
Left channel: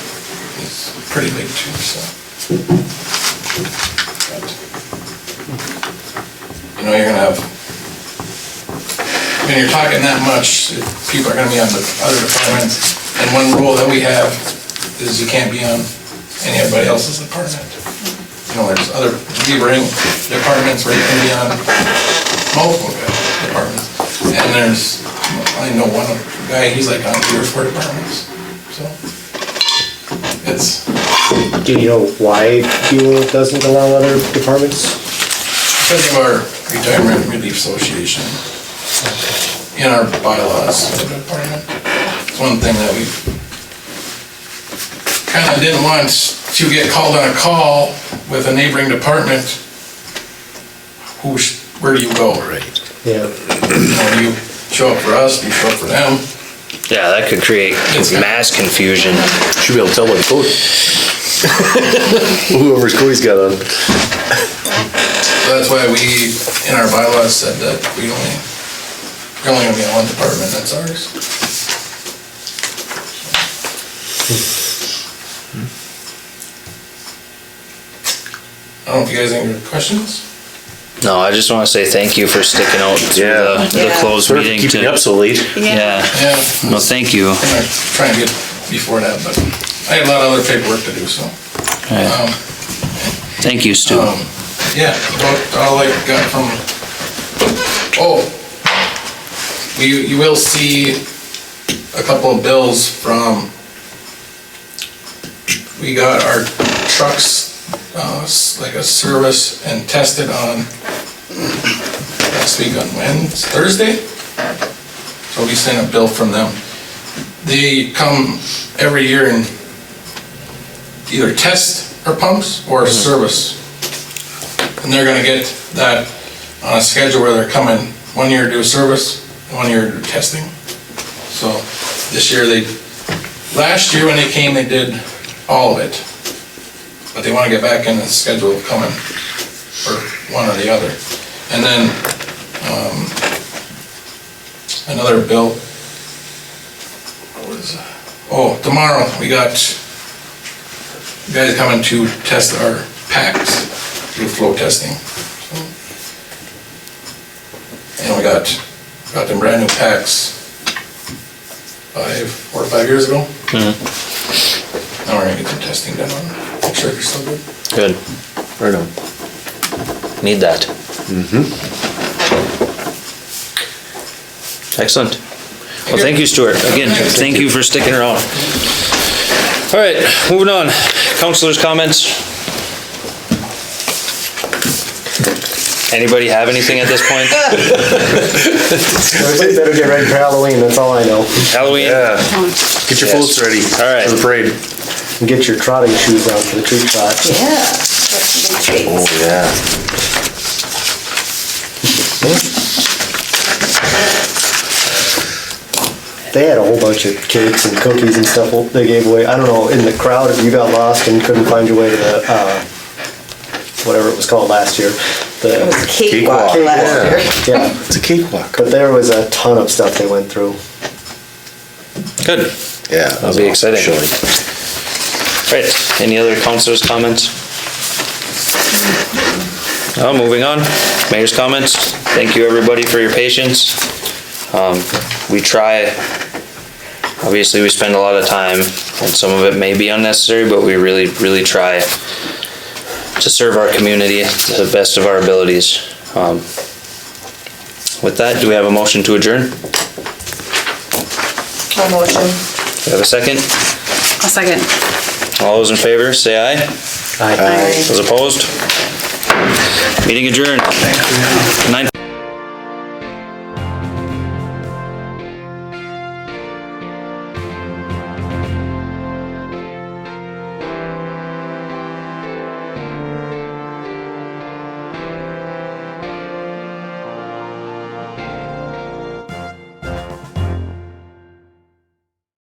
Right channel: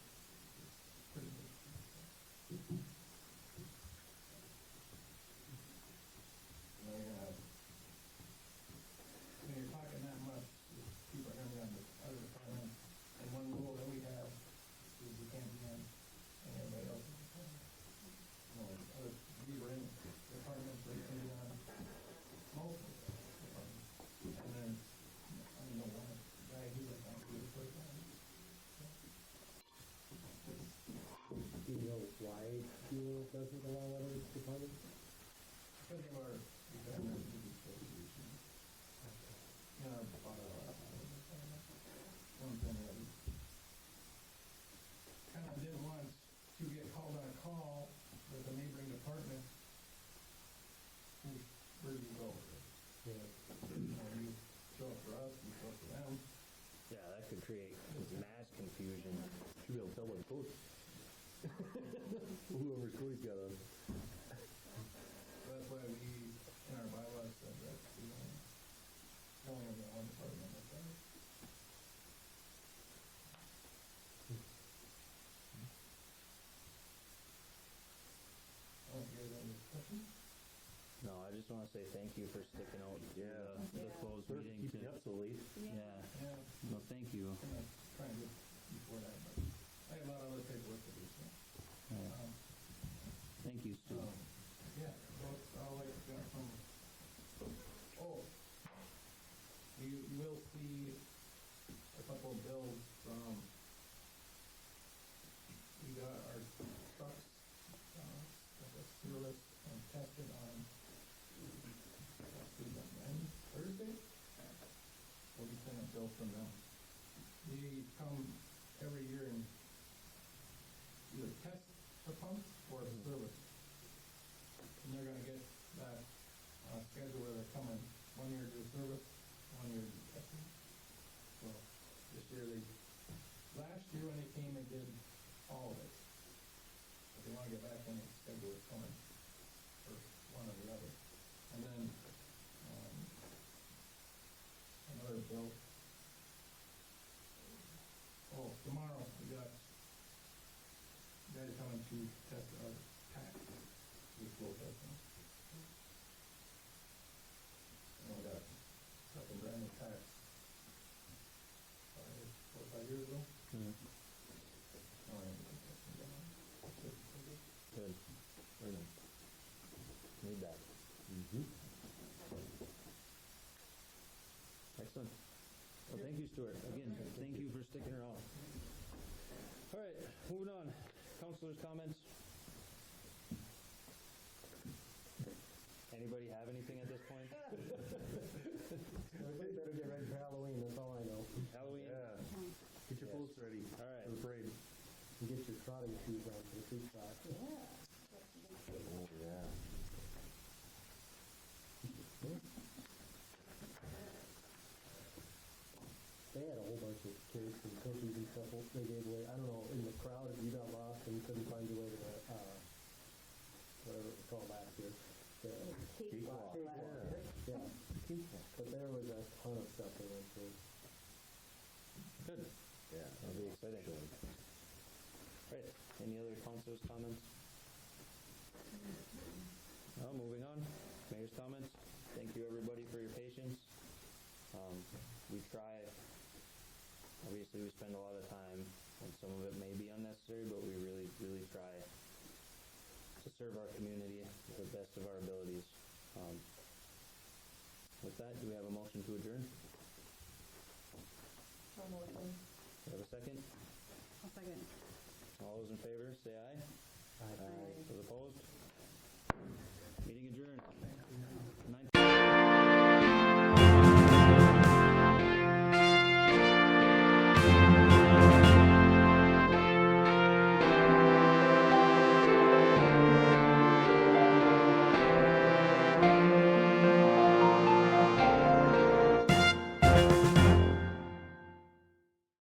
is pretty big too, so. But, you know, you're gonna have, when you're talking that much, people are gonna be on the other departments, and one rule that we have is you can't be on anybody else's department. You know, there's other neighboring departments where you can be on multiple departments. And there's, I know one guy, he's like on 3 or 4 departments, so. It's, Do you know why Buhl doesn't allow other departments? because of our retirement relief association, in our bylaws for the department. It's one thing that we kind of didn't want to get called on a call with a neighboring department. Where do you go? Right. Yeah. You know, do you show up for us, do you show up for them? Yeah, that could create mass confusion. Should be able to tell by the code. Whoever's code he's got on. So that's why we, in our bylaws, said that we're only gonna be on one department, that's ours. I don't know if you guys have any questions? No, I just want to say thank you for sticking out through the Yeah. closed Sort of meeting. keeping you up so late. Yeah. Yeah. No, thank you. I'm gonna try and get before that, but I had a lot of other paperwork to do, so. Right. Thank you, Stu. Yeah, about all I got from, you will see a couple of bills from, we got our trucks, like a service and tested on last week on Thursday. So we sent a bill from them. They come every year and either test our pumps or service. And they're gonna get that on a schedule where they're coming 1 year to do service, 1 year to do testing. So this year last year when they came, they did all of it. But they wanna get back in the schedule of coming for one or the other. And then, another bill. What is that? Oh, tomorrow we got guys coming to test our packs, do flow testing. So you know, we got them brand new packs 4 or 5 years ago. Now we're gonna get some testing done on them, make sure they're still good. Good. Right on. Need that. Excellent. Well, thank you, Stuart. Again, thank you for sticking around. All right, moving on. Councilors' comments? Anybody have anything at this point? Everybody better get ready for Halloween, that's all I know. Halloween? Yeah. Get your floats ready. All right. For the parade. And get your trotting shoes on for the treat trot. Yeah. That's some big Oh, treats. yeah. They had a whole bunch of cakes and cookies and stuff they gave away. I don't know, in the crowd, if you got lost and couldn't find your way to the, whatever it was called last year. It was a cakewalk Cakewalk. last year. Yeah, It's a cakewalk. but there was a ton of stuff they went through. Good. Yeah. That'll be exciting. Showing. Right, any other councilors' comments? Oh, moving on. Mayor's comments. Thank you, everybody, for your patience. We try, obviously we spend a lot of time, and some of it may be unnecessary, but we really, really try to serve our community to the best of our abilities. With that, do we have a motion to adjourn? I'll motion. Do we have a second? A second. All those in favor, say aye. Aye. Those opposed? Meeting adjourned. 9